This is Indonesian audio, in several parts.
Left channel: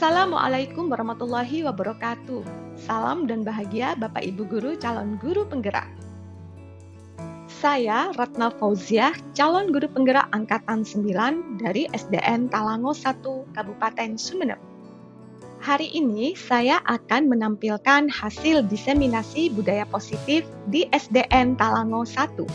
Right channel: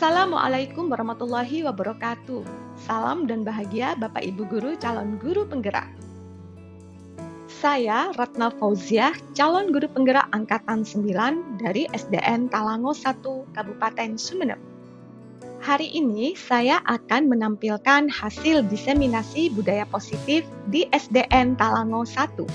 Assalamualaikum warahmatullahi wabarakatuh. Salam dan bahagia Bapak Ibu Guru calon guru penggerak. Saya Ratna Fauziah, calon guru penggerak angkatan 9 dari SDN Talango 1, Kabupaten Sumeneb. Hari ini saya akan menampilkan hasil diseminasi budaya positif di SDN Talango 1.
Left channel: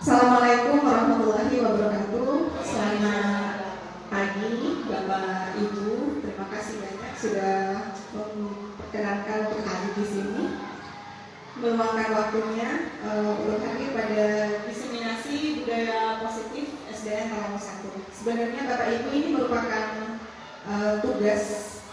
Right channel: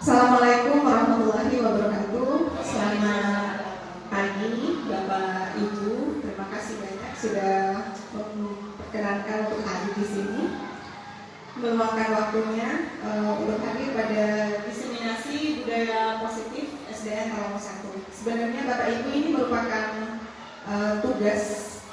Assalamualaikum warahmatullahi wabarakatuh. Selamat pagi Bapak Ibu. Terima kasih banyak sudah memperkenankan untuk hadir di sini, meluangkan waktunya untuk hadir pada diseminasi budaya positif SDN Talango 1. Sebenarnya Bapak Ibu ini merupakan tugas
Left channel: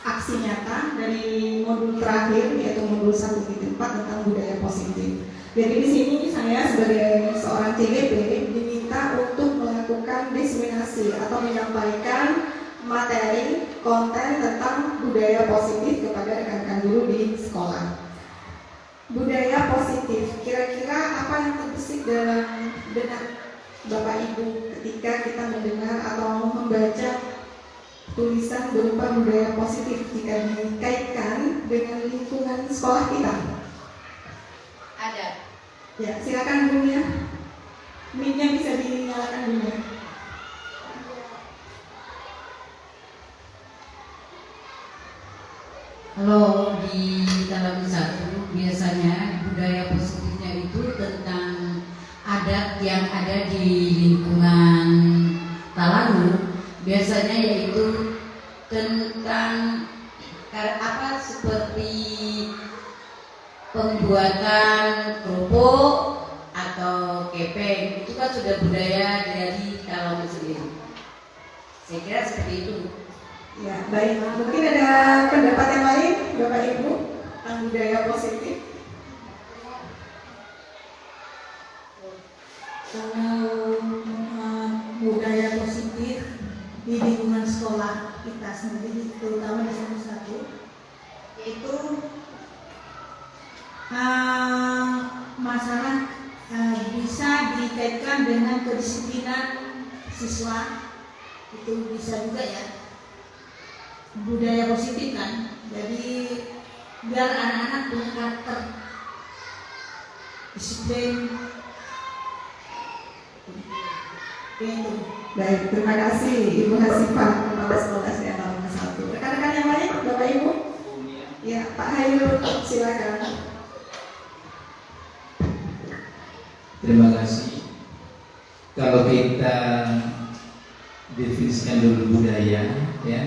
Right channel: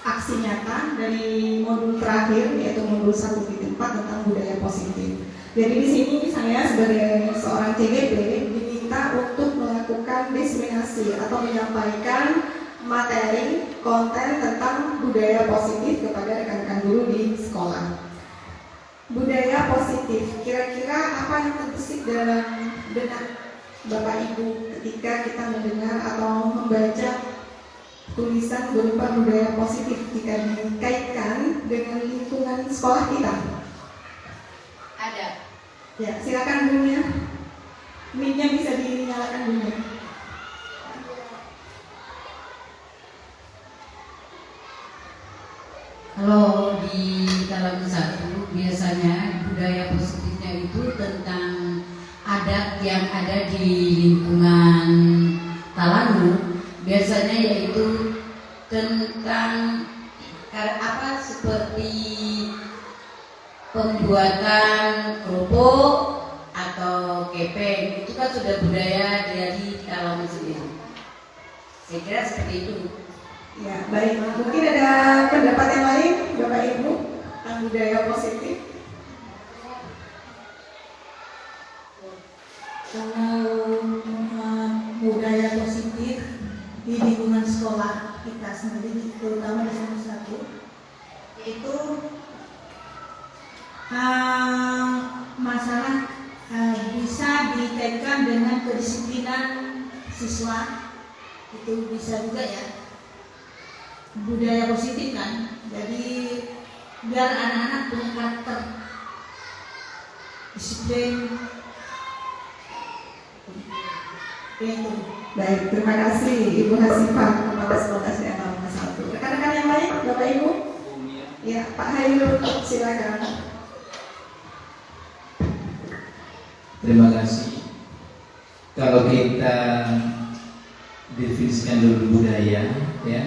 aksi nyata dari modul terakhir, yaitu modul 1.4 tentang budaya positif. Jadi di sini saya sebagai seorang CGP diminta untuk melakukan diseminasi atau menyampaikan materi konten tentang budaya positif kepada rekan-rekan guru di sekolah. Budaya positif, kira-kira apa yang terbesit dalam benak Bapak Ibu ketika kita mendengar atau membaca tulisan berupa budaya positif jika dikaitkan dengan lingkungan sekolah kita? Ada. Ya, silakan gurunya. Mic-nya bisa dinyalakan gurunya. Kalau di dalam satu biasanya budaya positifnya itu tentang adat yang ada di lingkungan Talango. Biasanya yaitu tentang seperti pembuatan kerupuk atau kepeng. Itu kan sudah budaya dari Talango sendiri. Saya kira seperti itu. Ya, baik. Mungkin ada pendapat yang lain, Bapak Ibu, tentang budaya positif? Kalau budaya positif di lingkungan sekolah kita sendiri, terutama di salah satu, yaitu masalah bisa dikaitkan dengan kedisiplinan siswa. Itu bisa juga ya budaya positif kan. Jadi biar anak-anak punya karakter disiplin. Baik, terima kasih Ibu Hasifah, Kepala Sekolah SDN Talango 1. Rekan-rekan yang lain, Bapak Ibu? Ya, Pak Hayu, silakan. Terima kasih. Kalau kita definisikan dulu budaya, ya,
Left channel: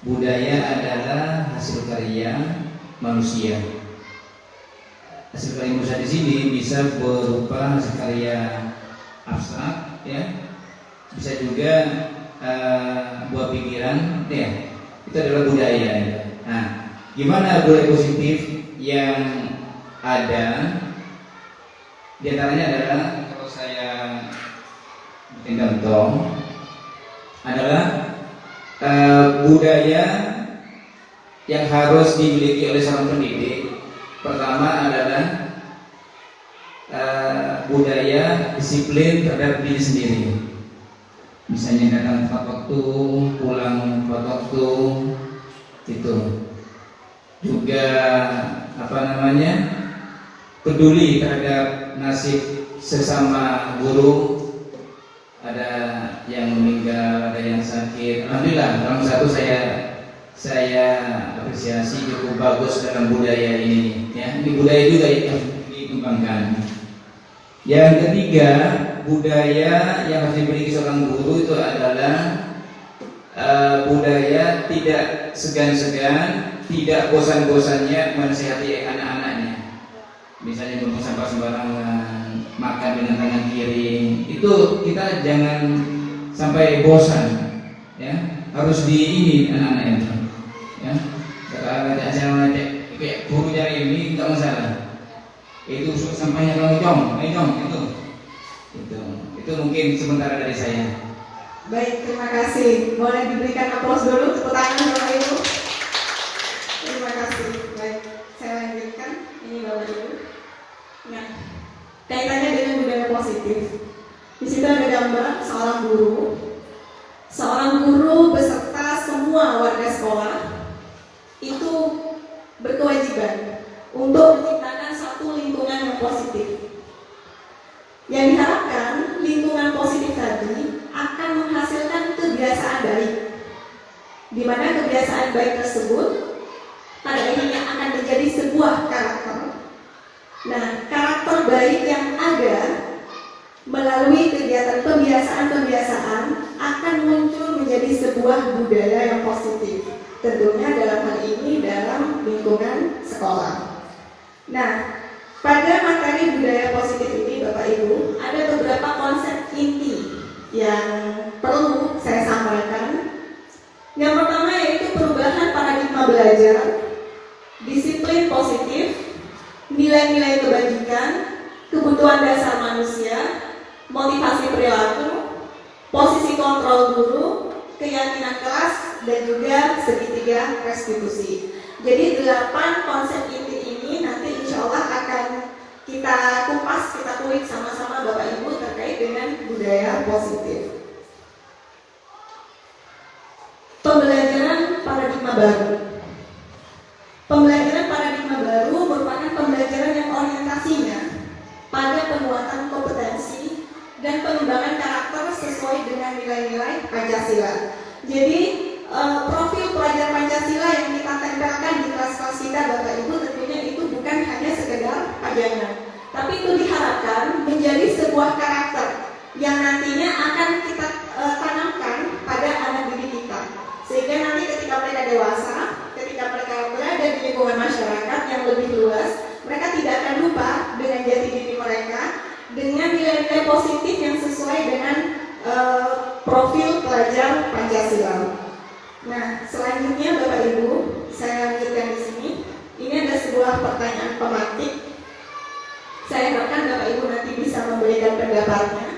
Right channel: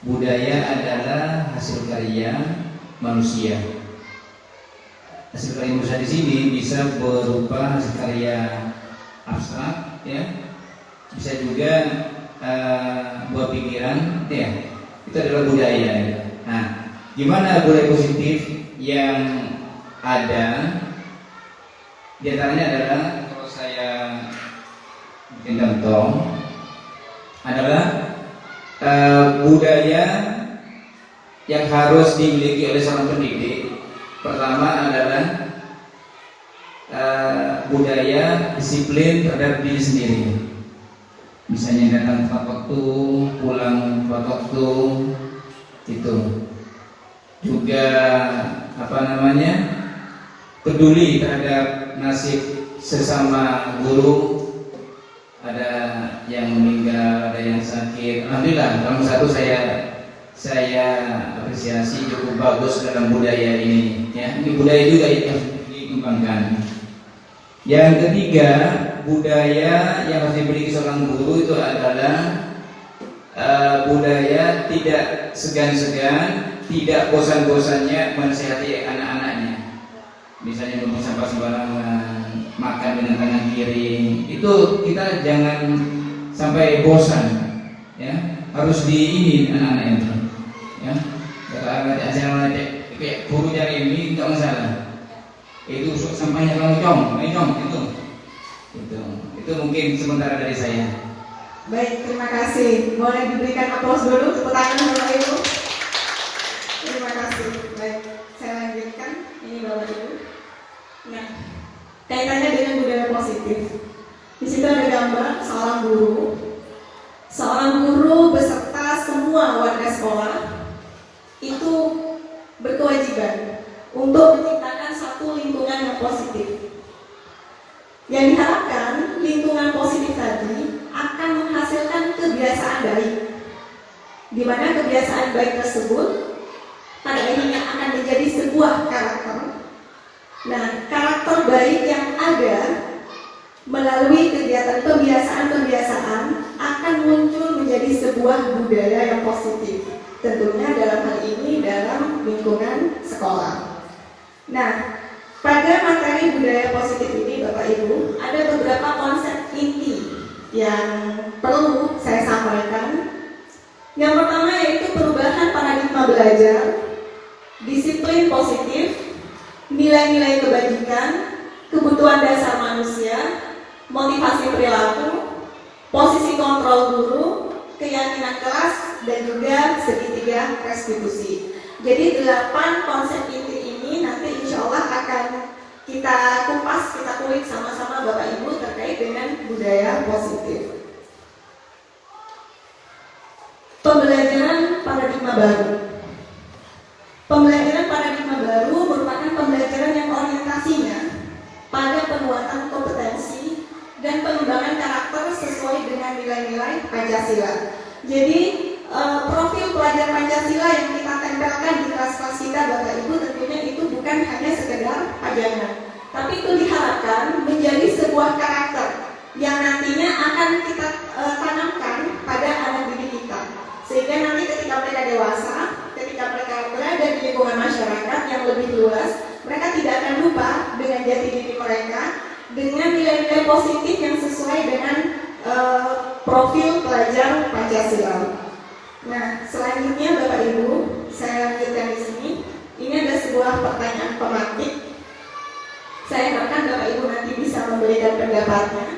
budaya adalah hasil karya manusia. Hasil karya manusia di sini bisa berupa hasil karya abstrak, ya, bisa juga buah pikiran, ya, itu adalah budaya. Ya. Nah, gimana budaya positif yang ada? Di antaranya adalah, kalau saya bikin contoh, adalah budaya yang harus dimiliki oleh seorang pendidik. Pertama adalah budaya disiplin terhadap diri sendiri. Misalnya datang tepat waktu, pulang tepat waktu, itu. Juga peduli terhadap nasib sesama guru. Ada yang meninggal, ada yang sakit. Alhamdulillah, dalam satu saya apresiasi cukup bagus dalam budaya ini. Ya, ini budaya juga yang dikembangkan. Yang ketiga, budaya yang harus dimiliki seorang guru itu adalah budaya tidak segan-segan, tidak bosan-bosannya menasihati anak-anaknya. Misalnya membuang sampah sembarangan, makan dengan tangan kiri, itu kita jangan sampai bosan. ya harus di ini anak-anak ini, ya. Kalau acara kayak guru cari ini tidak masalah. Itu sampainya ngomong itu mungkin sementara dari saya. Baik, terima kasih. Boleh diberikan aplaus dulu tepuk tangan Bapak Ibu. Terima kasih. Baik, saya lanjutkan. Ini Bapak Ibu. Nah, kaitannya dengan budaya positif. Di situ ada gambar seorang guru. Seorang guru beserta semua warga sekolah itu berkewajiban untuk menciptakan satu lingkungan yang positif. Yang diharapkan lingkungan positif tadi akan menghasilkan kebiasaan baik, di mana kebiasaan baik tersebut pada akhirnya akan menjadi sebuah karakter. Nah, karakter baik yang ada melalui kegiatan pembiasaan-pembiasaan akan muncul menjadi sebuah budaya yang positif. Tentunya dalam hal ini dalam lingkungan sekolah. Nah, pada materi budaya positif ini Bapak Ibu, ada beberapa konsep inti yang perlu saya sampaikan. Yang pertama yaitu perubahan paradigma belajar, disiplin positif, nilai-nilai kebajikan, kebutuhan dasar manusia, motivasi perilaku, posisi kontrol guru, keyakinan kelas, dan juga segitiga restitusi. Jadi 8 konsep inti ini nanti insya Allah akan kita kupas, kita kulik sama-sama Bapak Ibu terkait dengan budaya positif. Pembelajaran paradigma baru. Pembelajaran paradigma baru merupakan pembelajaran yang orientasinya pada penguatan kompetensi dan pengembangan karakter sesuai dengan nilai-nilai Pancasila. Jadi profil pelajar Pancasila yang kita tempelkan di kelas-kelas kita Bapak Ibu tentunya itu bukan hanya sekedar pajangan, tapi itu diharapkan menjadi sebuah karakter yang nantinya akan kita tanamkan pada anak didik kita, sehingga nanti ketika mereka dewasa, ketika mereka berada di lingkungan masyarakat yang lebih luas, mereka tidak akan lupa dengan jati diri mereka, dengan nilai-nilai positif yang sesuai dengan profil pelajar Pancasila. Nah, selanjutnya Bapak Ibu, saya lanjutkan di sini. Ini ada sebuah pertanyaan pemantik. Saya harapkan Bapak Ibu nanti bisa memberikan pendapatnya.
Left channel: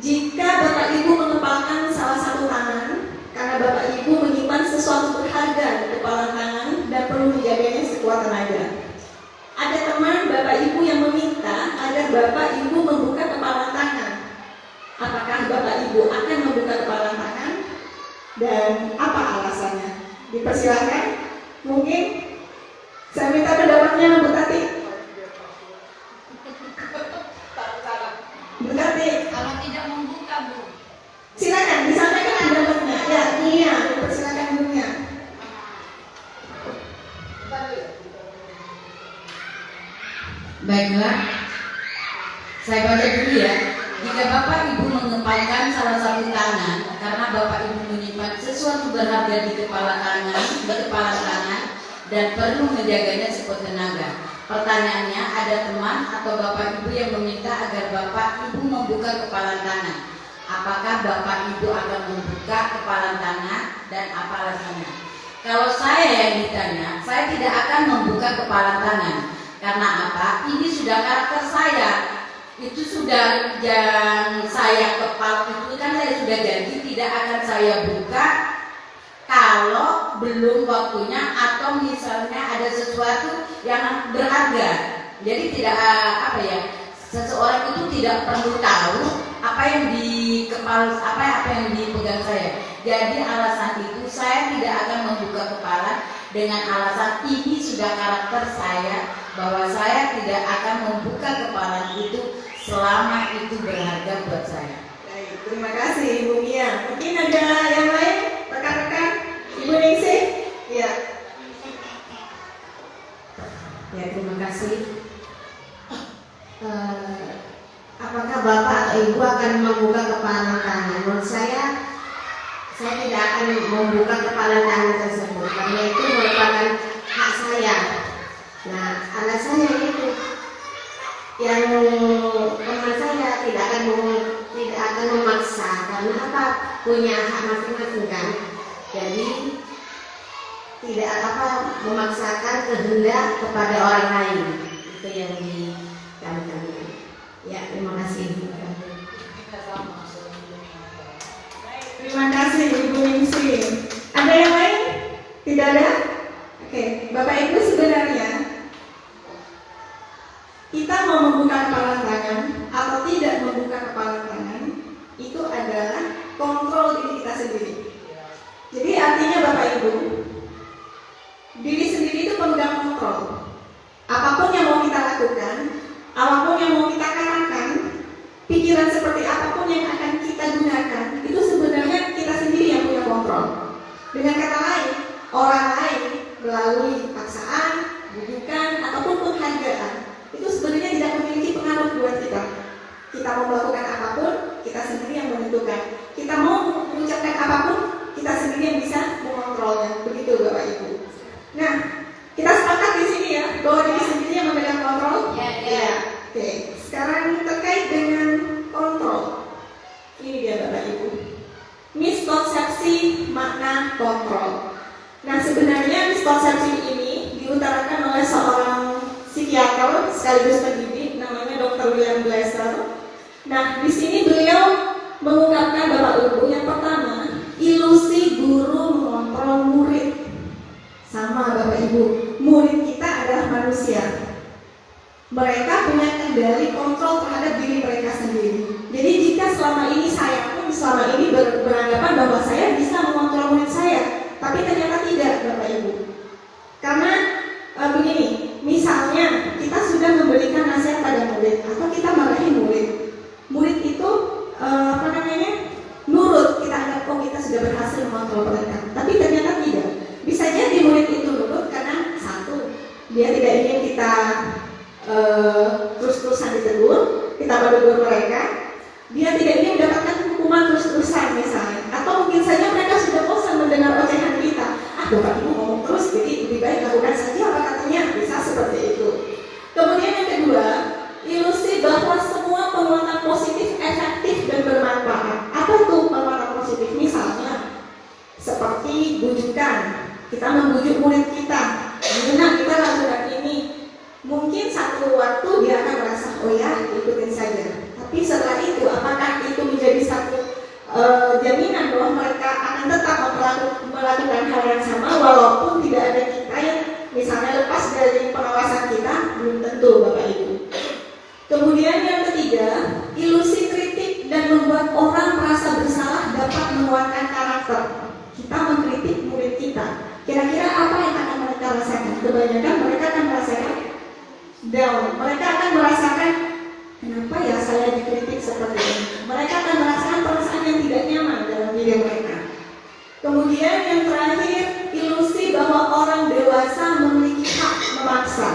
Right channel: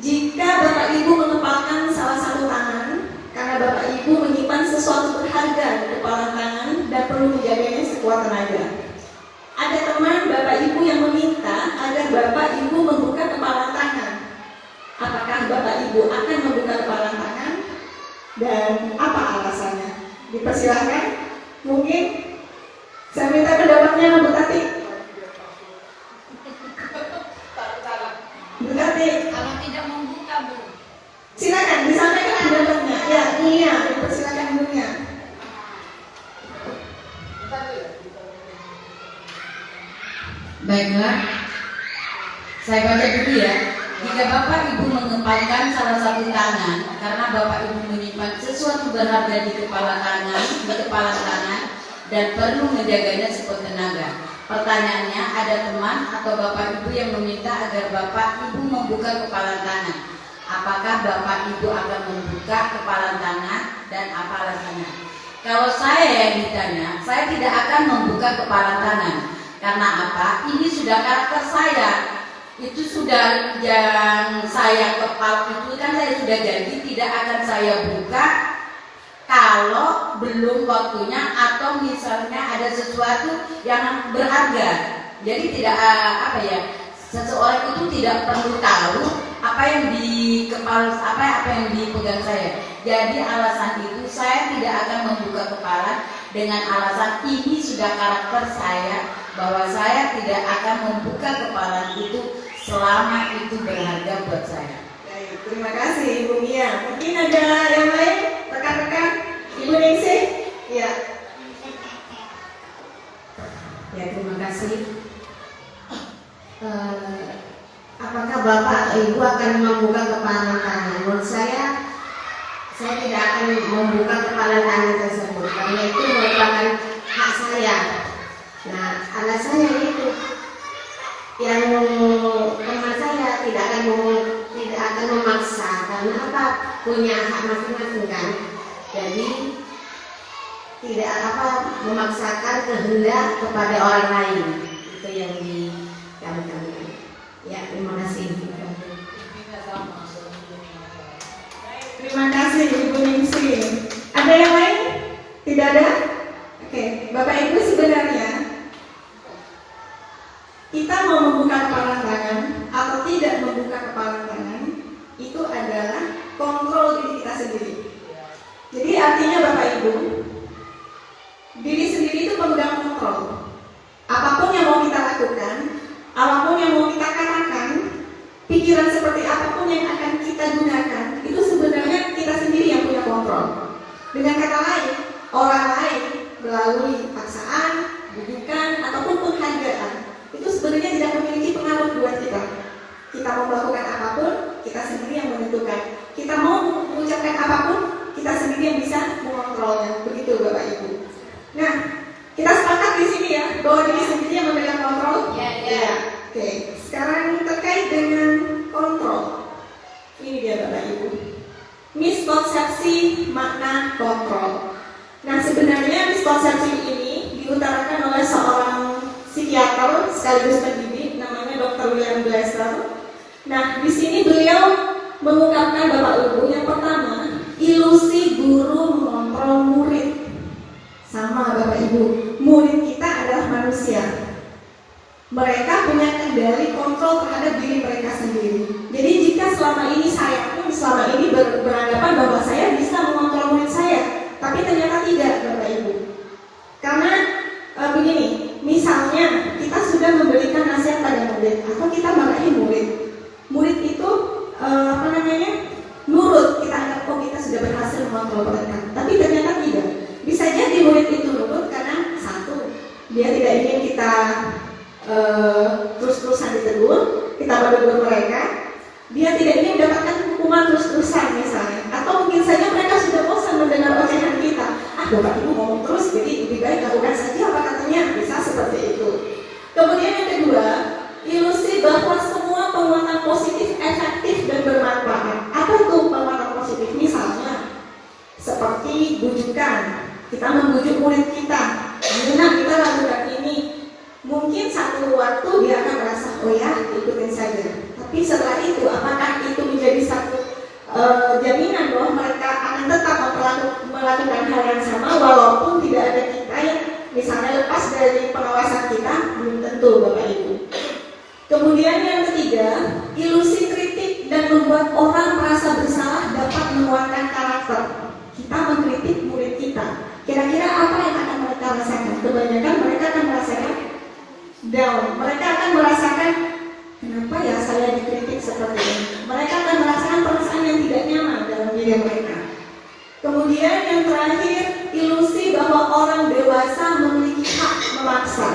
Jika Bapak Ibu mengepalkan salah satu tangan, karena Bapak Ibu menyimpan sesuatu berharga di kepala tangan dan perlu menjaganya sekuat tenaga. Ada teman Bapak Ibu yang meminta agar Bapak Ibu membuka kepala tangan. Apakah Bapak Ibu akan membuka kepala tangan? Dan apa alasannya? Dipersilakan. Mungkin saya minta pendapatnya Bu Tati. Bu Tati, Kalau tidak membuka, Bu. silakan disampaikan pendapatnya. Ya, Nia, dipersilakan Bu Nia. Baiklah, saya baca dulu ya. Jika Bapak Ibu mengepalkan salah satu tangan karena Bapak Ibu menyimpan sesuatu berharga di kepala tangan, dan perlu menjaganya sekuat tenaga. Pertanyaannya, ada teman atau Bapak Ibu yang meminta agar Bapak Ibu membuka kepala tangan. Apakah Bapak Ibu akan membuka kepala tangan dan apa alasannya? Kalau saya yang ditanya, saya tidak akan membuka kepala tangan. Karena apa? Ini sudah karakter saya. Itu sudah yang saya kepal itu kan saya sudah janji tidak akan saya buka kalau belum waktunya atau misalnya ada sesuatu yang berharga. Jadi tidak seseorang itu tidak perlu tahu apa yang di kepala apa yang dipegang saya. Jadi alasan itu saya tidak akan membuka kepala dengan alasan ini sudah karakter saya, bahwa saya tidak akan membuka kepala itu selama itu berharga buat saya. Baik, terima kasih Ibu Nia. Mungkin ada yang lain, rekan-rekan Ibu Ningsih? Ya. Ya, terima kasih. Apakah Bapak atau Ibu akan membuka kepala tangan? Menurut saya tidak akan membuka kepala tangan tersebut karena itu merupakan hak saya. Nah, alasannya itu yang teman saya tidak akan tidak akan memaksa karena apa, punya hak masing-masing kan. Jadi tidak memaksakan kehendak kepada orang lain. Itu yang kami katakan. Ya, terima kasih. Terima kasih Ibu Ningsih. Ada yang lain? Tidak ada? Oke, Bapak Ibu, sebenarnya kita mau membuka kepala tangan atau tidak membuka kepala tangan itu adalah kontrol diri kita sendiri. Jadi artinya Bapak Ibu, diri sendiri itu pemegang kontrol. Apapun yang mau kita lakukan, apapun yang mau kita katakan, pikiran seperti apapun yang akan kita gunakan, itu sebenarnya kita sendiri yang punya kontrol. Dengan kata lain, orang lain melalui paksaan, bujukan, ataupun penghargaan, itu sebenarnya tidak memiliki pengaruh buat kita. Kita mau melakukan apapun, kita sendiri yang menentukan. Kita mau mengucapkan apapun, kita sendiri yang bisa mengontrolnya. Begitu Bapak Ibu. Nah, kita sepakat di sini ya, bahwa diri sendiri yang memegang kontrol. Ya. Oke, sekarang terkait dengan kontrol. Ini dia Bapak Ibu. Miskonsepsi makna kontrol. Nah, sebenarnya miskonsepsi ini diutarakan oleh seorang psikiater sekaligus pendidik namanya Dr. William Glasser. Nah, di sini beliau mengungkapkan Bapak Ibu yang pertama, ilusi guru mengontrol murid. Sama Bapak Ibu, murid kita adalah manusia. Mereka punya kendali kontrol terhadap diri mereka sendiri. Jadi jika selama ini saya pun selama ini beranggapan bahwa saya bisa mengontrol murid saya, tapi ternyata tidak Bapak Ibu. Karena begini, misalnya kita sudah memberikan nasihat pada murid atau kita marahi murid. Murid itu nurut, kita anggap kita sudah berhasil mengontrol mereka. Tapi ternyata tidak. Bisa jadi murid itu nurut karena satu, dia tidak ingin kita terus-terusan ditegur, kita menegur mereka. Dia tidak ingin mendapatkan hukuman terus-terusan misalnya. Atau mungkin saja mereka sudah bosan mendengar ocehan kita. Bapak Ibu ngomong terus, jadi lebih baik lakukan saja apa katanya, bisa seperti itu. Kemudian yang kedua, ilusi bahwa semua penguatan positif efektif dan bermanfaat. Apa itu penguatan positif? Misalnya seperti bujukan, kita membujuk murid kita, gimana kita lakukan ini. Mungkin satu waktu dia akan merasa, oh ya, ikutin saja. Tapi setelah itu, apakah itu menjadi satu jaminan bahwa mereka akan tetap melakukan hal yang sama walaupun tidak ada kita yang misalnya lepas dari pengawasan kita? Belum tentu Bapak Ibu. Kemudian yang ketiga, ilusi kritik dan membuat orang merasa bersalah dapat menguatkan karakter. Kita mengkritik murid kita, kira-kira apa yang akan mereka rasakan? Kebanyakan mereka akan merasakan down. Mereka akan merasakan, kenapa ya saya dikritik seperti ini? Mereka akan merasakan perasaan yang tidak nyaman dalam diri mereka. Kemudian yang terakhir, ilusi bahwa orang dewasa memiliki hak memaksa.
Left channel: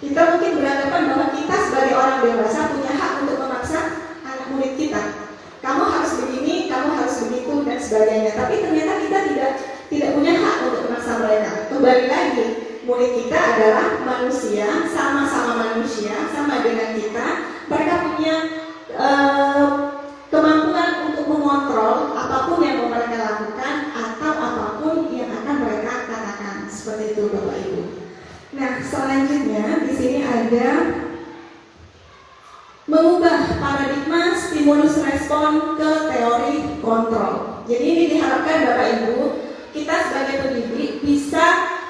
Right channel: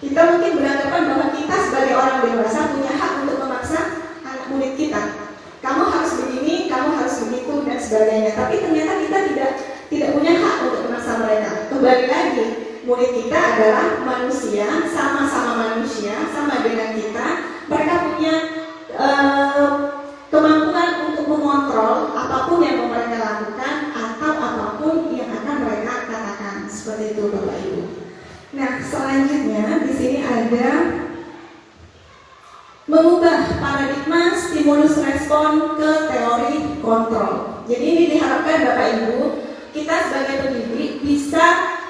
Kita mungkin beranggapan bahwa kita sebagai orang dewasa punya hak untuk memaksa anak murid kita. Kamu harus begini, kamu harus begitu dan sebagainya. Tapi ternyata kita tidak punya hak untuk memaksa mereka. Kembali lagi, murid kita adalah manusia, sama-sama manusia, sama dengan kita. Mereka punya kemampuan untuk mengontrol apapun yang mereka lakukan atau apapun yang akan mereka katakan. Seperti itu Bapak Ibu. Nah, selanjutnya di sini ada mengubah paradigma stimulus respon ke teori kontrol. Jadi ini diharapkan Bapak Ibu, kita sebagai pendidik bisa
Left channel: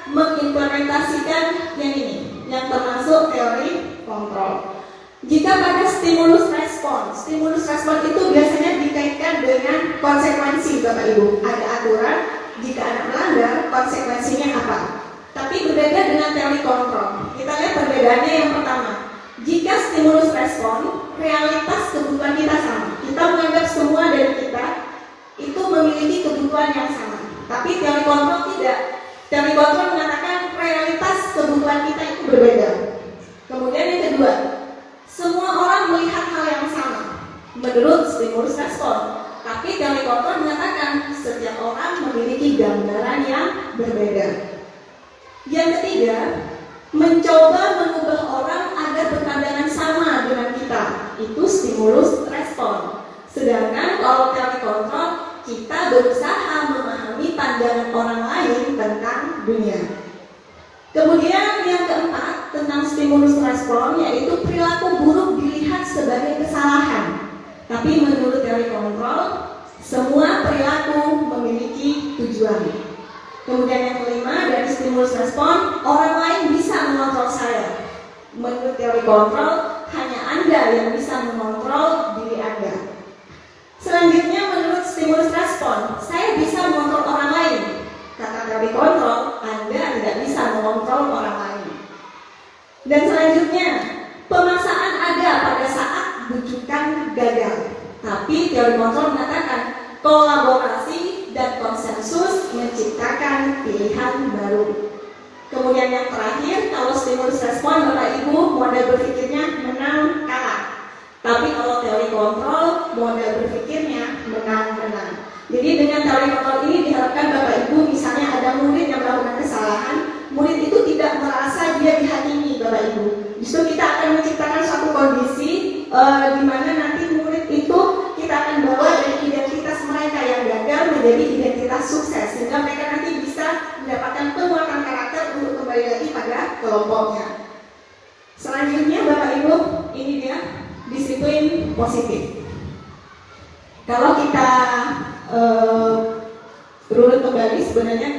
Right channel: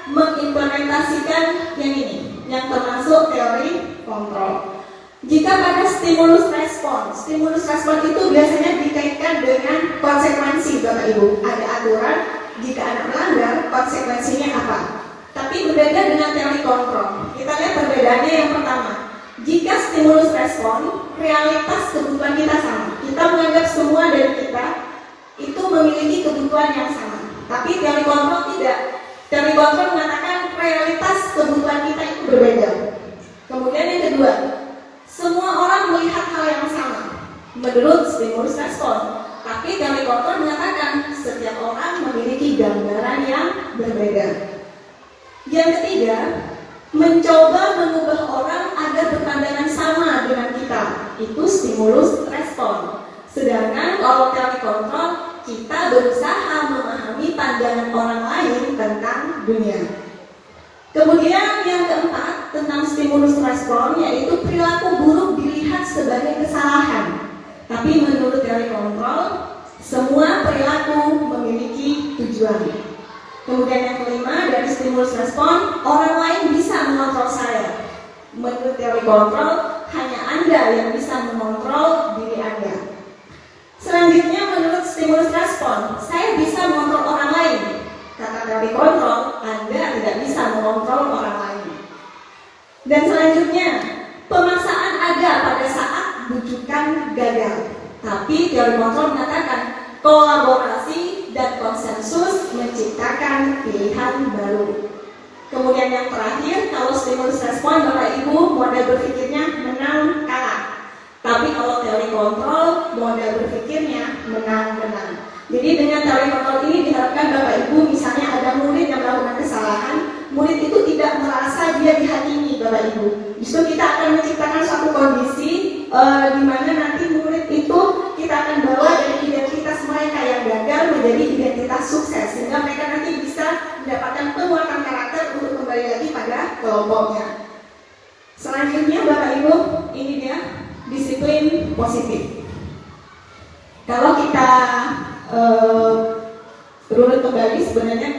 mengimplementasikan yang ini, yang termasuk teori kontrol. Jika pada stimulus respon itu biasanya dikaitkan dengan konsekuensi Bapak Ibu. Ada aturan, jika anak melanggar, konsekuensinya apa? Tapi berbeda dengan teori kontrol. Kita lihat perbedaannya yang pertama. Jika stimulus respon, realitas kebutuhan kita sama. Kita menganggap semua dari kita itu memiliki kebutuhan yang sama. Tapi teori kontrol tidak. Teori kontrol mengatakan realitas kebutuhan kita itu berbeda. Kemudian yang kedua, semua orang melihat hal yang sama menurut stimulus respon. Tapi teori kontrol mengatakan setiap orang memiliki gambaran yang berbeda. Yang ketiga, mencoba mengubah orang agar berpandangan sama dengan kita. Itu stimulus respon. Sedangkan kalau teori kontrol, kita berusaha memahami pandangan orang lain tentang dunia. Kemudian yang keempat tentang stimulus respon, yaitu perilaku buruk dilihat sebagai kesalahan. Tapi menurut teori kontrol, semua perilaku memiliki tujuan. Kemudian yang kelima, dari stimulus respon, orang lain bisa mengontrol saya. Menurut teori kontrol, hanya Anda yang bisa mengontrol diri Anda. Selanjutnya, menurut stimulus respon, saya bisa mengontrol orang lain. Kata teori kontrol, Anda tidak bisa mengontrol orang lain. Dan selanjutnya, pemaksaan ada pada saat bujukan gagal. Tapi teori kontrol mengatakan kolaborasi dan konsensus menciptakan pilihan baru. Kemudian yang terakhir, kalau stimulus respon, Bapak Ibu, model berpikirnya menang kalah. Tapi kalau teori kontrol, model berpikirnya menang-menang. Jadi dengan teori kontrol ini diharapkan Bapak Ibu, misalnya ada murid yang melakukan kesalahan, murid itu tidak merasa dia dihakimi, Bapak Ibu. Justru kita akan menciptakan suatu kondisi di mana nanti murid itu kita akan bawa dari identitas mereka yang gagal menjadi identitas sukses, sehingga mereka nanti bisa mendapatkan penguatan karakter untuk kembali lagi pada kelompoknya. Selanjutnya Bapak Ibu, ini dia disiplin positif. Kalau kita runut kembali, sebenarnya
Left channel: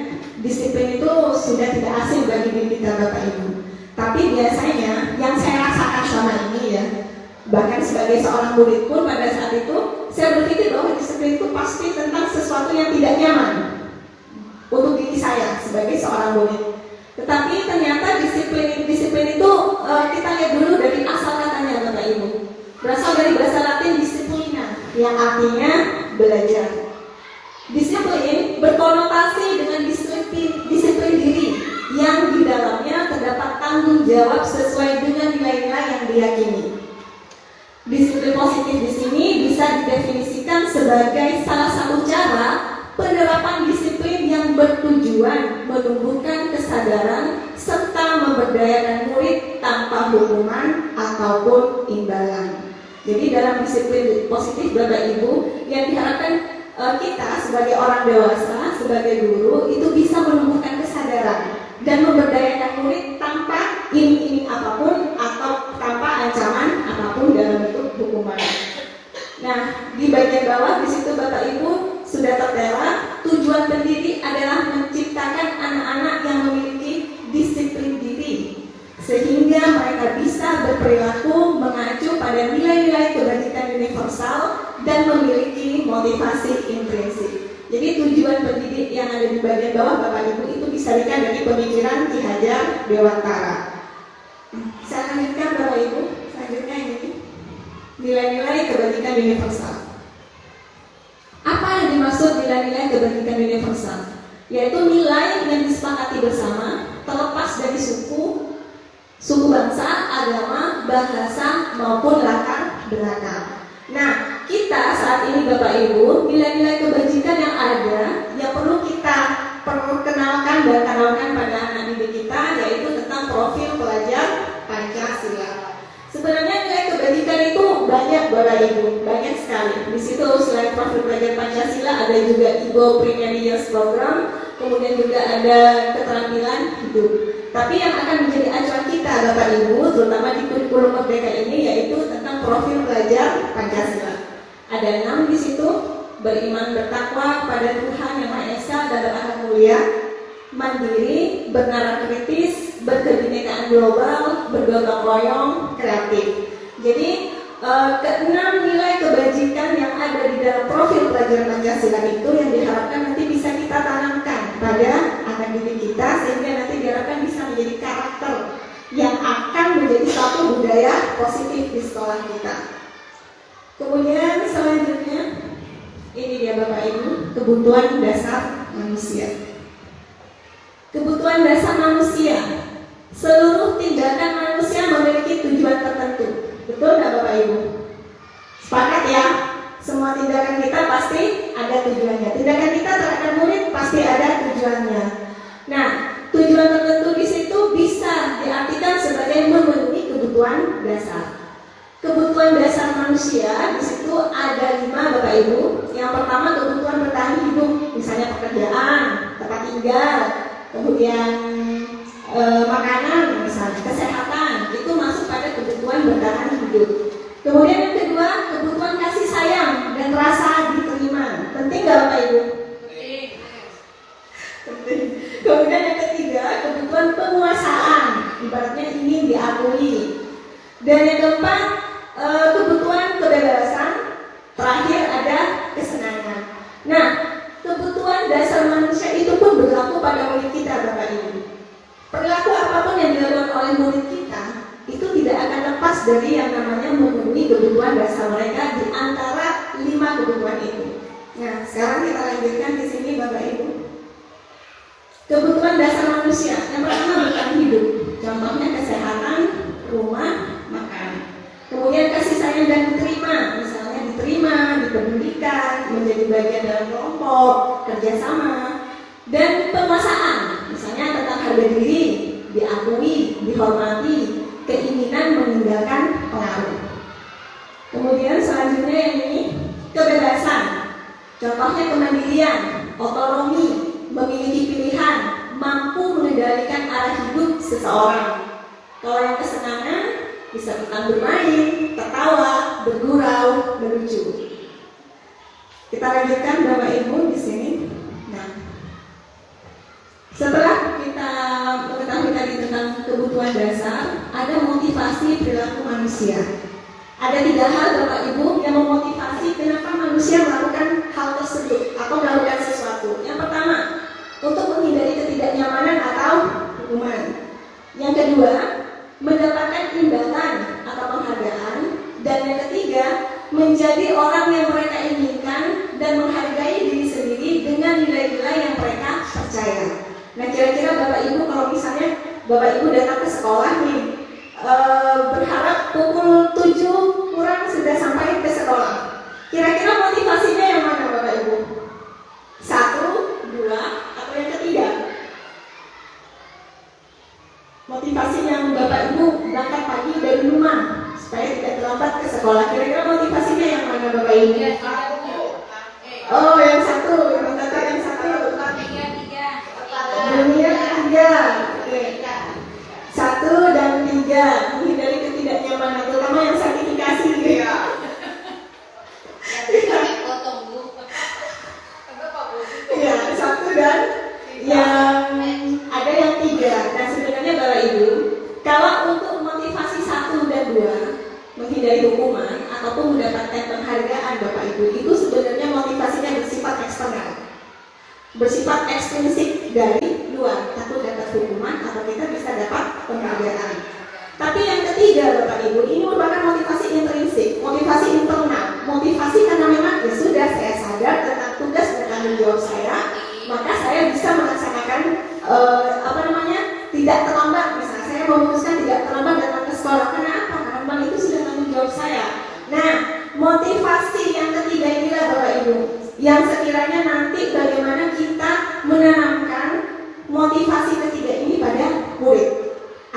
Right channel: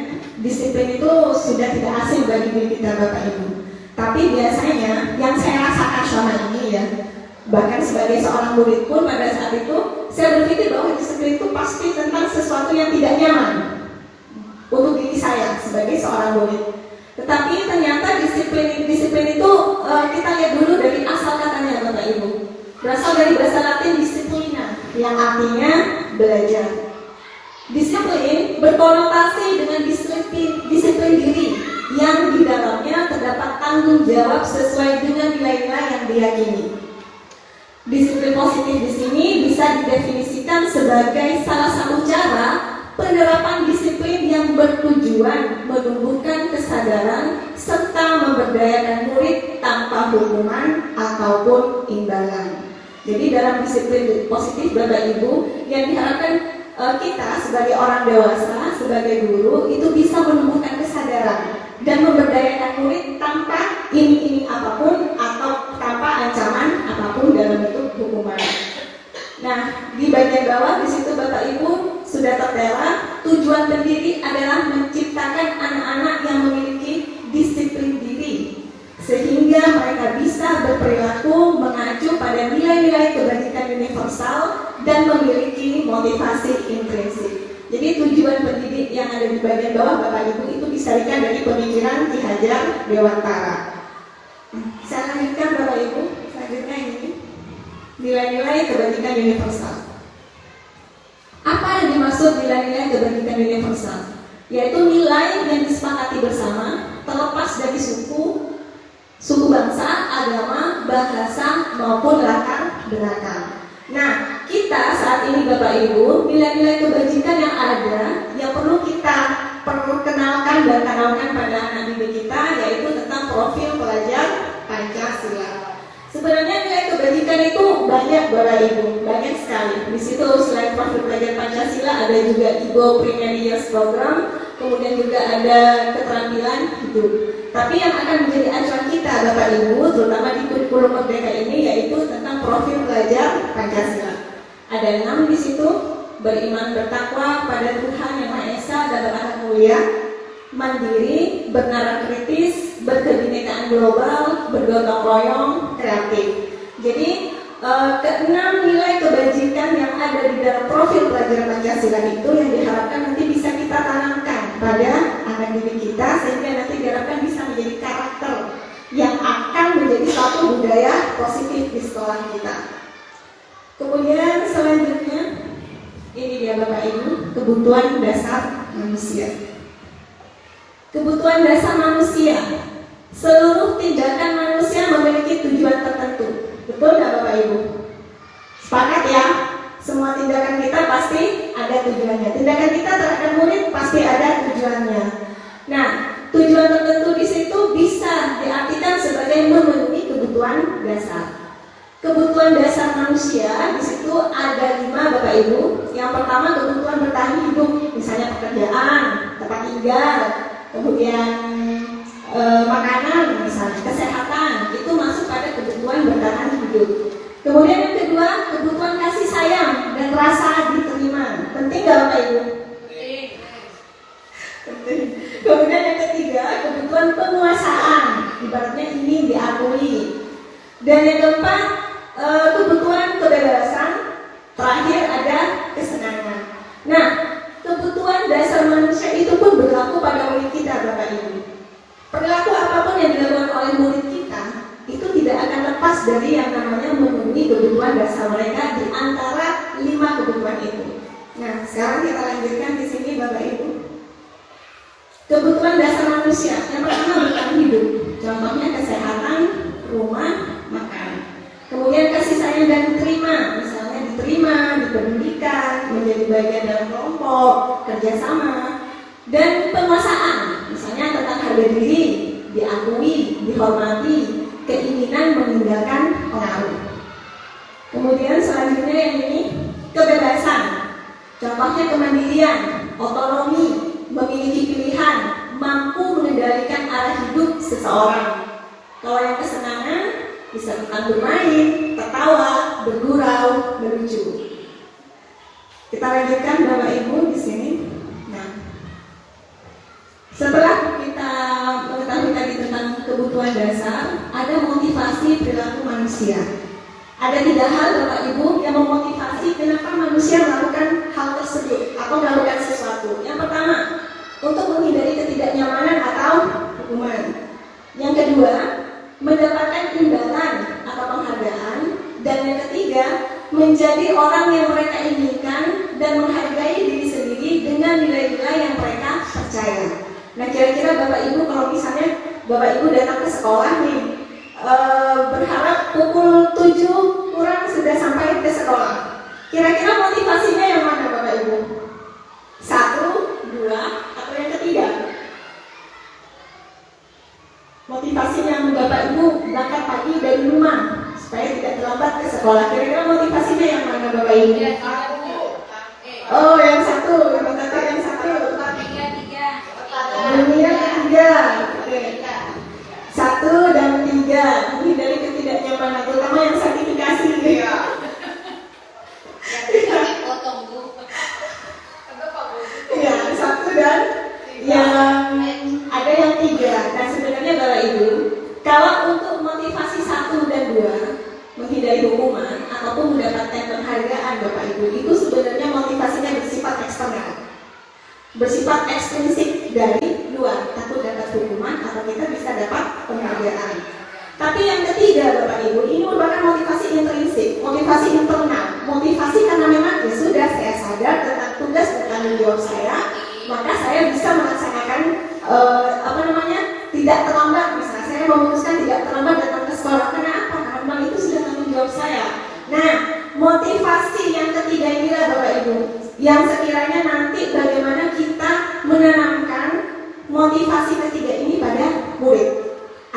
disiplin itu sudah tidak asing bagi diri kita Bapak Ibu. Tapi biasanya yang saya rasakan selama ini ya, bahkan sebagai seorang murid pun pada saat itu saya berpikir bahwa disiplin itu pasti tentang sesuatu yang tidak nyaman untuk diri saya sebagai seorang murid. Tetapi ternyata disiplin itu kita lihat dulu dari asal katanya Bapak Ibu. Berasal dari bahasa Latin disiplina, yang artinya belajar. Disiplin berkonotasi dengan disiplin diri yang di dalamnya terdapat tanggung jawab sesuai dengan nilai-nilai yang diyakini. Disiplin positif di sini bisa didefinisikan sebagai salah satu cara penerapan disiplin yang bertujuan menumbuhkan kesadaran serta memberdayakan murid tanpa hukuman ataupun imbalan. Jadi dalam disiplin positif Bapak Ibu, yang diharapkan kita sebagai orang dewasa, sebagai guru itu bisa menumbuhkan kesadaran dan memberdayakan murid tanpa iming-iming apapun atau tanpa ancaman apapun dalam bentuk hukuman. Nah, di bagian bawah di situ Bapak Ibu sudah tertera tujuan pendiri adalah menciptakan anak-anak yang memiliki disiplin diri sehingga mereka bisa berperilaku mengacu pada nilai-nilai kebajikan universal dan memiliki motivasi intrinsik. Jadi tujuan pendidik yang ada di bagian bawah Bapak Ibu itu disarikan dari pemikiran Ki Hajar Dewantara. Saya lanjutkan Bapak Ibu, selanjutnya ini nilai-nilai kebajikan universal. Apa yang dimaksud nilai-nilai kebajikan universal? Yaitu nilai yang disepakati bersama terlepas dari suku bangsa, agama, bahasa maupun latar belakang. Nah, kita saat ini Bapak Ibu, nilai-nilai kebajikan yang ada yang perlu kita perkenalkan dan tanamkan pada anak didik kita, yaitu tentang profil pelajar Pancasila. Sebenarnya nilai kebajikan itu banyak Bapak Ibu, banyak sekali. Di situ selain profil pelajar Pancasila ada juga Igo Premier Years Program, kemudian juga ada keterampilan hidup. Tapi yang akan menjadi acuan kita Bapak Ibu, terutama di kurikulum merdeka ini, yaitu tentang profil pelajar Pancasila. Ada 6 di situ: beriman bertakwa pada Tuhan Yang Maha Esa dan berakhlak mulia, mandiri, bernalar kritis, berkebinekaan global, bergotong royong, kreatif. Jadi keenam nilai kebajikan yang ada di dalam profil pelajar Pancasila itu yang diharapkan nanti bisa kita tanamkan pada anak didik kita, sehingga nanti diharapkan bisa menjadi karakter yang akan menjadi suatu budaya positif di sekolah kita. Kemudian selanjutnya ini dia Bapak Ibu, kebutuhan dasar manusia. Kebutuhan dasar manusia, seluruh tindakan manusia memiliki tujuan tertentu. Betul nggak Bapak Ibu? Sepakat ya? Semua tindakan kita pasti ada tujuannya. Tindakan kita terhadap murid pasti ada tujuannya. Nah, tujuan tertentu di situ bisa diartikan sebagai memenuhi kebutuhan dasar. Kebutuhan dasar manusia di situ ada 5 Bapak Ibu. Yang pertama kebutuhan bertahan hidup, misalnya pekerjaan, tempat tinggal, kemudian makanan, misalnya kesehatan, itu masuk pada kebutuhan bertahan hidup. Kemudian yang kedua, kebutuhan kasih sayang dan rasa diterima. Penting nggak Bapak Ibu? Penting. Kemudian yang ketiga, kebutuhan penguasaan, ibaratnya ini diakui. Dan yang keempat, kebutuhan kebebasan. Terakhir ada kesenangan. Nah, kebutuhan dasar manusia itu pun berlaku pada murid kita, Bapak Ibu. Perilaku apapun yang dilakukan oleh murid kita itu tidak akan lepas dari yang namanya memenuhi kebutuhan dasar mereka di antara 5 kebutuhan itu. Nah, sekarang kita lanjutkan di sini, Bapak Ibu. Kebutuhan dasar manusia yang pertama bertahan hidup, contohnya kesehatan, rumah, makan. Kemudian kasih sayang dan diterima, misalnya diterima di pendidikan, menjadi bagian dalam kelompok, kerjasama, dan penguasaan, misalnya tentang harga diri, diakui, dihormati, keinginan meninggalkan pengaruh. Kemudian selanjutnya yang ini kebebasan, contohnya kemandirian, otonomi, memiliki pilihan, mampu mengendalikan arah hidup seseorang. Kalau yang kesenangan bisa tentang bermain, tertawa, bergurau, melucu. Kita lanjutkan Bapak Ibu di sini. Nah, setelah kita mengetahui tadi tentang kebutuhan dasar, ada motivasi perilaku manusia. Ada 3 hal Bapak Ibu yang memotivasi kenapa manusia melakukan hal tersebut atau melakukan sesuatu. Yang pertama, untuk menghindari ketidaknyamanan atau hukuman. Yang kedua, mendapatkan imbalan atau penghargaan. Dan yang ketiga, menjadi orang yang mereka inginkan dan menghargai diri sendiri dengan nilai-nilai yang mereka percaya. Nah, kira-kira Bapak Ibu kalau misalnya Bapak Ibu datang ke sekolah nih, berharap pukul 7 kurang sudah sampai ke sekolah. Kira-kira motivasinya yang mana Bapak Ibu? 1, 2, atau yang ketiga? Motivasinya Bapak Ibu berangkat pagi dari rumah supaya tidak terlambat ke sekolah. Kira-kira motivasinya yang mana Bapak Ibu? Oh, yang satu, yang kata yang satu. Dunia 3. Oke. 1 dan 3 menghindari ketidaknyamanan, terutama yang sertifikasi. Iya. Iya, 1 dan yang ada yang 3. Nah, sebenarnya Bapak Ibu, kalau untuk motivasi 1 dan 2 menghindari hukuman ataupun mendapatkan penghargaan Bapak Ibu, itu sebenarnya motivasinya bersifat eksternal, bersifat ekstrinsik dari luar, takut dapat hukuman atau kita bisa dapat penghargaan. Tapi yang ketiga Bapak Ibu, ini merupakan motivasi intrinsik, motivasi internal, motivasi karena memang ya sudah saya sadar tentang tugas dan tanggung jawab saya, maka saya bisa melaksanakan tidak terlambat. Misalnya saya memutuskan tidak terlambat datang ke sekolah. Kenapa? Karena memang itu sudah tanggung jawab saya. Nah, motivasi yang ketiga inilah Bapak Ibu yang sekiranya nanti bagaimana kita menanamkan motivasi ketiga ini pada murid,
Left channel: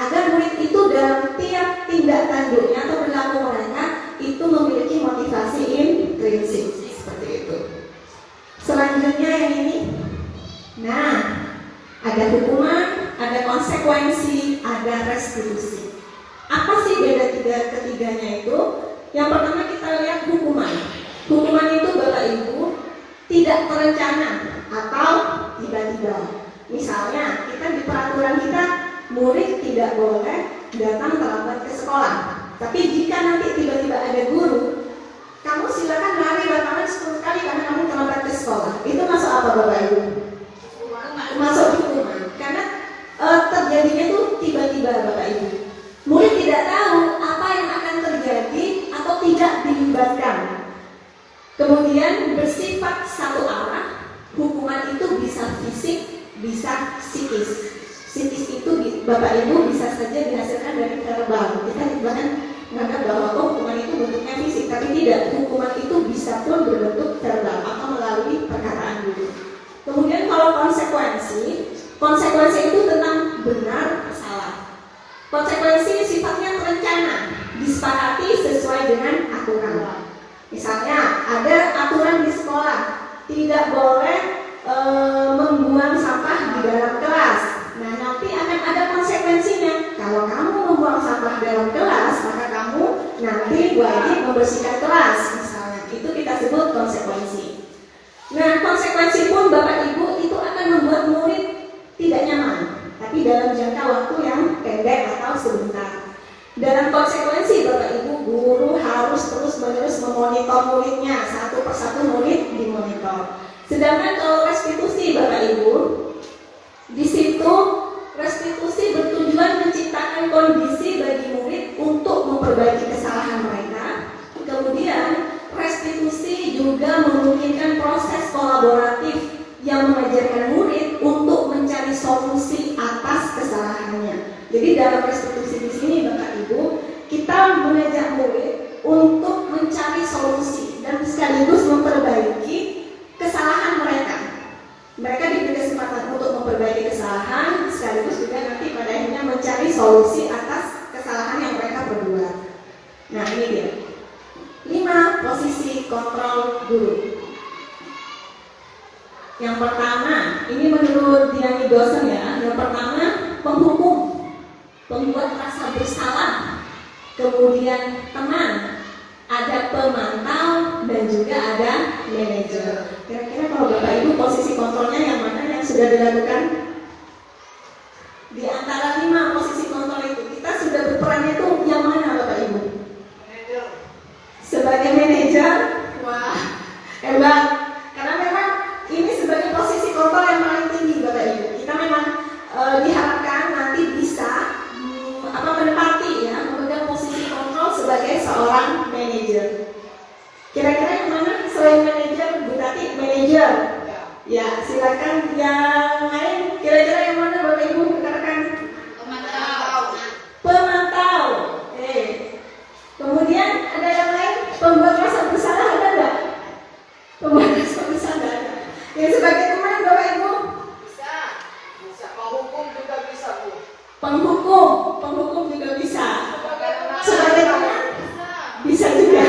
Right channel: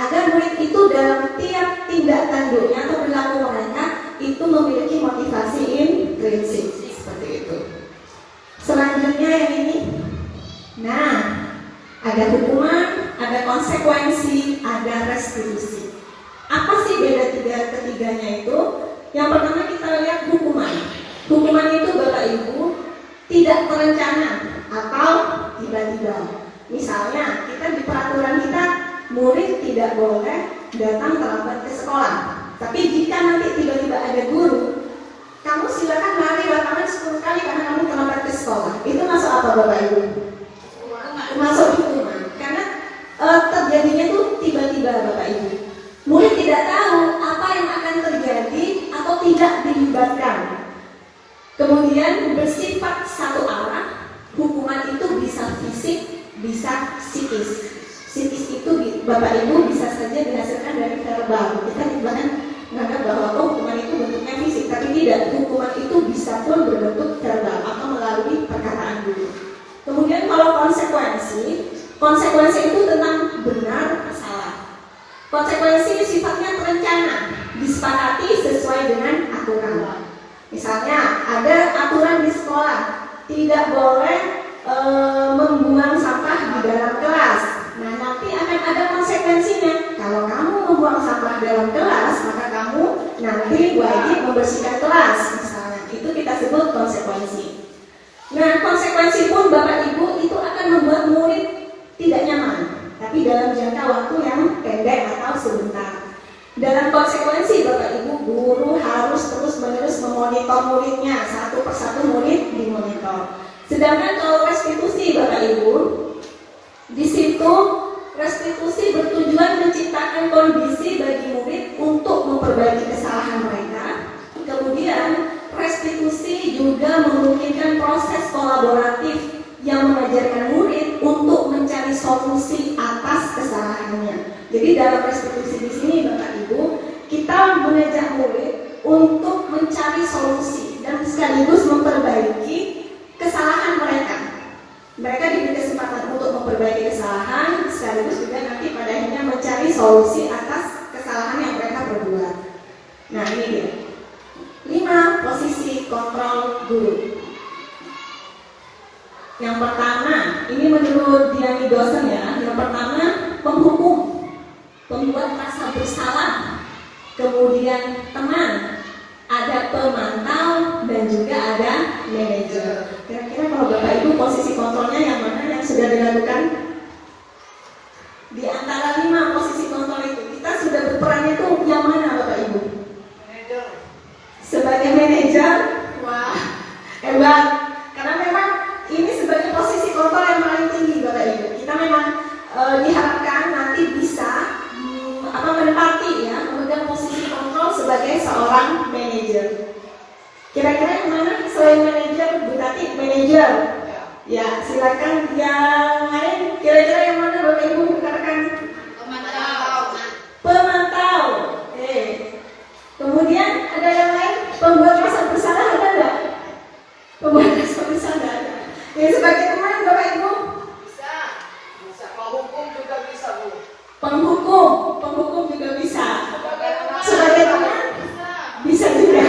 agar murid itu dalam tiap tindak tanduknya atau perilaku mereka itu memiliki motivasi intrinsik seperti itu. Selanjutnya yang ini, nah, ada hukuman, ada konsekuensi, ada restitusi. Apa sih beda ketiganya itu? Yang pertama kita lihat hukuman. Hukuman itu Bapak Ibu tidak terencana atau tiba-tiba. Misalnya kita di peraturan kita murid tidak boleh datang terlambat ke sekolah. Tapi jika nanti tiba-tiba ada guru, kamu silakan lari lapangan 10 kali karena kamu terlambat ke sekolah. Itu masuk apa Bapak Ibu? Masuk hukuman. Karena terjadinya itu tiba-tiba Bapak Ibu. Murid tidak tahu apa yang akan terjadi atau tidak dilibatkan. Kemudian bersifat satu arah, hukuman itu bisa fisik, bisa psikis. Psikis itu Bapak Ibu bisa saja dihasilkan dari verbal. Kita bahkan menganggap bahwa hukuman itu bentuknya fisik, tapi tidak. Hukuman itu bisa pun berbentuk verbal atau melalui perkataan dulu. Kemudian kalau konsekuensi itu tentang benar atau salah. Konsekuensi sifatnya terencana, disepakati sesuai dengan aturan. Misalnya ada aturan di sekolah, tidak boleh membuang sampah di dalam kelas. Nah, nanti akan ada konsekuensinya. Kalau kamu membuang sampah di dalam kelas, maka kamu nanti wajib membersihkan kelas. Misalnya, itu kita sebut konsekuensi. Nah, konsekuensi pun Bapak Ibu itu akan membuat murid tidak nyaman, tapi dalam jangka waktu yang pendek atau sebentar. Dalam konsekuensi Bapak Ibu, guru harus terus-menerus memonitor muridnya, satu persatu murid dimonitor. Sedangkan kalau restitusi Bapak Ibu, di situ restitusi bertujuan menciptakan kondisi bagi murid untuk memperbaiki kesalahan mereka. Kemudian restitusi juga memungkinkan proses kolaboratif yang mengajarkan murid untuk mencari solusi atas kesalahannya. Jadi dalam restitusi di sini Bapak Ibu, kita mengajak murid untuk mencari solusi dan sekaligus memperbaiki kesalahan mereka. Mereka diberi kesempatan untuk memperbaiki kesalahan, sekaligus juga nanti pada akhirnya mencari solusi atas kesalahan yang mereka perbuat. Nah, ini dia 5 posisi kontrol guru. Yang pertama, ini menurut dinamik dosen ya. Yang pertama, penghukum, pembuat rasa bersalah, kemudian teman, ada pemantau, dan juga ada manajer. Kira-kira kalau Bapak Ibu posisi kontrolnya yang mana yang sudah dilakukan? Di antara 5 posisi kontrol itu, kita sudah berperan itu yang mana Bapak Ibu? Sebagai manajer, wah, hebat. Karena memang ini sebagai posisi kontrol yang paling tinggi Bapak Ibu. Kita memang diharapkan nanti bisa menempati ya, memegang posisi kontrol sebagai seorang manajer. Kira-kira yang mana selain manajer, Bu Tati, manajer? Ya, silakan yang lain. Kira-kira yang mana Bapak Ibu rekan-rekan? Pemantau. Oke. Kemudian ada yang lain, pembuat rasa bersalah ada nggak? Pembuat rasa bersalah ada. Yang sebagai teman Bapak Ibu? Bisa. Penghukum juga bisa, Bu. Penghukum juga bisa. Sebagai teman? Bisa juga.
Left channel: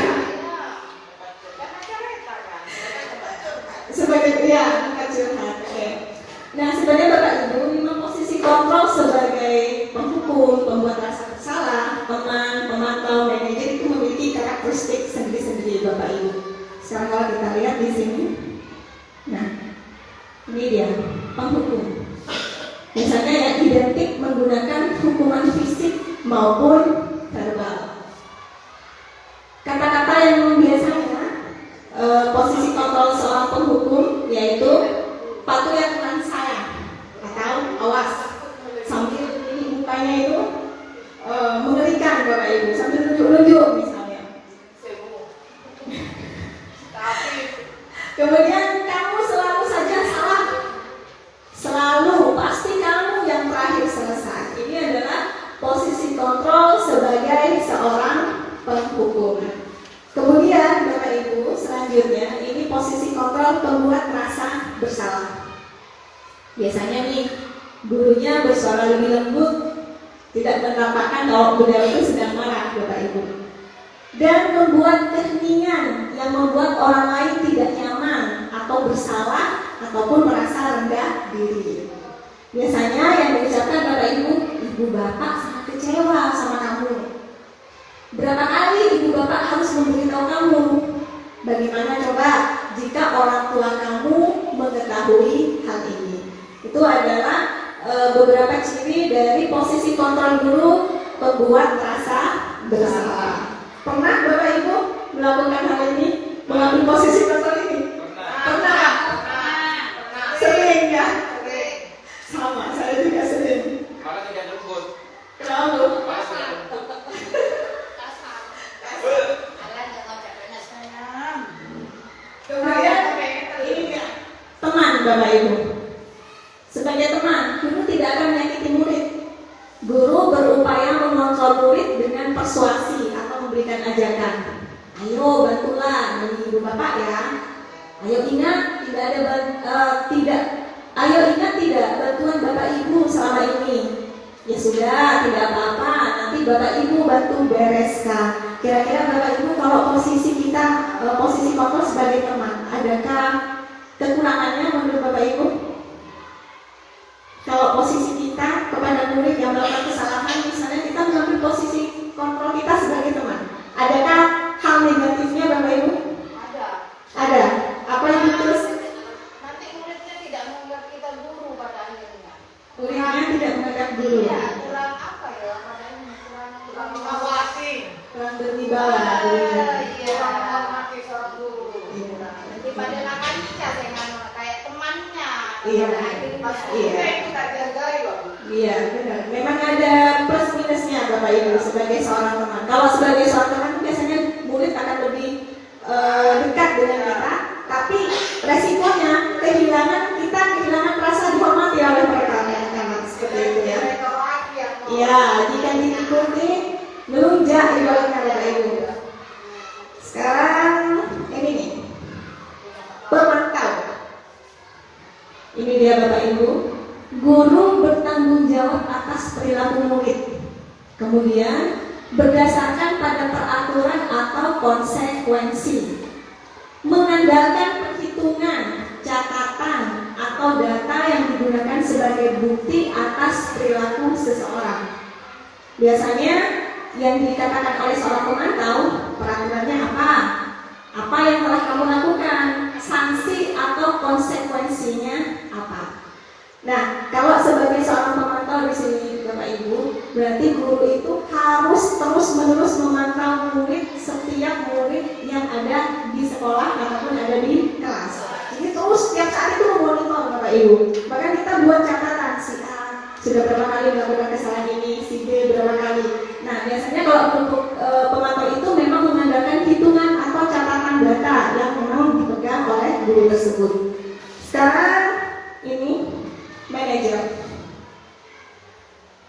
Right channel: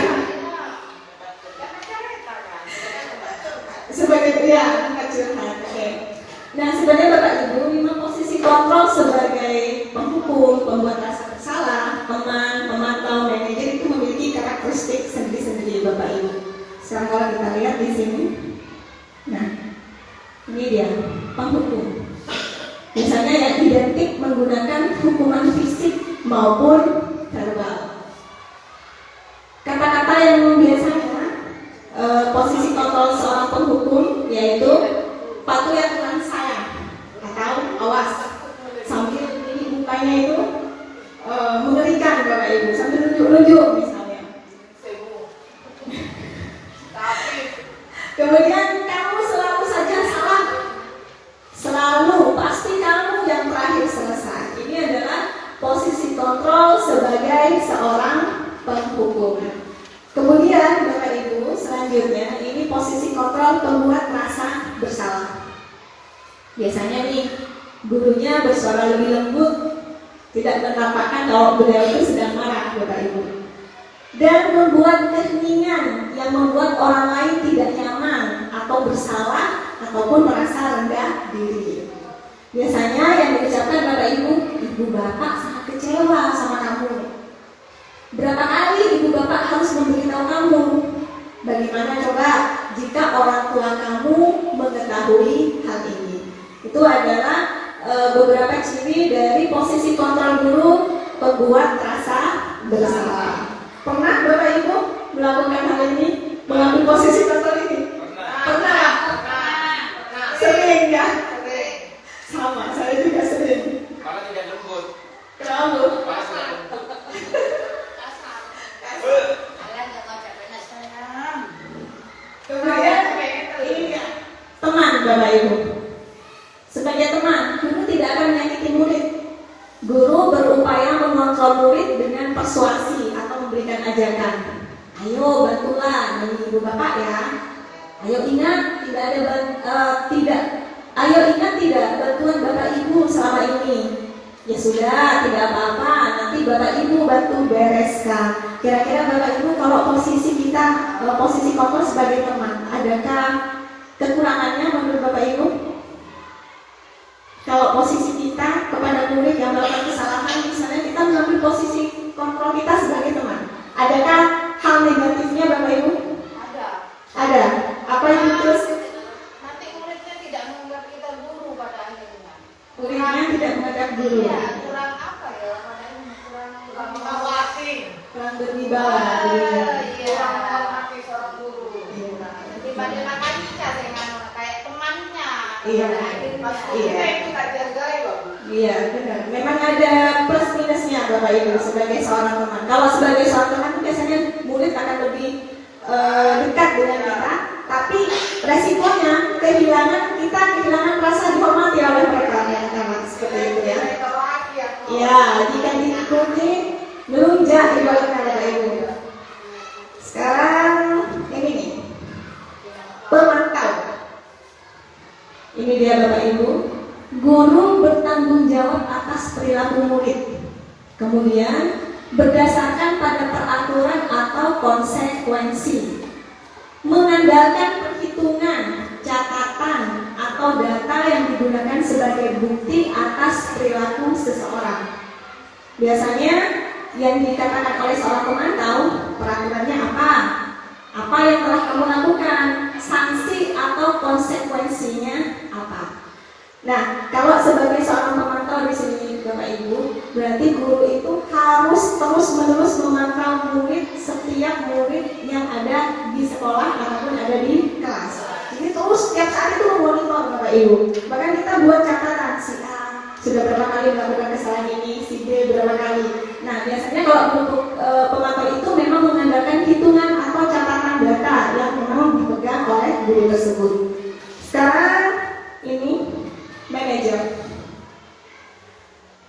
Sebagai pria, bukan curhat. Oke. Nah, sebenarnya Bapak Ibu, 5 posisi kontrol sebagai penghukum, pembuat rasa bersalah, teman, pemantau, manajer itu memiliki karakteristik sendiri-sendiri Bapak Ibu. Sekarang kalau kita lihat di sini, nah, ini dia penghukum. Biasanya yang identik menggunakan hukuman fisik maupun verbal. Kata-kata yang biasanya posisi kontrol seorang penghukum yaitu patuhi aturan saya atau awas. Sambil ini mukanya itu mengerikan Bapak Ibu, sambil tunjuk-tunjuk misalnya. Kemudian kamu selalu saja salah, selalu pasti kamu yang terakhir selesai. Ini adalah posisi kontrol sebagai seorang penghukum. Kemudian Bapak Ibu, selanjutnya ini posisi kontrol pembuat rasa bersalah. Biasanya nih gurunya bersuara lebih lembut, tidak menampakkan kalau beliau itu sedang marah Bapak Ibu, dan membuat keheningan yang membuat orang lain tidak nyaman atau bersalah ataupun merasa rendah diri. Biasanya yang diucapkan Bapak Ibu, ibu bapak sangat kecewa sama kamu. Berapa kali ibu bapak harus memberitahu kamu? Bagaimana coba jika orang tua kamu mengetahui hal ini? Itu adalah beberapa ciri dari posisi kontrol guru pembuat rasa bersalah. Pernah Bapak Ibu melakukan hal ini? Mengambil posisi kontrol ini? Pernah. Sering ya? Sama, saya juga sering. Malah tidak lembut. Kalau kemudian ini teman Bapak Ibu. Sebagai teman, guru tidak akan menyakiti murid. Guru berupaya mengontrol murid dengan persuasi atau memberikan ajakan. Ayo bantulah demi ibu bapak ya. Ayo ingat tidak bantuan bapak ibu selama ini. Ya sudah, tidak apa-apa. Nanti bapak ibu bantu bereskan. Kira-kira bapak ibu kalau posisi kita posisi kontrol sebagai teman? Adakah kekurangannya menurut Bapak Ibu? Kalau posisi kita kepada murid yang melakukan kesalahan, misalnya kita mengambil posisi kontrol kita sebagai teman, adakah hal negatifnya Bapak Ibu? Ada. Apa yang terus? Nanti muridnya tidak menganggap kita guru pada akhirnya. Muridnya tidak menganggap guru. Iya, kurang apa ya? Kurang mengawasi. Kurang berwibawa. Iya, mengawasi seorang guru. Jadi pada nakal kayak temannya. Iya. Iya. Kita jagai loh. Iya, benar. Memang ada plus minusnya Bapak Ibu sebagai seorang teman. Kalau sebagai seorang teman biasanya murid akan lebih dekat dengan kita, tapi resikonya kehilangan rasa dihormati oleh mereka yang seperti itu ya. Ya, jika diikuti melunjak ibaratnya Bapak Ibu. Sekarang ini nih, pemantau. Ini dia Bapak Ibu. Guru bertanggung jawab atas perilaku murid. Kemudian berdasarkan pada peraturan atau konsekuensi, mengandalkan perhitungan, catatan, atau data yang digunakan sebagai bukti atas perilaku seseorang. Biasanya yang dikatakan oleh seorang pemantau, peraturannya apa? Apa yang telah kamu lakukan? Sanksi atau konsekuensinya apa? Nah, kalau sebagai seorang pemantau di sini Bapak Ibu, berarti guru itu harus terus-menerus memantau murid, setiap murid yang ada di sekolah ataupun ada di kelas. Jadi terus setiap saat itu memonitor Bapak Ibu. Bahkan kita buat catatan, si A sudah berapa kali melakukan kesalahan ini, si B berapa kali. Nah, biasanya kalau untuk pemantau itu memang mengandalkan hitungan atau catatan data yang memang dipegang oleh guru tersebut. Sekarang ini manajer.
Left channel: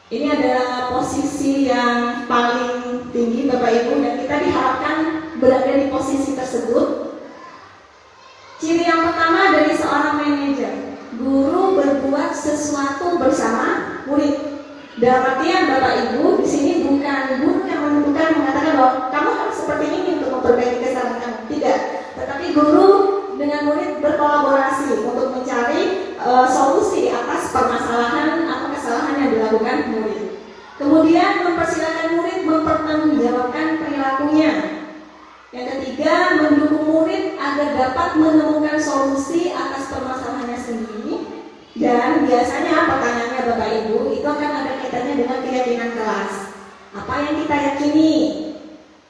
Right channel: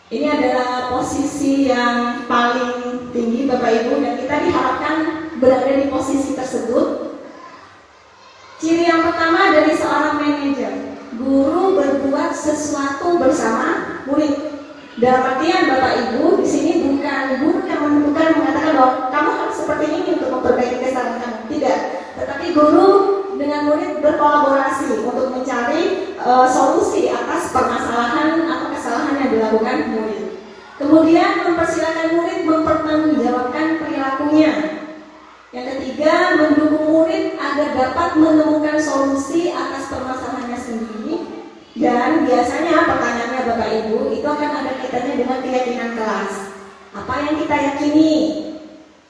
Ini adalah posisi yang paling tinggi Bapak Ibu dan kita diharapkan berada di posisi tersebut. Ciri yang pertama dari seorang manajer, guru berbuat sesuatu bersama murid. Dalam artian Bapak Ibu di sini bukan guru yang menentukan mengatakan bahwa kamu harus seperti ini untuk memperbaiki kesalahan kamu. Tidak, tetapi guru dengan murid berkolaborasi untuk mencari solusi atas permasalahan atau kesalahan yang dilakukan murid. Kemudian mempersilakan murid mempertanggungjawabkan perilakunya. Yang ketiga, mendukung murid agar dapat menemukan solusi atas permasalahannya sendiri. Dan biasanya pertanyaannya Bapak Ibu itu akan ada kaitannya dengan keyakinan kelas. Apa yang kita yakini?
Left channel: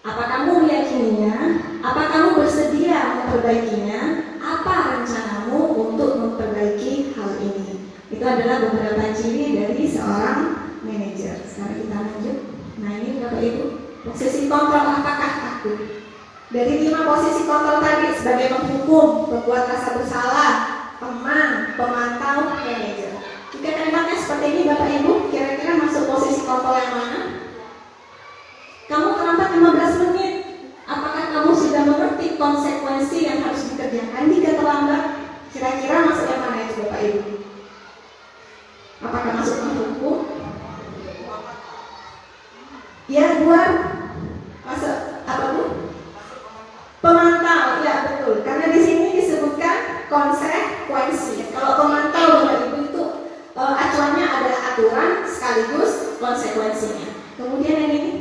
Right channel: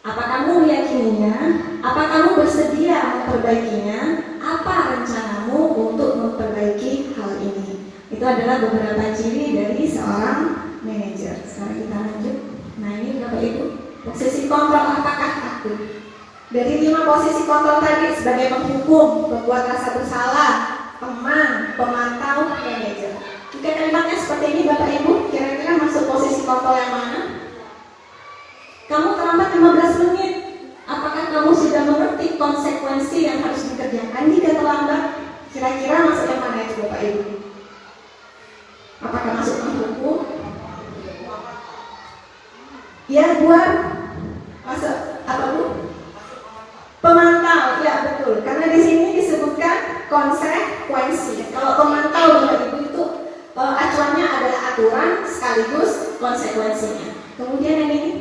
Apa kamu meyakininya? Apa kamu bersedia memperbaikinya? Apa rencanamu untuk memperbaiki hal ini? Itu adalah beberapa ciri dari seorang manajer. Sekarang kita lanjut. Nah ini Bapak Ibu, posisi kontrol apakah aku? Dari 5 posisi kontrol tadi sebagai menghukum, membuat rasa bersalah, teman, pemantau, manajer. Jika kalimatnya seperti ini Bapak Ibu, kira-kira masuk posisi kontrol yang mana? Kamu terlambat 15 menit. Apakah kamu sudah mengerti konsekuensi yang harus dikerjakan jika terlambat? Kira-kira masuk yang mana itu Bapak Ibu? Apakah masuk menghukum? Ya, buat masuk apa Bu? Pemantau, ya betul. Karena di sini disebutkan konsekuensi. Kalau pemantau Bapak Ibu itu acuannya ada aturan sekaligus konsekuensinya. Kemudian yang ini.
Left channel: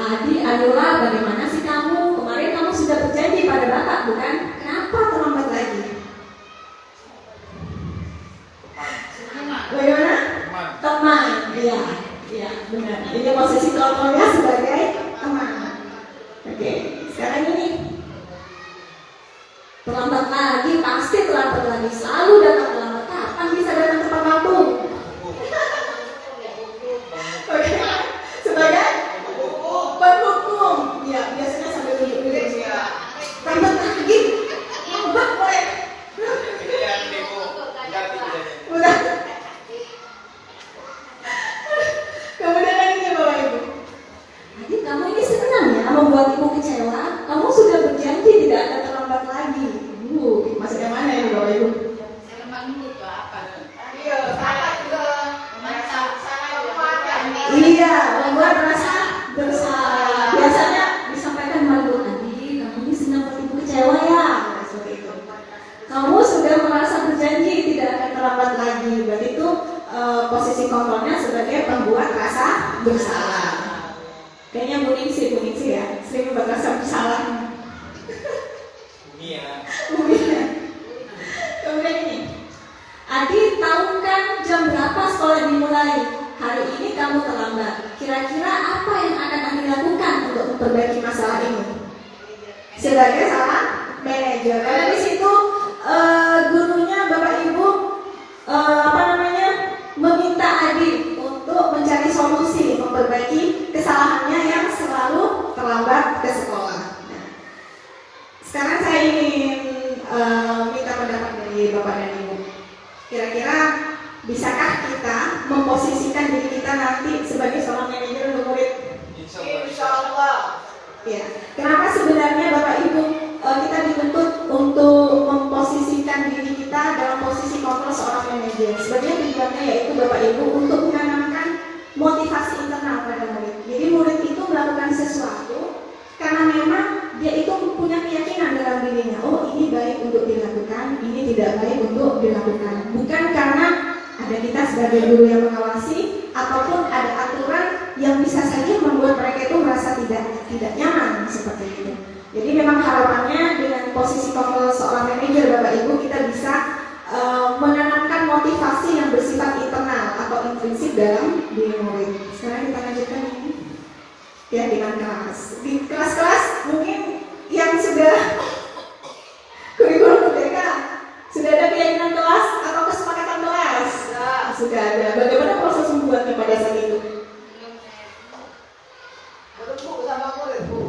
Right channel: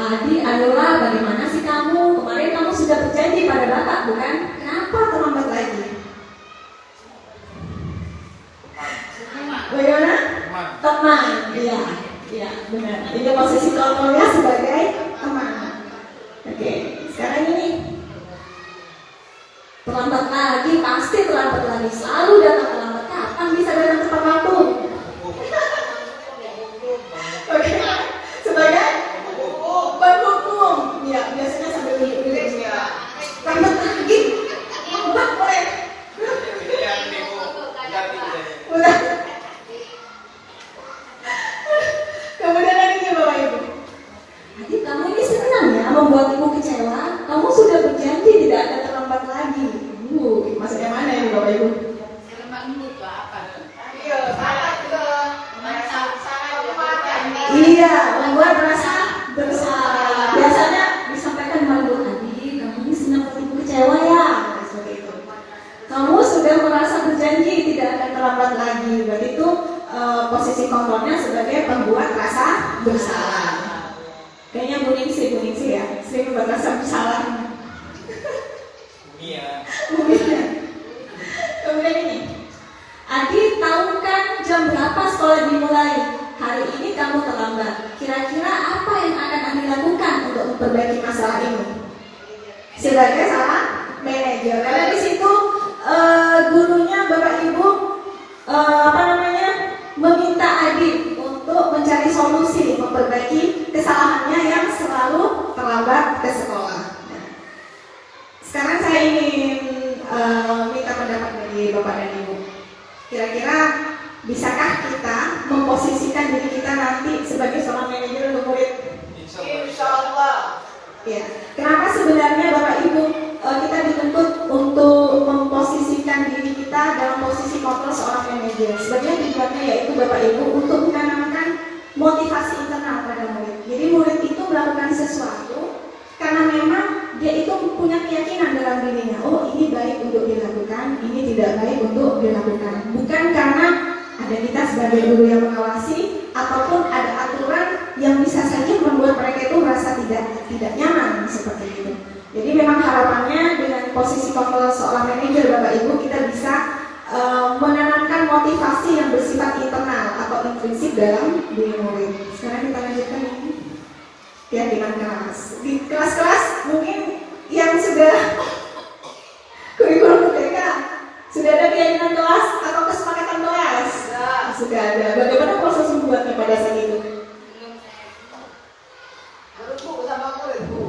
Adi, ayolah bagaimana sih kamu? Kemarin kamu sudah berjanji pada Bapak, bukan? Kenapa terlambat lagi? Bagaimana? Teman, iya, benar. Ini posisi kontrolnya sebagai teman. Oke, sekarang ini terlambat lagi, pasti terlambat lagi. Selalu datang terlambat. Kapan bisa datang tepat waktu? Oke, sebagai penghukum. Iya, biasanya sampai tunjuk-tunjuk. Terlambat lagi. Terlambat lagi. Udah. Kemudian lagi Bapak Ibu. Jadi kamu ini senang ya membuat ibu kecewa. Kamu sudah berjanji tidak akan terlambat lagi. Maksudnya mana ya Bapak Ibu? merasa berjanji tidak akan terlambat lagi. Berarti itu posisi kontrolnya sebagai pembuat rasa bersalah. Kayaknya Bu Ningsih ya, sering merasa bersalah. Iya. Kemudian ini, Adi tahu kan jam berapa sekolah dimulai? Hari ini kamu terlambat. Kira-kira apa yang akan Adi lakukan untuk memperbaiki masalah ini? Sebagai seorang manajer. Karena di situ gurunya Bapak Ibu meminta Adi untuk mencari solusi memperbaiki kesalahannya yang selalu terlambat ke sekolah. Nah, sekarang saya ingin minta pendapat dari Bapak dan Ibu. Kira-kira bisakah kita memposisikan diri kita nanti sebagai seorang manajer untuk murid? Insya Allah. Ya. Kenapa sebenarnya Bapak Ibu kita dituntut untuk memposisikan diri kita dalam posisi kontrol seorang manajer? Sebenarnya tujuannya yaitu Bapak Ibu untuk menanamkan motivasi internal pada murid. Jadi murid itu melakukan sesuatu karena memang dia itu punya keyakinan dalam dirinya. Oh, ini baik untuk dilakukan, ini tidak baik untuk dilakukan. Bukan karena ada kita sebagai guru yang mengawasi ataupun ada aturan yang bisa saja membuat mereka itu merasa tidak nyaman seperti itu. Jadi memang harapannya dengan posisi kontrol seorang manajer Bapak Ibu kita bisa menanamkan motivasi yang bersifat internal atau intrinsik dalam diri murid. Sekarang kita lanjutkan ini ya dengan kelas. Di kelas-kelas mungkin yang sudah kurikulum merdeka sudah ada keyakinan kelas atau kesepakatan kelas? Sudah ada. Bagaimana proses membuatnya pada saat itu? Berembuk sama murid, Bu.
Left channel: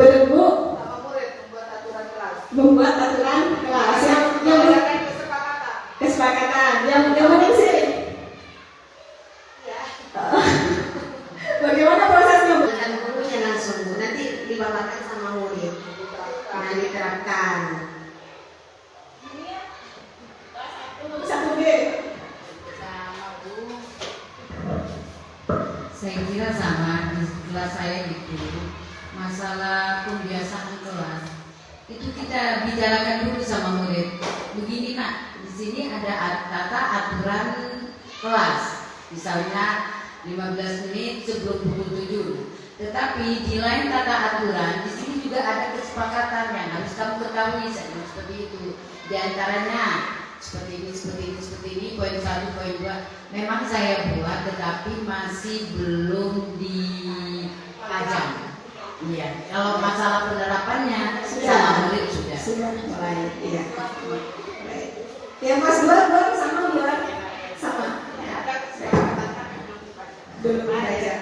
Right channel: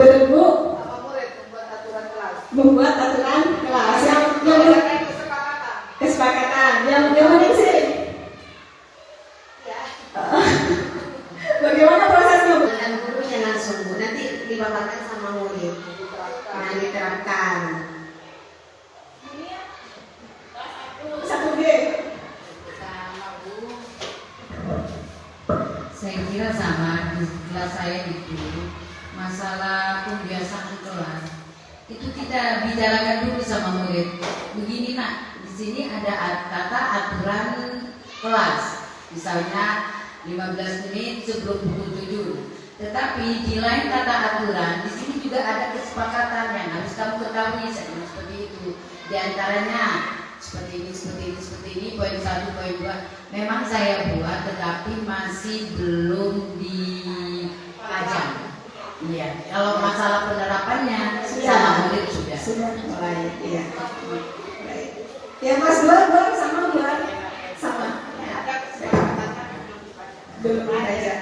Berembuk Sama murid membuat aturan kelas. membuat aturan kelas yang Berdasarkan kesepakatan. kesepakatan yang penting sih. Bagaimana prosesnya? Dengan guru jangan sungguh, nanti dibawakan sama murid. Nah, diterapkan. Satu B. Saya kira sama di kelas saya itu masalah pembiasaan kelas itu kita bicarakan dulu sama murid. Begini nak, di sini ada kata aturan kelas, misalnya 15 menit sebelum pukul 7. Tetapi di lain kata aturan, di sini juga ada kesepakatan yang harus kamu ketahui seperti itu. Di antaranya seperti ini, poin 1, poin 2 memang saya buat tetapi masih belum dipajang. Iya, kalau masalah penerapannya sama murid sudah. Sudah baik, iya. Baik. Yang kelas 2 buat sama buat sama. Ya. Belum ada. Ya.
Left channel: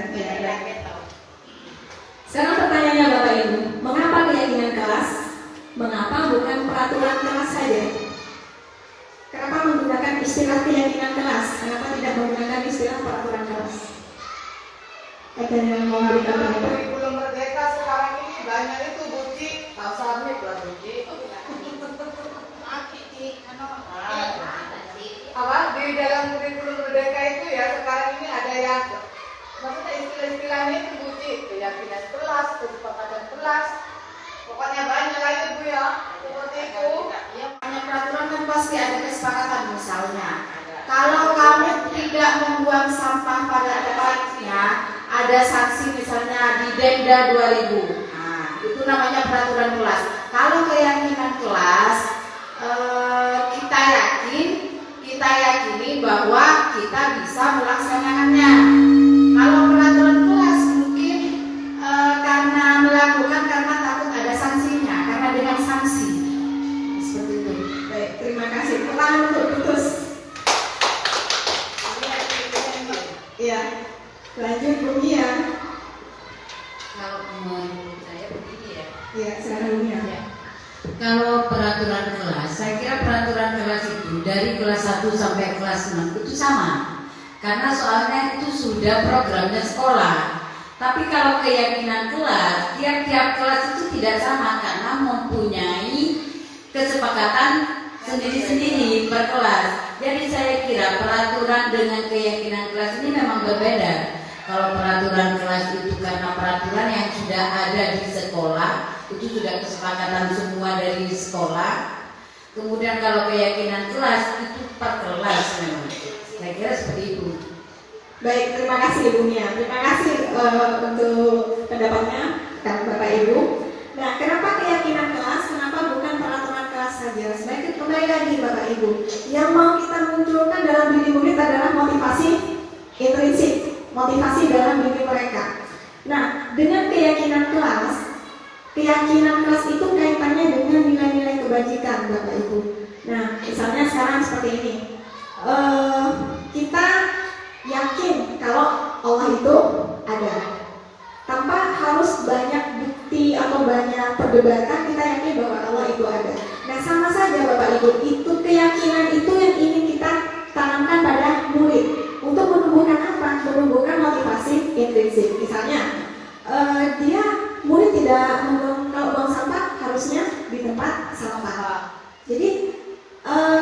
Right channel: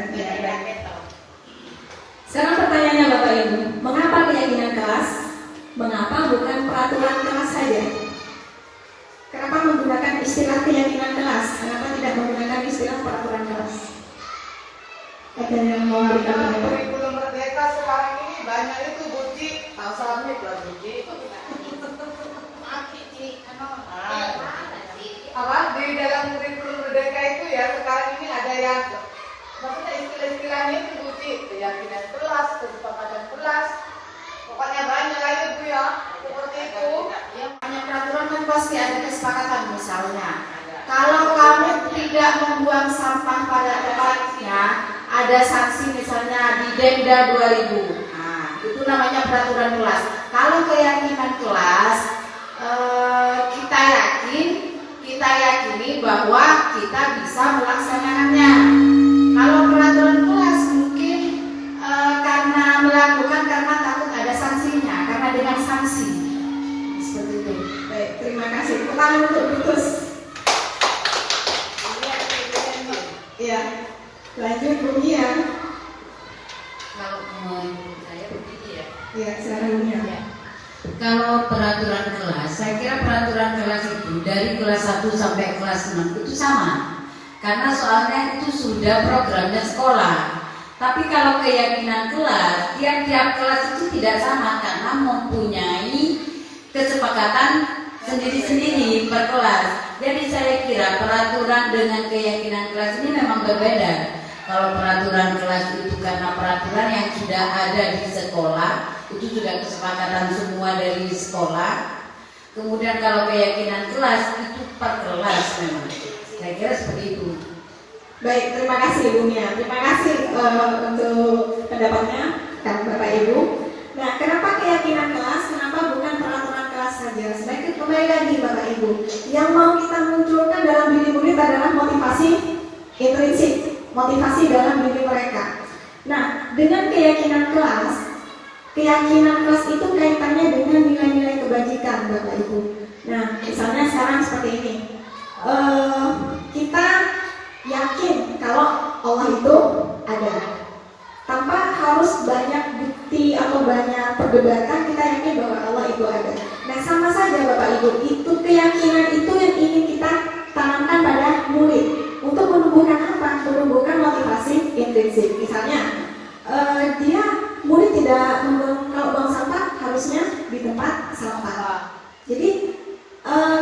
Sekarang pertanyaannya Bapak Ibu, mengapa keyakinan kelas? Mengapa bukan peraturan kelas saja? Kenapa menggunakan istilah keyakinan kelas? Kenapa tidak menggunakan istilah peraturan kelas? Ada yang mau berikan pendapat? Kurikulum merdeka sekarang ini banyak itu bukti submit lah bukti. Apa di dalam kurikulum merdeka itu ya sekarang ini ada yang maksudnya istilah-istilahnya itu bukti keyakinan kelas, kesepakatan kelas, pokoknya banyak lah itu Bu ya seperti itu. Hanya peraturan kan pasti ada kesepakatan misalnya. Kalau kamu tidak membuang sampah pada tempatnya, ada sanksi misalnya di denda 2000. Nah, itu namanya peraturan kelas. Kalau keyakinan kelas, kita yakini bahwa kita bisa melaksanakannya. Kalau peraturan kelas mungkin karena melakukan karena takut ada sanksinya, karena dengan sanksi. Seperti itu. Baik, terima kasih. Kembali untuk putus. Iya. Lanjut Bu Mia. Kalau menurut saya begini ya. Iya, silakan Bu Mia. Kalau peraturan kelas, saya kira peraturan kelas itu dari kelas 1 sampai kelas 6 itu sama. Karena soalnya itu sudah programnya sekolah. Tapi kalau keyakinan kelas, tiap-tiap kelas itu tidak sama karena mempunyai kesepakatan sendiri-sendiri per kelas. Jadi saya kira peraturan dengan keyakinan kelas ini memang berbeda. Kalau peraturan kelas itu karena peraturan yang sudah ada di sekolah, itu sudah kesepakatan semua dari sekolah. Kemudian kalau keyakinan kelas itu per kelas memang. Saya kira seperti itu. Baik, terima kasih Ibu Nia. Terima kasih untuk pendapatnya Bapak Ibu. Nah, kenapa keyakinan kelas? Kenapa bukan peraturan kelas saja? Sebaiknya kembali lagi Bapak Ibu. Yang mau kita munculkan dalam diri murid adalah motivasi intrinsik, motivasi dalam diri mereka. Nah, dengan keyakinan kelas itu kaitannya dengan nilai-nilai kebajikan Bapak Ibu. Nah, misalnya sekarang seperti ini. Kita yakin kalau Allah itu ada. Tanpa harus banyak bukti atau banyak perdebatan, kita yakin bahwa Allah itu ada. Nah, sama saja Bapak Ibu, itu keyakinan itu yang ingin kita tanamkan pada murid. Untuk menumbuhkan apa? Menumbuhkan motivasi intrinsik. Misalnya, murid tidak membuang, kalau buang sampah harusnya di tempat sampah. Jadi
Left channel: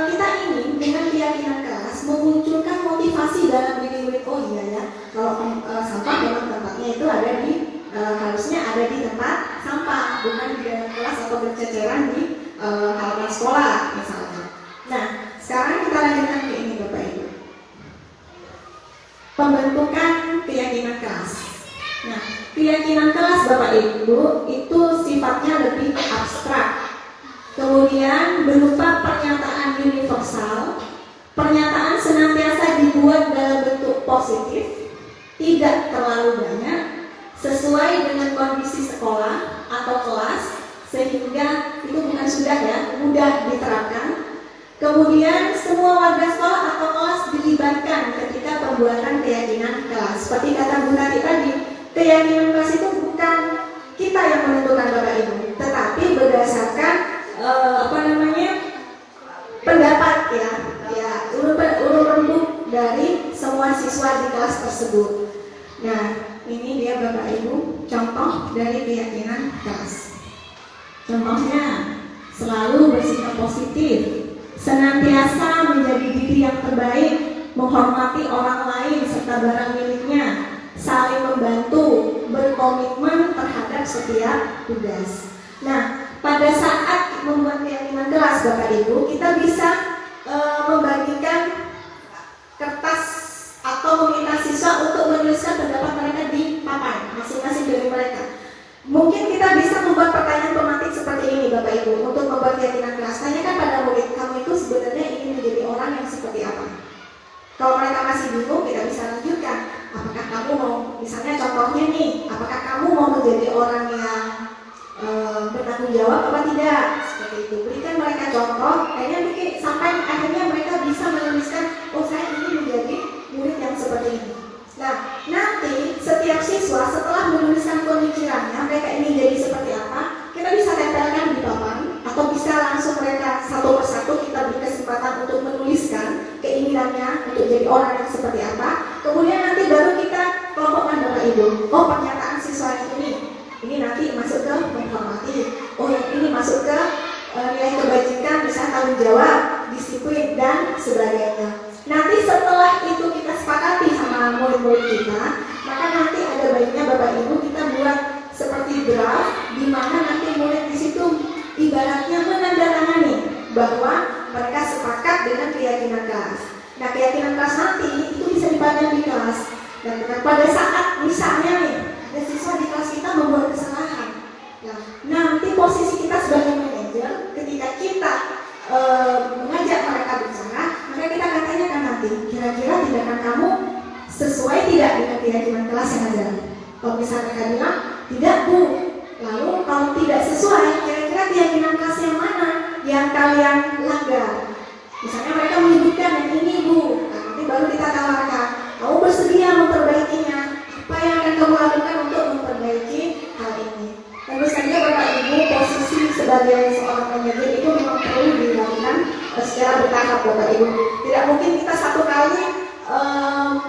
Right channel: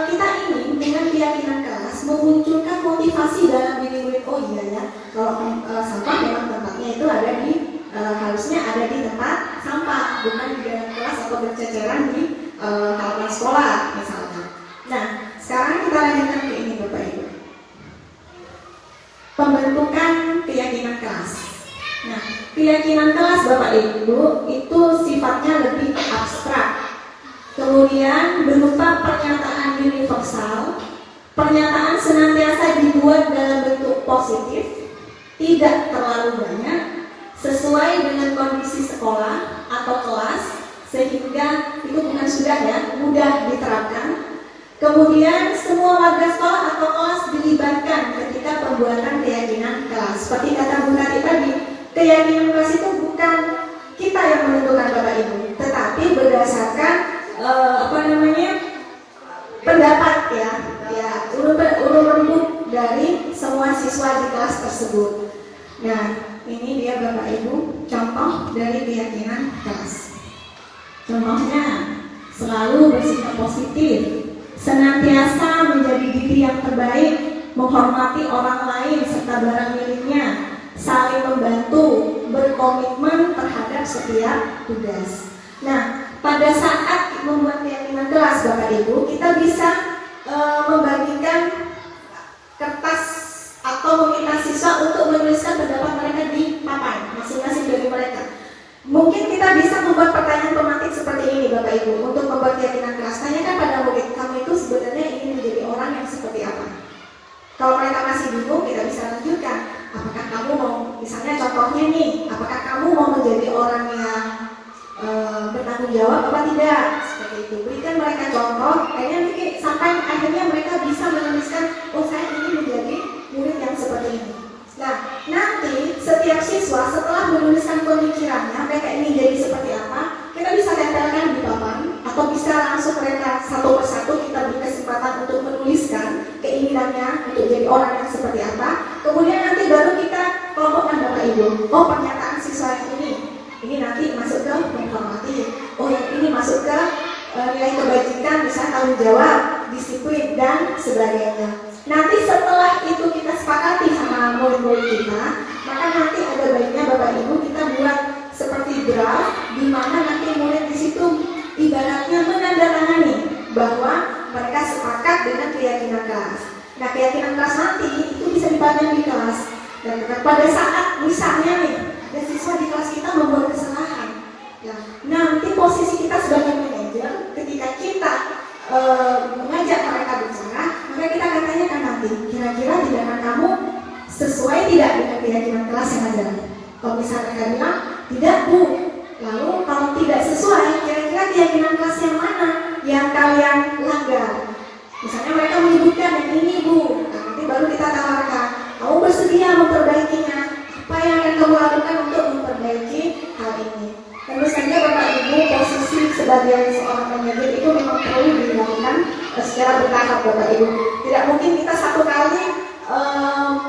kita ingin dengan keyakinan kelas memunculkan motivasi dalam diri murid. Oh iya ya, kalau sampah dalam tempatnya itu ada di harusnya ada di tempat sampah, bukan di dalam kelas atau berceceran di halaman sekolah misalnya. Nah, sekarang kita lanjutkan ke ini Bapak Ibu. Pembentukan keyakinan kelas. Nah, keyakinan kelas Bapak Ibu itu sifatnya lebih abstrak. Kemudian berupa pernyataan universal. Pernyataan senantiasa dibuat dalam bentuk positif, tidak terlalu banyak, sesuai dengan kondisi sekolah atau kelas, sehingga itu bukan sudah ya, mudah diterapkan. Kemudian semua warga sekolah atau kelas dilibatkan ketika pembuatan keyakinan kelas. Seperti kata Bu Tati tadi, keyakinan kelas itu bukan kita yang menentukan Bapak Ibu, tetapi berdasarkan pendapat ya urut dari semua siswa di kelas tersebut. Nah, ini dia Bapak Ibu contoh dari keyakinan kelas. Contohnya, selalu bersikap positif, senantiasa menjadi diri yang terbaik, menghormati orang lain serta barang miliknya, saling membantu, berkomitmen terhadap setiap tugas. Nah, pada saat membuat keyakinan kelas Bapak Ibu, kita bisa membagikan kertas atau meminta siswa untuk menuliskan pendapat mereka di papan masing-masing dari mereka. Mungkin kita bisa membuat pertanyaan pematik seperti ini Bapak Ibu untuk membuat keyakinan kelas. Tanyakan pada murid, kamu itu sebenarnya ingin menjadi orang yang seperti apa? Kalau mereka masih bingung, kita bisa lanjutkan. Apakah kamu mau, misalnya contohnya nih, apakah kamu mau menjadi orang yang bertanggung jawab apa tidak? Seperti itu. Berikan mereka contoh, sampai akhirnya mereka bisa menuliskan, oh saya ingin menjadi murid yang seperti ini. Nah, nanti setiap siswa setelah menuliskan pemikirannya, mereka ingin jadi seperti apa, kita bisa tempelkan di papan, atau bisa langsung mereka satu persatu kita beri kesempatan untuk menuliskan keinginannya untuk jadi orang yang seperti apa. Kemudian nanti baru kita kelompokkan Bapak Ibu. Oh, pernyataan siswa yang ini nanti masuk ke menghormati. Oh, yang ini masuk ke nilai kebajikan, misalnya tanggung jawab, disiplin dan sebagainya. Nanti setelah itu kita sepakati sama murid-murid kita, maka nanti ada baiknya Bapak Ibu kita buat seperti draft, di mana nanti murid di situ ibaratnya menandatangani bahwa mereka sepakat dengan keyakinan kelas. Nah, keyakinan kelas nanti itu bisa dipajang di kelas. Dan pada saat misalnya nih ada siswa di kelas kita membuat kesalahan, ya, nanti posisi kita sebagai manajer ketika kita mengajak mereka bicara, maka kita akan tanyakan nanti, kira-kira tindakan kamu sesuai tidak dengan keyakinan kelas yang ada? Kalau misalnya mereka bilang tidak Bu, lalu kalau tidak sesuai, kira-kira keyakinan kelas yang mana yang kalian langgar? Misalnya mereka menyebutkan yang ini Bu, nah, nanti baru kita tawarkan, kamu bersedia memperbaikinya? Apa yang akan kamu lakukan untuk memperbaiki hal ini? Tentu saja Bapak Ibu, posisi sebagai seorang manajer itu memang perlu dilakukan secara bertahap Bapak Ibu. Tidak mungkin kita satu kali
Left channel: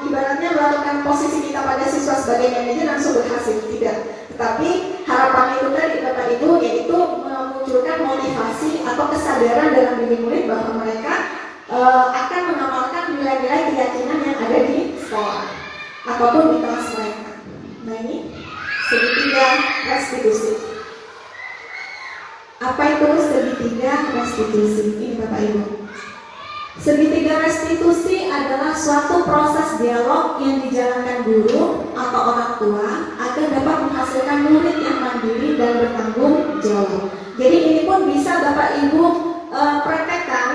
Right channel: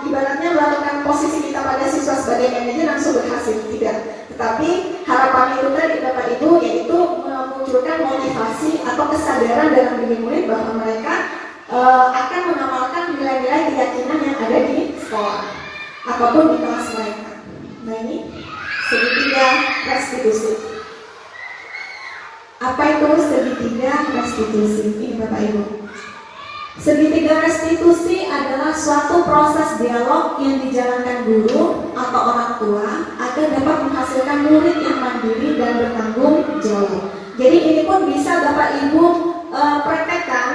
ibaratnya melakukan posisi kita pada siswa sebagai manajer langsung berhasil, tidak. Tetapi harapan itu dari Bapak Ibu yaitu memunculkan motivasi atau kesadaran dalam diri murid bahwa mereka akan mengamalkan nilai-nilai keyakinan yang ada di sekolah ataupun di kelas mereka. Nah, ini segitiga restitusi. Apa itu segitiga restitusi? Ini Bapak Ibu. Segitiga restitusi adalah suatu proses dialog yang dijalankan guru atau orang tua agar dapat menghasilkan murid yang mandiri dan bertanggung jawab. Jadi ini pun bisa Bapak Ibu praktekkan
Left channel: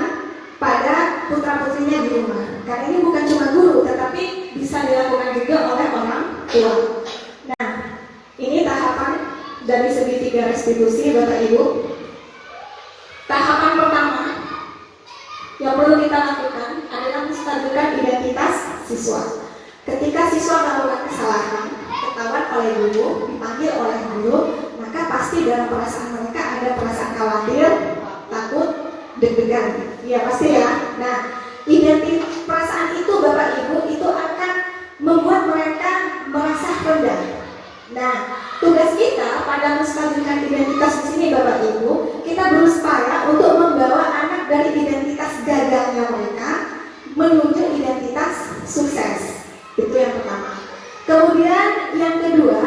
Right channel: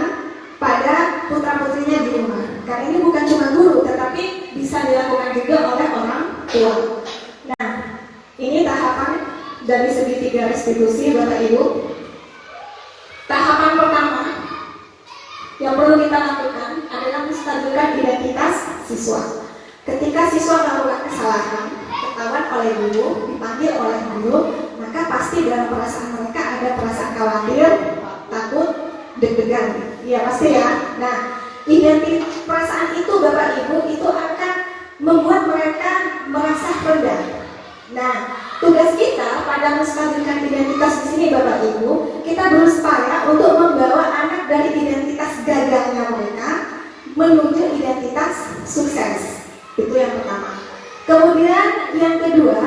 pada putra-putrinya di rumah. Karena ini bukan cuma guru, tetapi bisa dilakukan juga oleh orang tua. Nah, ini tahapan dari segitiga restitusi Bapak Ibu. Tahapan pertama yang perlu kita lakukan adalah menstabilkan identitas siswa. Ketika siswa melakukan kesalahan, ketahuan oleh guru, dipanggil oleh guru, maka pasti dalam perasaan mereka ada perasaan khawatir, takut, deg-degan. Iya pasti ya. Nah, perasaan itu Bapak Ibu itu akan membuat mereka merasa rendah. Nah, tugas kita pada menstabilkan identitas di sini Bapak Ibu, kita berupaya untuk membawa anak dari identitas gagalnya mereka menuju identitas sukses. Itu yang pertama. Kemudian yang kedua,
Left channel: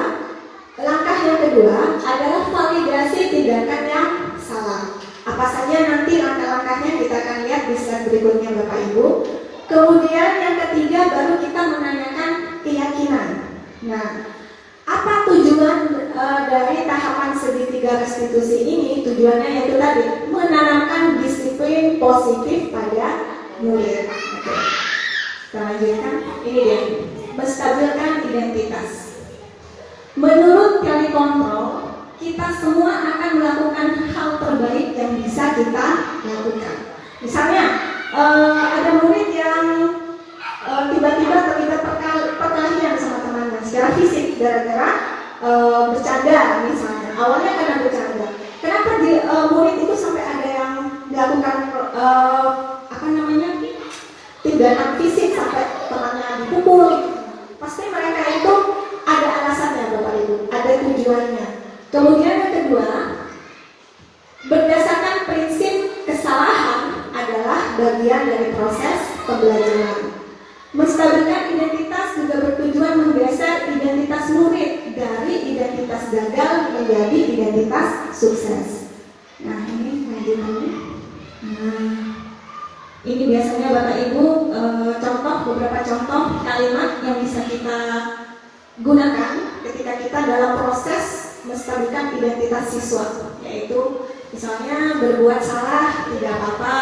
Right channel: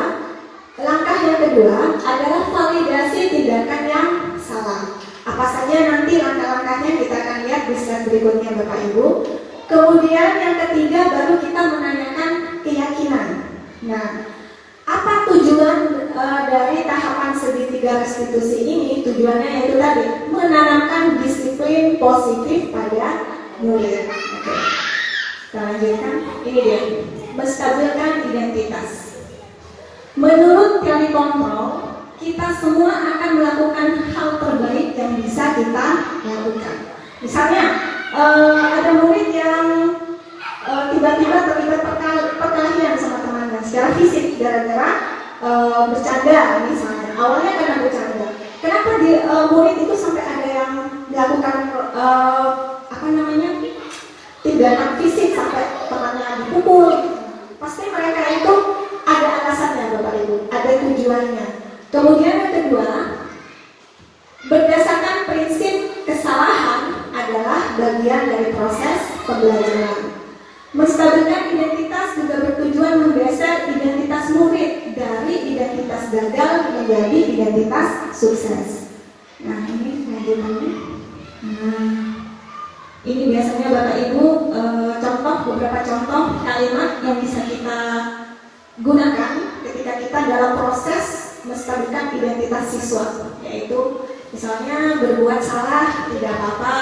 langkah yang kedua adalah validasi tindakan yang salah. Apa saja nanti langkah-langkahnya kita akan lihat di slide berikutnya Bapak Ibu. Kemudian yang ketiga baru kita menanyakan keyakinan. Nah, apa tujuan dari tahapan segitiga restitusi ini? Tujuannya yaitu tadi menanamkan disiplin positif pada murid. Oke. Kita lanjutkan. Ini dia, menstabilkan identitas. Menurut telekontrol, kita semua akan melakukan hal terbaik yang bisa kita lakukan. Misalnya ada murid yang tiba-tiba terlibat perkelahian sama temannya secara fisik gara-gara bercanda misalnya. Awalnya karena bercanda. Kenapa murid itu sampai ada yang melakukan tindakan fisik sampai temannya dipukul? Pasti mereka itu ada alasannya Bapak Ibu, ada tujuannya. Kemudian yang kedua, berdasarkan prinsip kesalahan adalah bagian dari proses pembelajaran. Menstabilkan identitas juga bertujuan menggeser identitas murid dari identitas gagal menjadi identitas sukses. Nah ini lanjutannya. Nah ini biasanya Bapak Ibu beberapa contoh kalimat yang bisa kita gunakan ketika kita dalam proses menstabilkan identitas siswa, yaitu misalnya berbuat salah tidak apa-apa,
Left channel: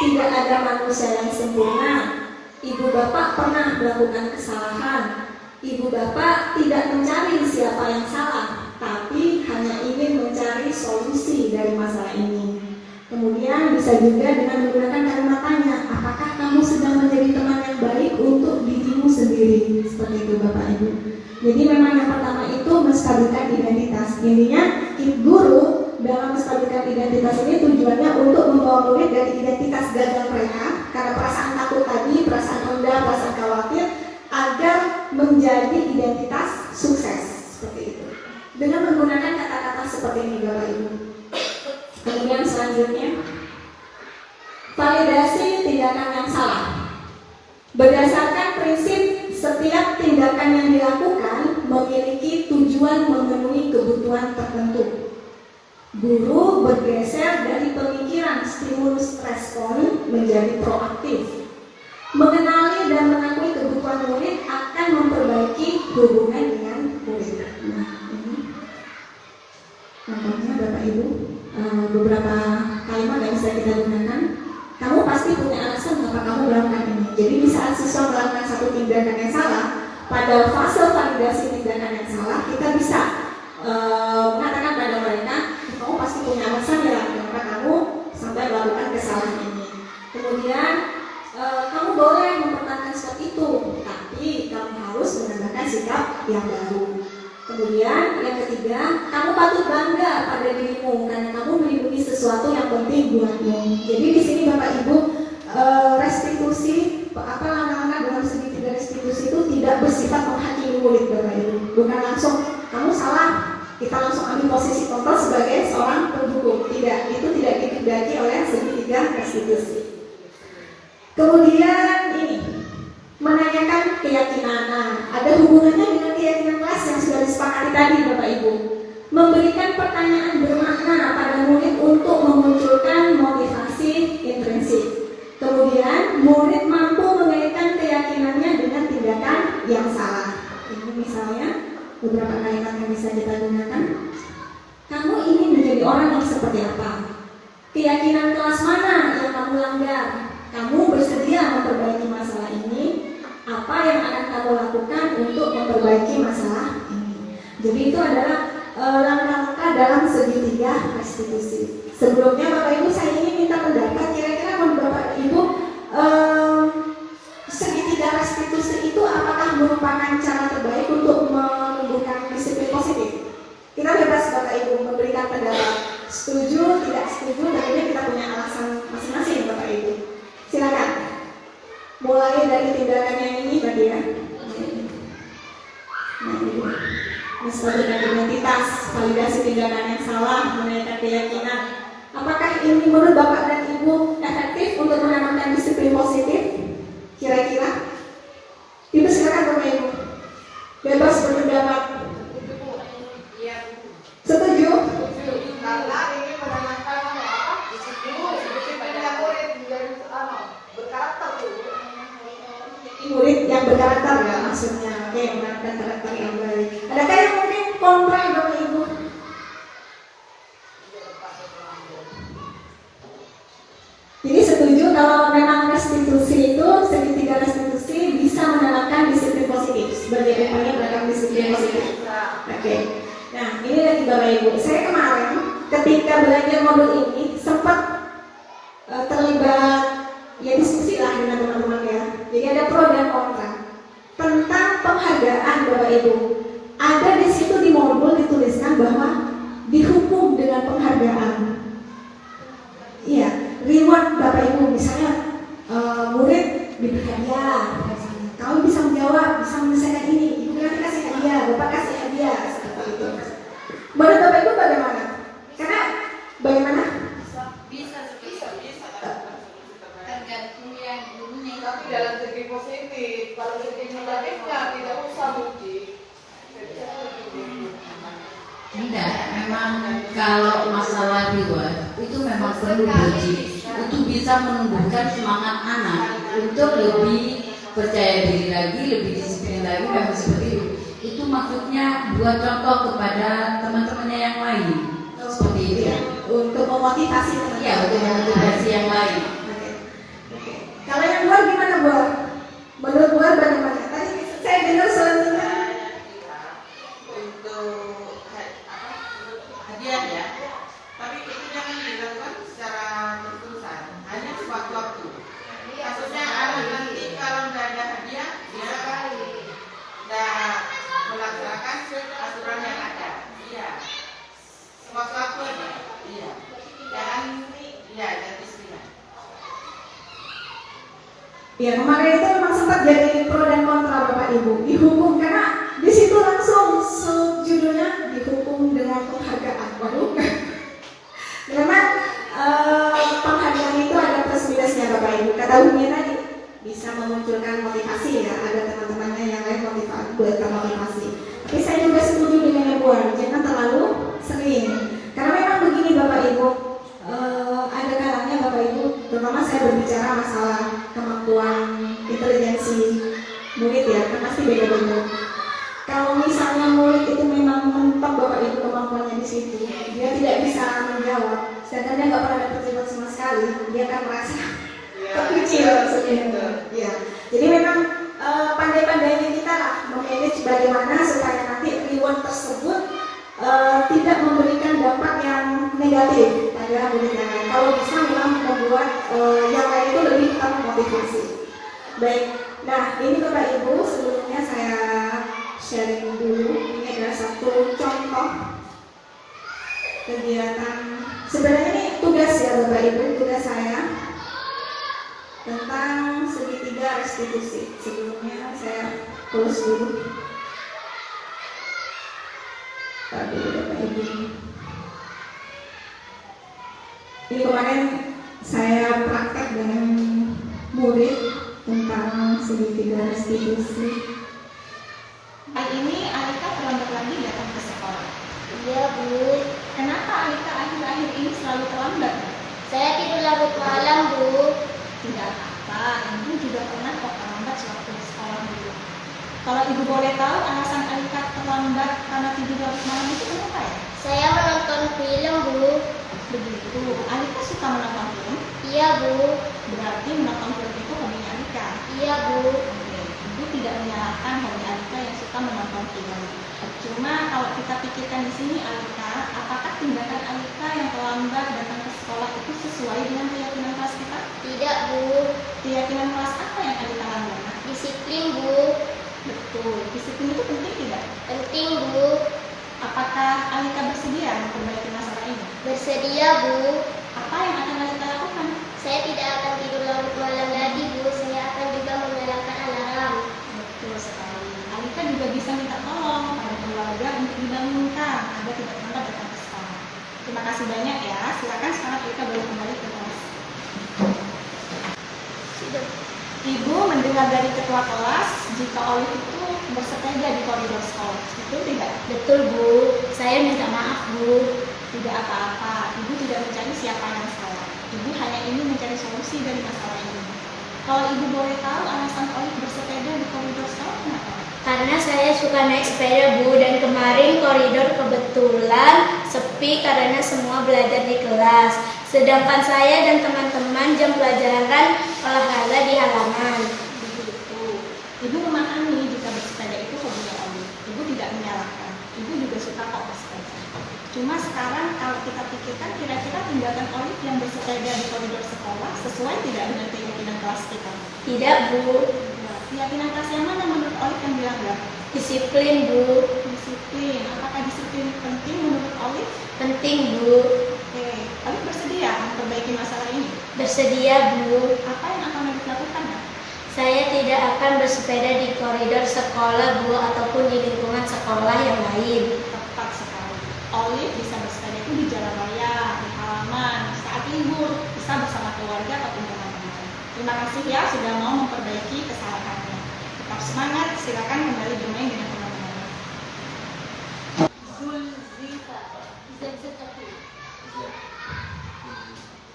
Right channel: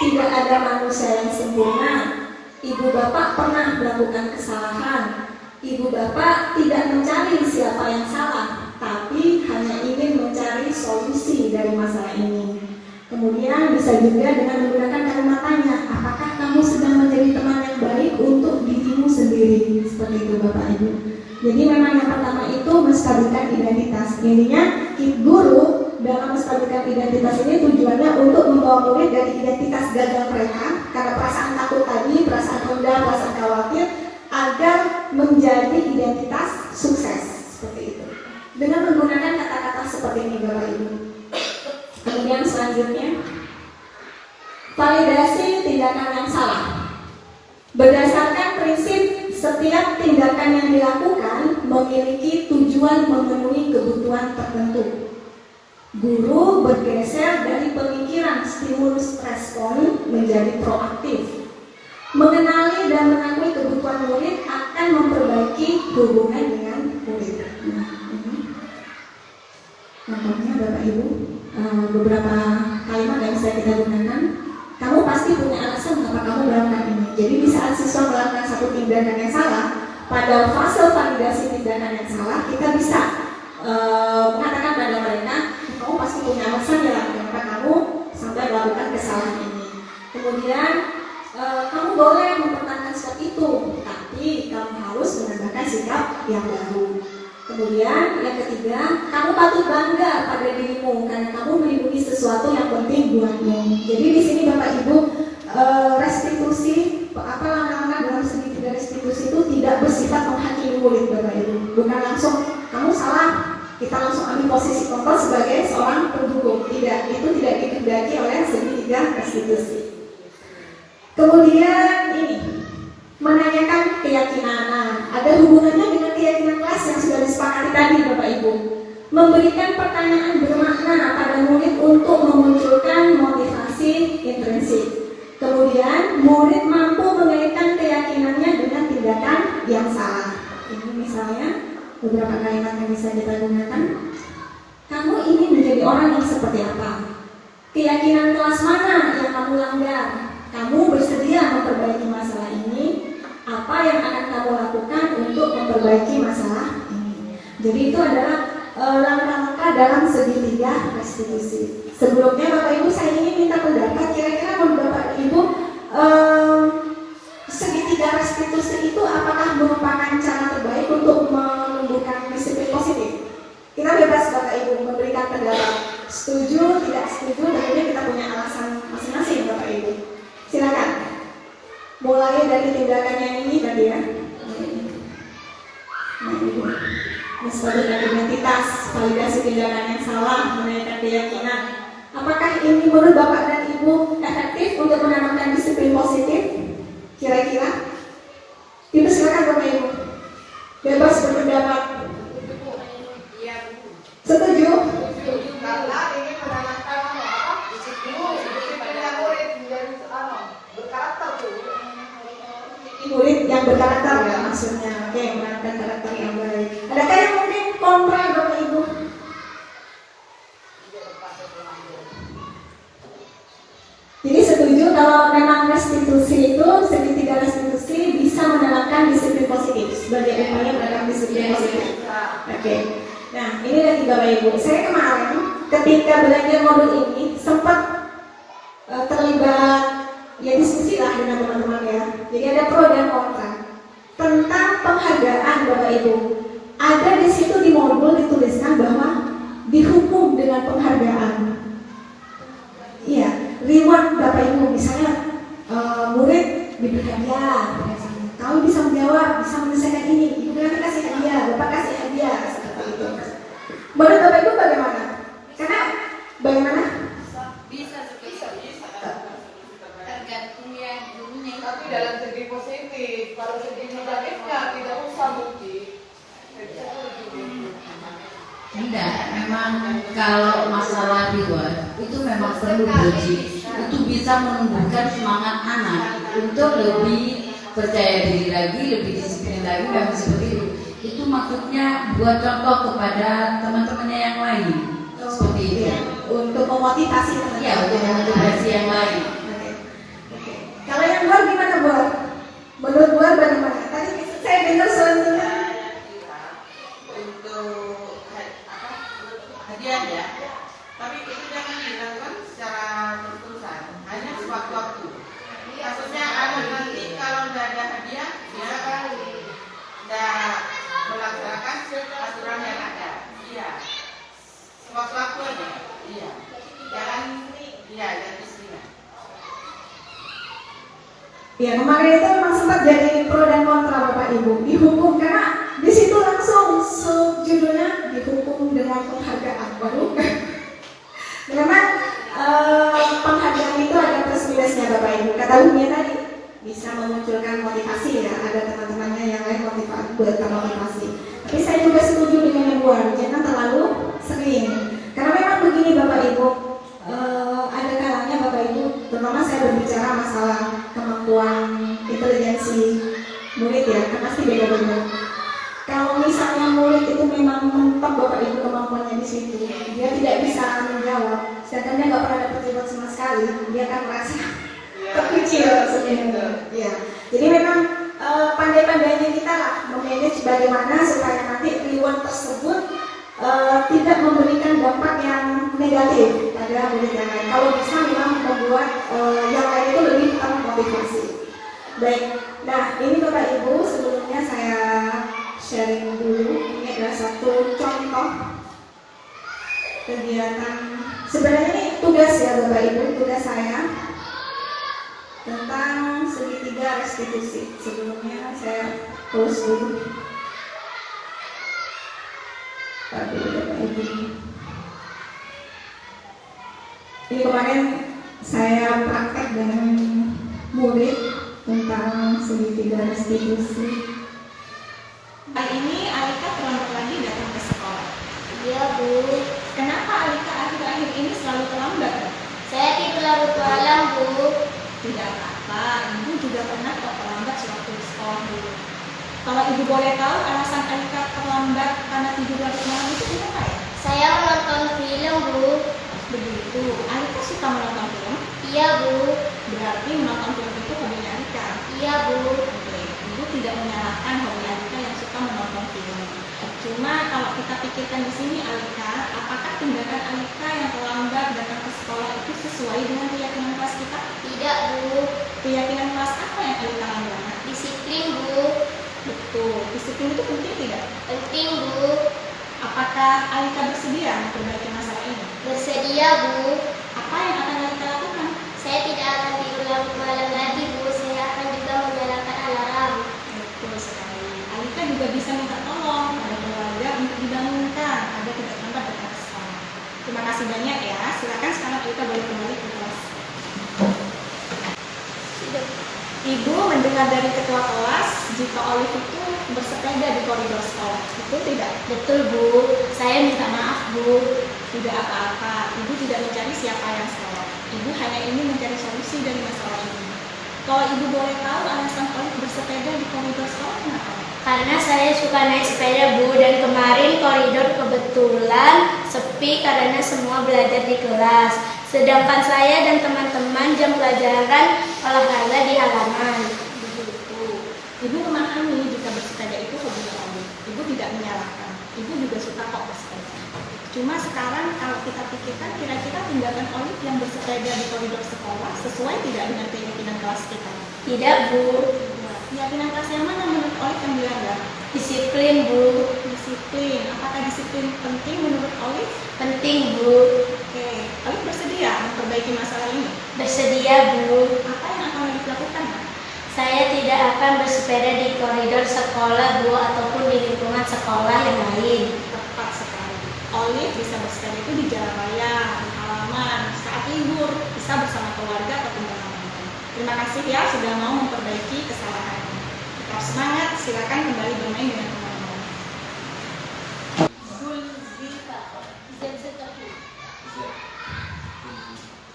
tidak ada manusia yang sempurna. Ibu bapak pernah melakukan kesalahan. Ibu bapak tidak mencari siapa yang salah, tapi hanya ingin mencari solusi dari masalah ini. Kemudian bisa juga dengan menggunakan kalimat tanya, apakah kamu sedang menjadi teman yang baik untuk dirimu sendiri? Seperti itu Bapak Ibu. Jadi memang yang pertama itu menstabilkan identitas. Intinya guru dalam menstabilkan identitas ini tujuannya untuk membawa murid dari identitas gagal mereka karena perasaan takut tadi, perasaan rendah, perasaan khawatir, agar menjadi identitas sukses. Seperti itu. Dengan menggunakan kata-kata seperti ini Bapak Ibu. Kemudian selanjutnya, validasi tindakan yang salah. Berdasarkan prinsip setiap tindakan yang dilakukan memiliki tujuan memenuhi kebutuhan tertentu. Guru bergeser dari pemikiran stimulus respon menjadi proaktif. Mengenali dan mengakui kebutuhan murid akan memperbaiki hubungan dengan murid. Nah, ini contohnya Bapak Ibu, beberapa kalimat yang bisa kita gunakan. Kamu pasti punya alasan mengapa kamu melakukan ini. Jadi di saat siswa melakukan satu tindakan yang salah, pada fase validasi tindakan yang salah, kita bisa mengatakan pada mereka, kamu pasti punya alasan ya mengapa kamu sampai melakukan kesalahan ini. Kemudian kamu boleh mempertahankan sikap itu, tapi kamu harus menegakkan sikap yang baru. Kemudian yang ketiga, kamu patut bangga pada dirimu karena kamu melindungi sesuatu yang penting buatmu. Jadi di sini Bapak Ibu, restitusi langkah-langkah dalam segitiga restitusi itu tidak bersifat menghakimi murid Bapak Ibu. Bukan langsung kamu salah, kita langsung ambil posisi kontrol sebagai seorang pendukung. Tidak, itu tidak dikehendaki oleh segitiga restitusi. Kemudian ini menanyakan keyakinan. Nah, ada hubungannya dengan keyakinan kelas yang sudah disepakati tadi Bapak Ibu. Memberikan pertanyaan bermakna pada murid untuk memunculkan motivasi, beberapa kalimat yang bisa kita gunakan. Kamu ingin menjadi orang yang seperti apa? Keyakinan kelas mana yang kamu langgar? Kamu bersedia memperbaiki masalah ini? Apa yang akan kamu lakukan untuk memperbaiki masalah ini? Jadi itu adalah langkah-langkah dalam segitiga restitusi. Sebelumnya Bapak Ibu saya ingin minta pendapat, kira-kira menurut Bapak Ibu segitiga restitusi itu apakah merupakan cara terbaik untuk menumbuhkan disiplin positif? Kita bebas Bapak Ibu memberikan pendapat, setuju, tidak setuju, dan ini kita punya alasan masing-masing Bapak Ibu. Silakan. Mulai dari tindakan yang ini Mbak Dia. Menstabilkan identitas, validasi tindakan yang salah, mengenai keyakinan. Apakah ini menurut Bapak dan Ibu efektif untuk menanamkan disiplin positif? Kira-kira? Silakan Bapak Ibu. Bebas berpendapat. Setuju? Karena ini menanamkan disiplin yang murid menjadi berkarakter tuh. Murid yang berkarakter ya maksudnya. Oke, menanamkan karakter yang baik. Adakah yang mungkin kontra Bapak Ibu? Jadi setuju kalau memang restitusi itu segitiga restitusi bisa menanamkan disiplin positif sebagai upaya dalam disiplin positif. Oke. Nah ini lagi Bapak Ibu. Saya kemarin ketika belajar modul ini sempat terlibat ya diskusi lah dengan teman-teman ya. Jadi ada pro dan kontra tentang penghargaan Bapak Ibu. Ada di situ di modul dituliskan bahwa dihukum dengan penghargaan. Iya, reward Bapak Ibu misalnya murid diberi hadiah, kamu bisa menjawab, bisa menyelesaikan ini, ibu nanti kasih hadiah, bapak kasih hadiah, seperti itu. Menurut Bapak Ibu bagaimana? Karena bagaimana? Bisa. Tergantung yang ini. Tapi dalam segi positif, kalau segi negatifnya tidak usah bukti. Tidak, memang kalau masalah reward itu memang perlu belajar. Itu bisa menumbuhkan semangat anak untuk lebih percaya diri lagi, lebih disiplin lagi, memang seperti itu. Itu maksudnya buat contoh kepada teman-temannya yang lain. Seperti itu. Ya, untuk memotivasi teman-teman. Iya, untuk memotivasi yang lain. Oke. Kalau yang luar gimana Bu? Menurut luar bagaimana? Tadi saya dengar soalnya hadiah ya, tapi itu jangan dilakukan secara terus-terusan, hanya sewaktu-waktu. Maksudnya nanti kalau nggak ada hadiah, dia nggak melaksanakan aturan yang ada. Iya, sewaktu-waktu aja. Iya, jangan istilah. ya, makanya itu memang sempat jadi pro dan kontra Bapak Ibu. Dihukum karena di situ langsung judulnya dihukum dengan penghargaan. Waduh. Memang penghargaan itu ada plus minusnya Bapak Ibu. Kata Unia tadi bisa memunculkan motivasi ya. Ada teman-temannya yang lain buat termotivasi. Tapi saya juga setuju dengan Bu, jangan terlalu sering. Karena memang begini Bapak Ibu. Ada kalanya Bapak Ibu, terutama saya berbicara masalah kemampuan intelijensi murid ya, kan pasti beda-beda. Kalau misalnya murid itu memang mentok Bapak Ibu kemampuannya di situ, dia tidak bisa menjawab, sedangkan dia nggak pernah terlibat sama sekali, dia akan merasa terkecil sebenarnya. Ya. Jadi memang pandai-pandainya kita lah memanage bagaimana supaya nanti reward tersebut tidak memberikan dampak yang negatif pada murid yang lain. Kalau bisa memang membuat yang lain itu lebih termotivasi. Baik, nah ini Bapak Ibu sebelumnya saya sharing dulu. Ini adalah satu contoh kegiatan. Sebenarnya ini tugas ya Bapak Ibu, tugas saya tentang segitiga restitusi. Sebelumnya saya tulis dulu. Bapak Ibu. Ini kemarin saya praktek dengan murid tentang segitiga restitusi. Hari ini Alika terlambat lagi datang ke sekolah. Iya Bu, Kenapa Alika akhir-akhir ini selalu terlambat? saya tidur larut malam Bu. Tidak apa-apa, Ibu juga pernah kok terlambat sewaktu di sekolah dulu. Kalau Ibu boleh tahu alasan Alika terlambat karena tidur larut malam itu kenapa ya? Saya menonton film, Bu. Begitu. Alika suka menonton film? Iya, Bu. Berarti menonton film itu hobinya Alika. Iya, Bu. Oke, Ibu tidak menyalahkan hobi Alika yang suka menonton film. Cuma kalau kita pikirkan di sini Alika, apakah tindakan Alika yang terlambat datang ke sekolah itu sesuai dengan keyakinan kelas kita? Tidak, Bu. Keyakinan kelas apa yang Alika langgar? Disiplin, Bu. Betul. Disiplin itu penting tidak? Penting, Bu. Apakah Alika bersedia memperbaiki masalah ini? Bersedia, Bu. Apa yang akan Alika lakukan? Saya tidak akan tidur larut malam lagi, Bu. Saya akan juga menyalakan alarm. Betul sekali. Alika juga bisa minta tolong pada keluarga untuk dibangunkan agar tidak terlambat datang ke sekolah. Terima kasih banyak ya. Silakan sekarang Alika boleh kembali ke kelas. Ibu mendengar dari ketua kelas jika Olive itu bersepeda di koridor sekolah. Betul tidak? Betul, Bu. Saya minta maaf, Bu. Tidak apa-apa. Ibu tidak mencari siapa yang salah. Ibu hanya ingin mencari solusi dari masalah ini. Kalau Ibu boleh tahu alasan Olive bersepeda di koridor sekolah kenapa? Karena saya suka naik sepeda, Bu, dan kemarin koridor kebetulan sepi karena semua belajar di kelas. Sedangkan saya dan teman-teman jam pelajaran olahraga di halaman. Begitu. Ibu memahami jika bersepeda itu hobinya Olive. Ibu tidak menyalahkan. Ibu juga suka kok bersepeda. Cuma sekarang kalau kita pikirkan kira-kira tindakan Olive yang bersepeda di koridor sekolah sesuai tidak dengan keyakinan kelas kita? Tidak, Bu. Keyakinan kelas yang mana menurut Olive yang dilanggar? Disiplin, Bu. Disiplin. Apakah disiplin penting menurut Olive? Penting, Bu. Oke. Olive bersedia memperbaiki masalah ini? Bersedia, Bu. Apa yang akan Olive lakukan? Saya tidak akan bersepeda di koridor sekolah, Bu, ataupun di lingkungan sekolah yang lain. Tepat sekali. Olive bisa bersepeda itu di jalan raya, di halaman, saat libur, bisa bersama keluarga ataupun teman-teman. Terima kasih ya sudah mau memperbaiki kesalahannya. Tetap semangat, silakan kembali bermain dengan teman-teman.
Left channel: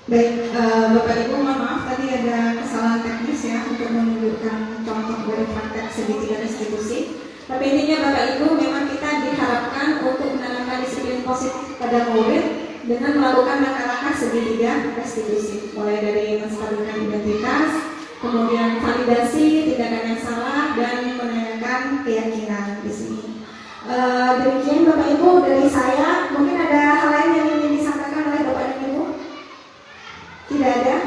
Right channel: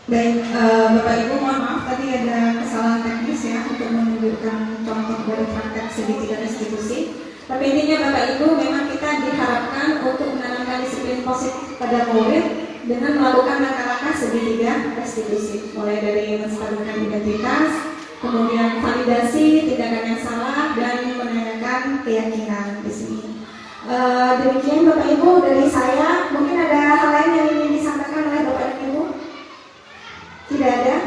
Baik, Bapak Ibu mohon maaf tadi ada kesalahan teknis ya untuk menunjukkan contoh dari praktek segitiga restitusi. Tapi intinya Bapak Ibu memang kita diharapkan untuk menanamkan disiplin positif pada murid dengan melakukan langkah-langkah segitiga restitusi, mulai dari menstabilkan identitas, kemudian validasi tindakan yang salah dan menanyakan keyakinan di sini. Demikian Bapak Ibu dari saya. Mungkin ada hal lain yang ingin disampaikan oleh Bapak Ibu? Tidak ada?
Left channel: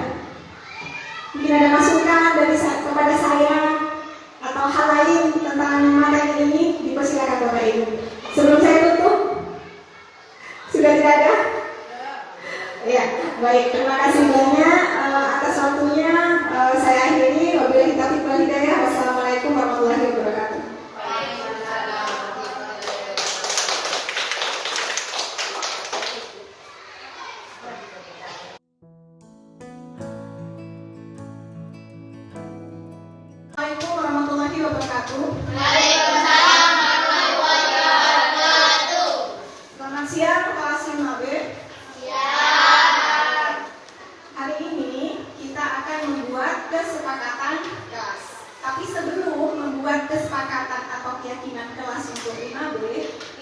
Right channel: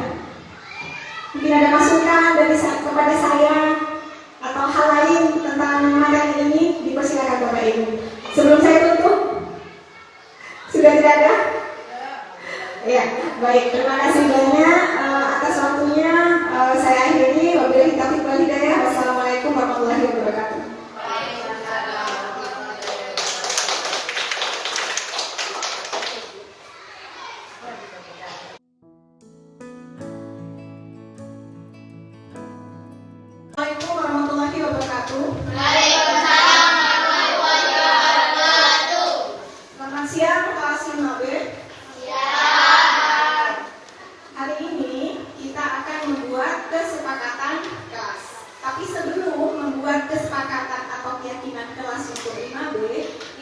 Mungkin ada masukan dari kepada saya atau hal lain tentang materi ini? Dipersilakan Bapak Ibu. Sebelum saya tutup, sudah tidak ada? Ya, baik. Terima kasih banyak atas waktunya. Saya akhiri. Wabillahi taufiq wal hidayah. Wassalamualaikum warahmatullahi wabarakatuh. Assalamualaikum warahmatullahi wabarakatuh. Selamat siang kelas 5B. Hari ini kita akan membuat kesepakatan kelas. Tapi sebelum membuat kesepakatan atau keyakinan kelas untuk 5B,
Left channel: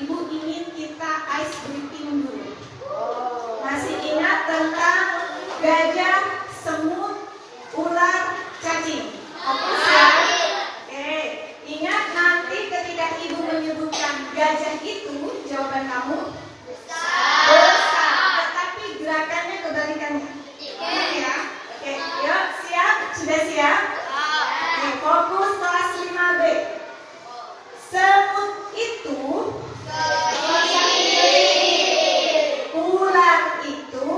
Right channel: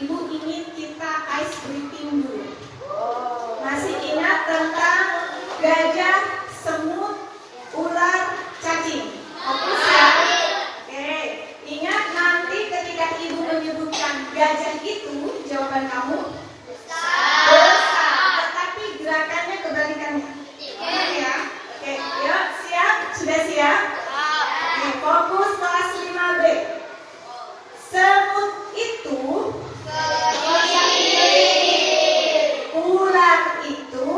Ibu ingin kita ice breaking dulu. Masih ingat tentang gajah, semut, ular, cacing? Fokus ya. Oke, ingat nanti ketika Ibu menyebutkan gajah itu, jawaban kamu besar. Tetapi gerakannya kebalikannya. Ingat ya. Oke, yuk siap? Sudah siap? Oke, fokus kelas 5B. Semut itu, ular itu,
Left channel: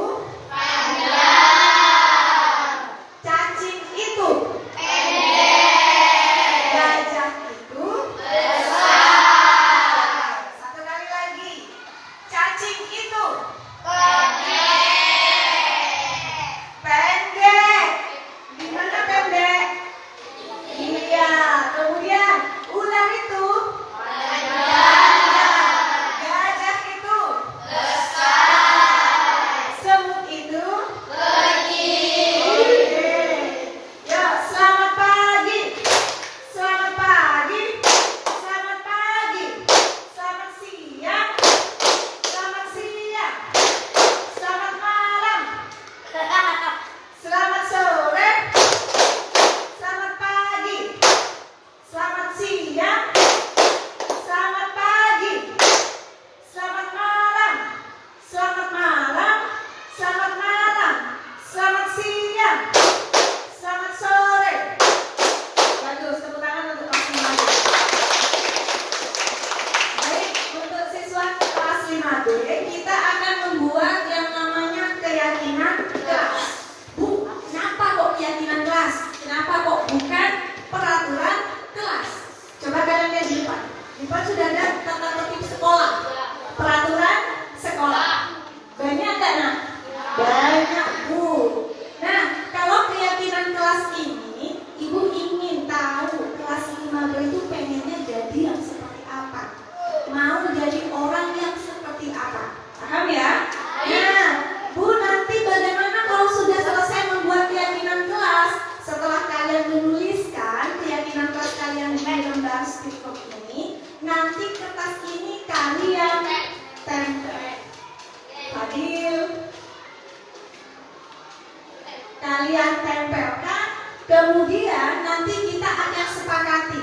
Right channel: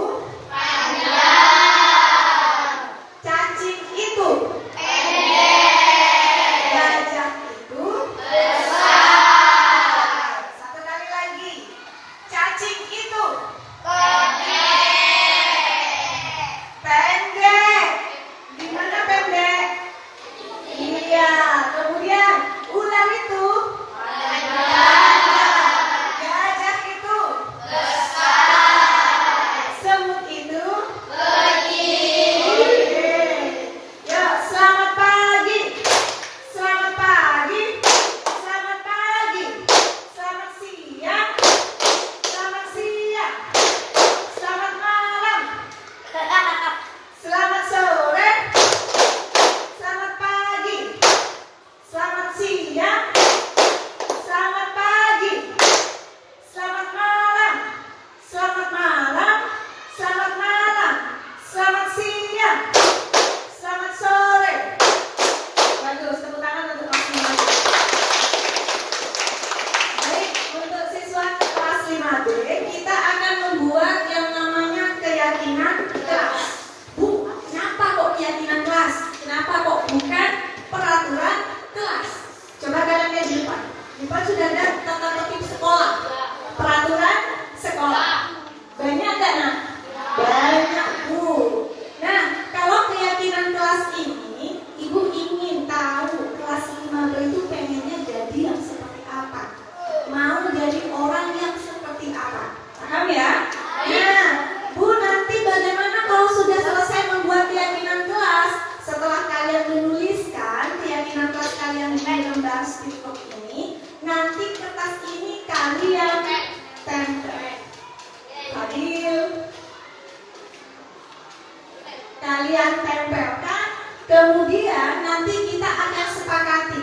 kalian tempelkan, kemudian nanti kita akan sepakati.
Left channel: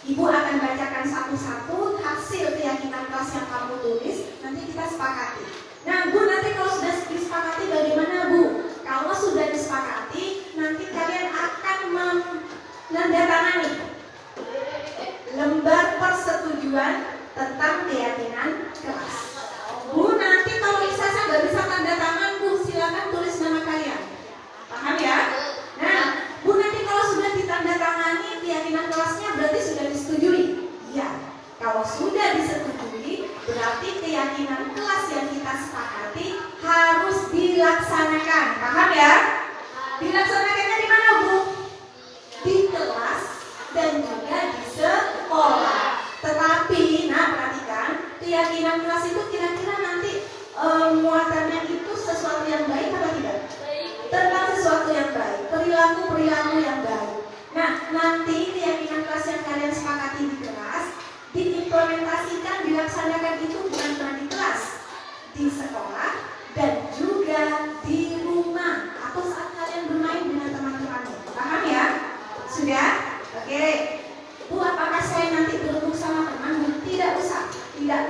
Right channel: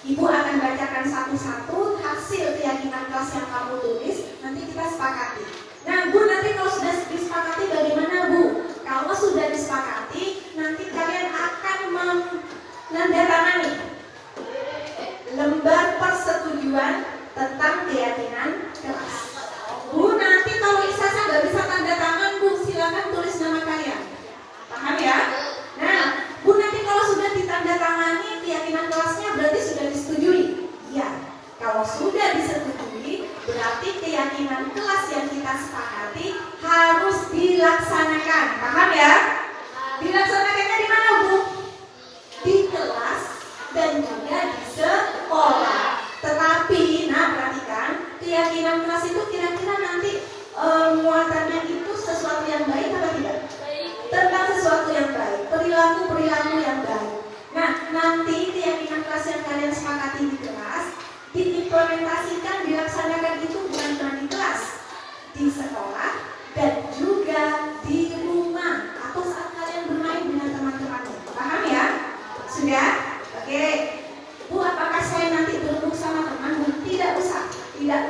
Ibu akan bacakan satu-satu hasil keyakinan kelas yang kamu tulis, nanti kita sepakati. Nah, Bu, nanti kalau sudah disepakati bagaimana, Bu? Kalau sudah disepakati, nanti kalian akan menandatangani lembar persetujuan tentang keyakinan kelas. Bu, nanti kalau ijazah nggak bisa tanda tangan, Bu, silakan tulis nama kalian. Paham ya? Nah, Bu, nanti kalau sudah ditandatangani keyakinan kelasnya berarti sudah disetujui. Ya, kalau sudah disetujui, berarti keyakinan kelas yang kita sepakati harus dilaksanakan. Paham ya? Dilaksanakannya di mana, Bu? Di kelas dan juga di sekolah. Tetapi, nah perhatikan, keyakinan kelas itu kira-kira nanti muatannya itu sesuatu yang baik atau tidak? Tentang sesuatu yang baik, perilaku yang baik. Nah, nanti keyakinan kelas yang kalian sepakati di kelas diimplementasikan, dilaksanakan itu bukan cuma di kelas, di sekolah dan juga di rumah atau saat kalian bermain dengan teman-temannya. Paham ya? Sudah? Oke. Bu, apakah saya nanti berembuk sama teman? Bu, tidak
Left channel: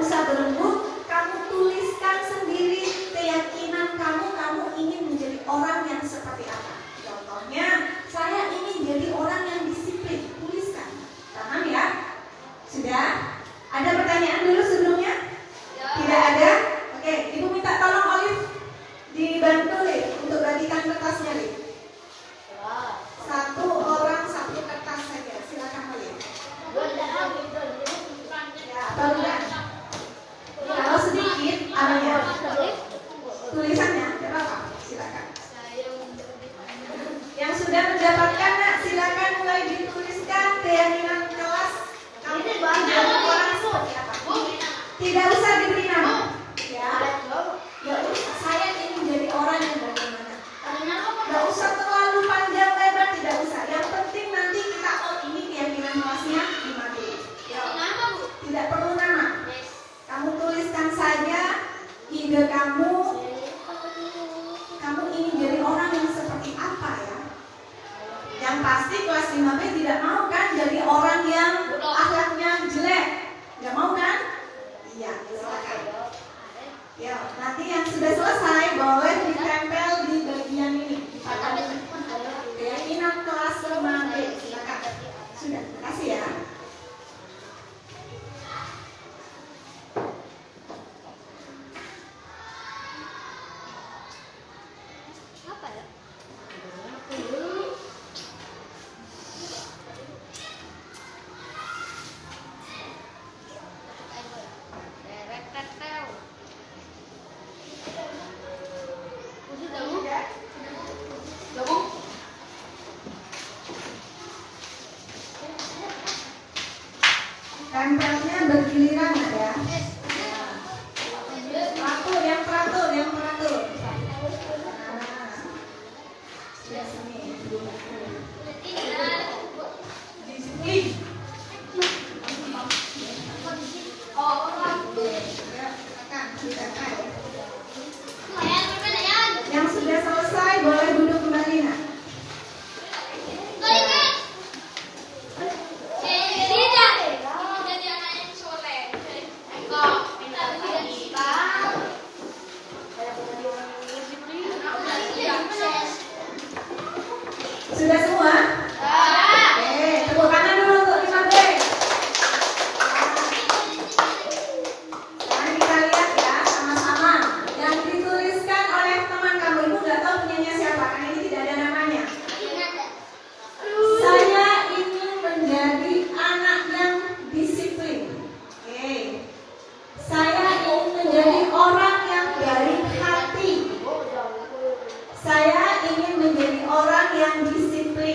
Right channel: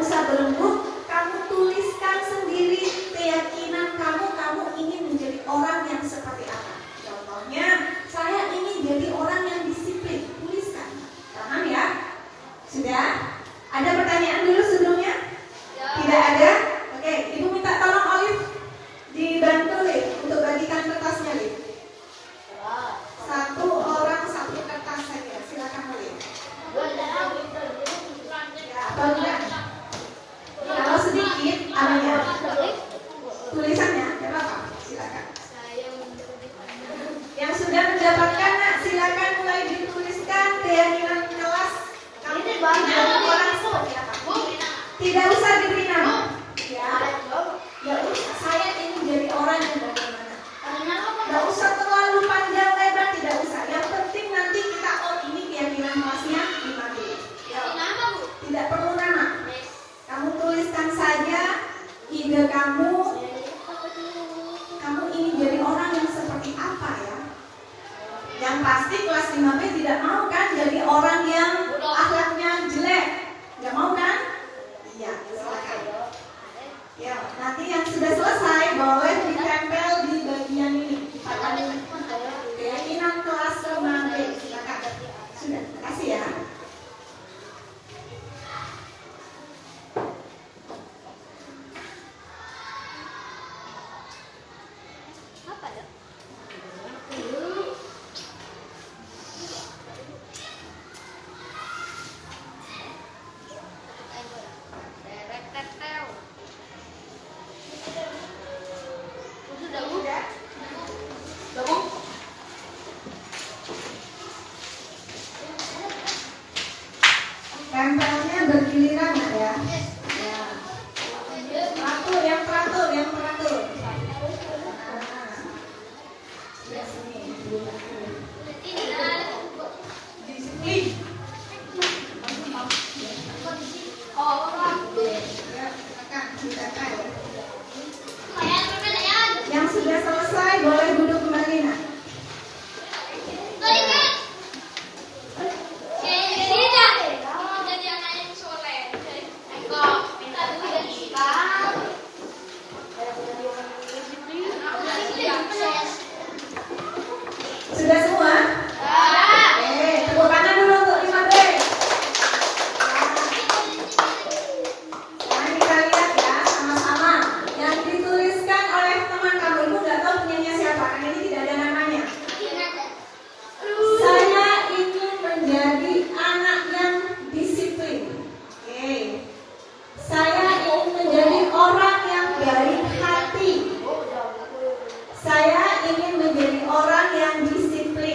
usah berembuk. Kamu tuliskan sendiri keyakinan kamu ingin menjadi orang yang seperti apa. Contohnya, saya ingin jadi orang yang disiplin. Tuliskan. Paham ya? Sudah? Ada pertanyaan dulu sebelumnya? Tidak ada? Oke, Ibu minta tolong Olive dibantu Liv untuk bagikan kertasnya, Liv. Satu orang satu kertas saja. Silakan Olive. Ya, baru. Kalau sedikit, apanya? Tulisannya, tidak apa-apa. Silakan. Yang sudah mendapatkan, nak, silakan mulai dituliskan keyakinan kelas. Kamu tidak usah diberi nama. Ya. Saya ingin jadi orang yang bagaimana. Tidak usah terlalu panjang lebar, tidak usah. Yang penting nanti kita ini keyakinan kelasnya di materi. Ya. Tidak perlu nama. Kamu tuliskan saja ide kamu ingin jadi orang yang seperti apa ya. Yang pasti kelas 5B tidak mau kan jadi orang yang akhlaknya jelek. Tidak mau kan? Iya, silakan. Ya, nanti yang sudah selesai boleh ditempel di bagian ini. Keyakinan kelas 5B. Silakan. Sudah, terima kasih ya. Tempelnya bergiliran ya. Yang teratur. Disiplin. Yang sudah selesai boleh duduk kembali. Nah. Sudah semua? Tepuk tangan dulu untuk 5B. Sekarang kita lihat ya sama-sama. Yang dituliskan oleh teman kamu, Ibu nggak tahu punyanya siapa karena ini tidak ada namanya. Saya ingin menjadi anak yang disiplin. Oke. Saya ingin menjadi orang yang dari hati. Saya ingin menjadi orang yang disiplin.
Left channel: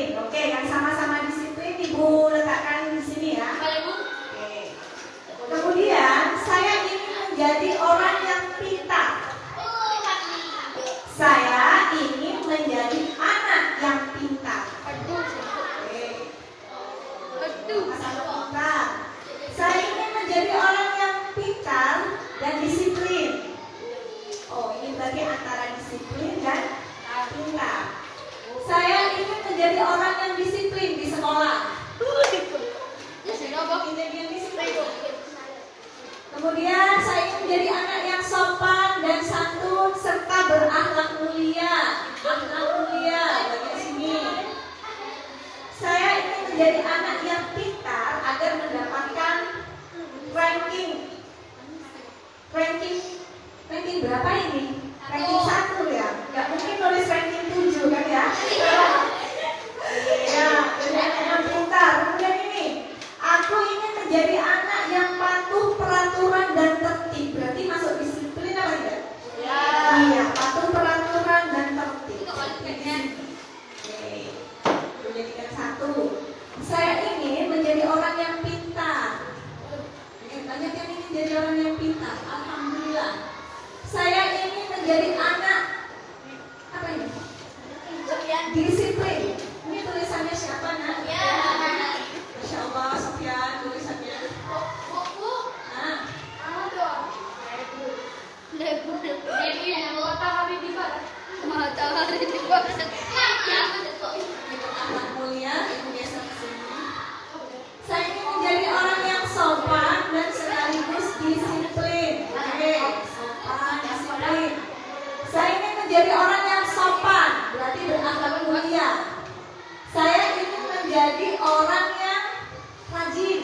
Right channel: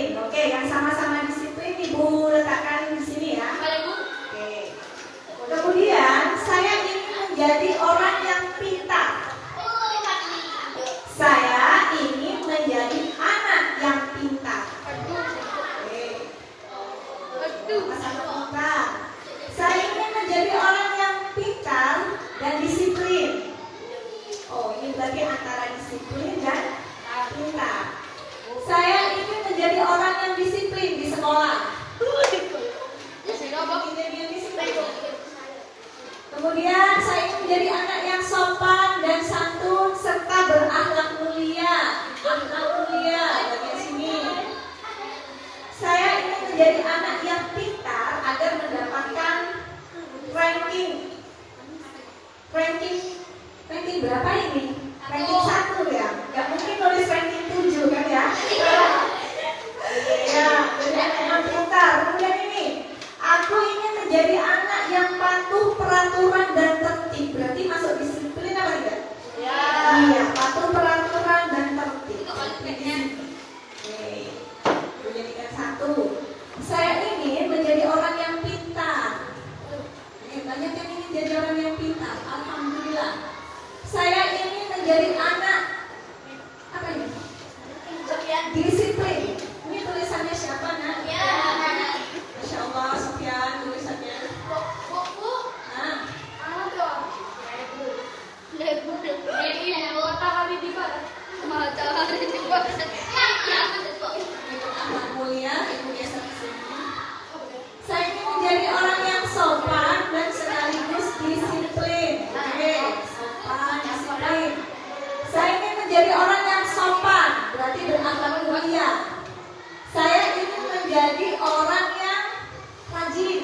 menjadi orang yang disiplin di sekolah. Kemudian saya ingin menjadi anak yang sopan dan santun serta berakhlak mulia. Akhlak mulia di sini. Saya ingin menjadi anak yang pintar agar mendapatkan ranking berapa ini? Ranking 1 ya? Gak mungkin tulis ranking 7 kan ya? Ya, yang pintar. Kemudian ini, aku ingin menjadi anak yang patuh peraturan dan tertib. Berarti masuk disiplin apa tidak? Iya, patuh peraturan dan tertib. Kemudian yang 1, saya ingin menjadi orang yang pintar. Banyak yang ingin menjadi orang yang pintar. Alhamdulillah. Saya ingin menjadi anak apa ini? Disiplin. Ini tulisannya siapa nak? Masya Allah, Sofyan tulisannya. Nah. Akhlak mulia, ibu biasa kesini. Saya ingin menjadi orang yang sopan dan sekaligus disiplin. Oke, sopan, disiplin. Saya ingin menjadi orang yang sopan, berarti berakhlak mulia. Saya ingin menjadi orang yang rajin.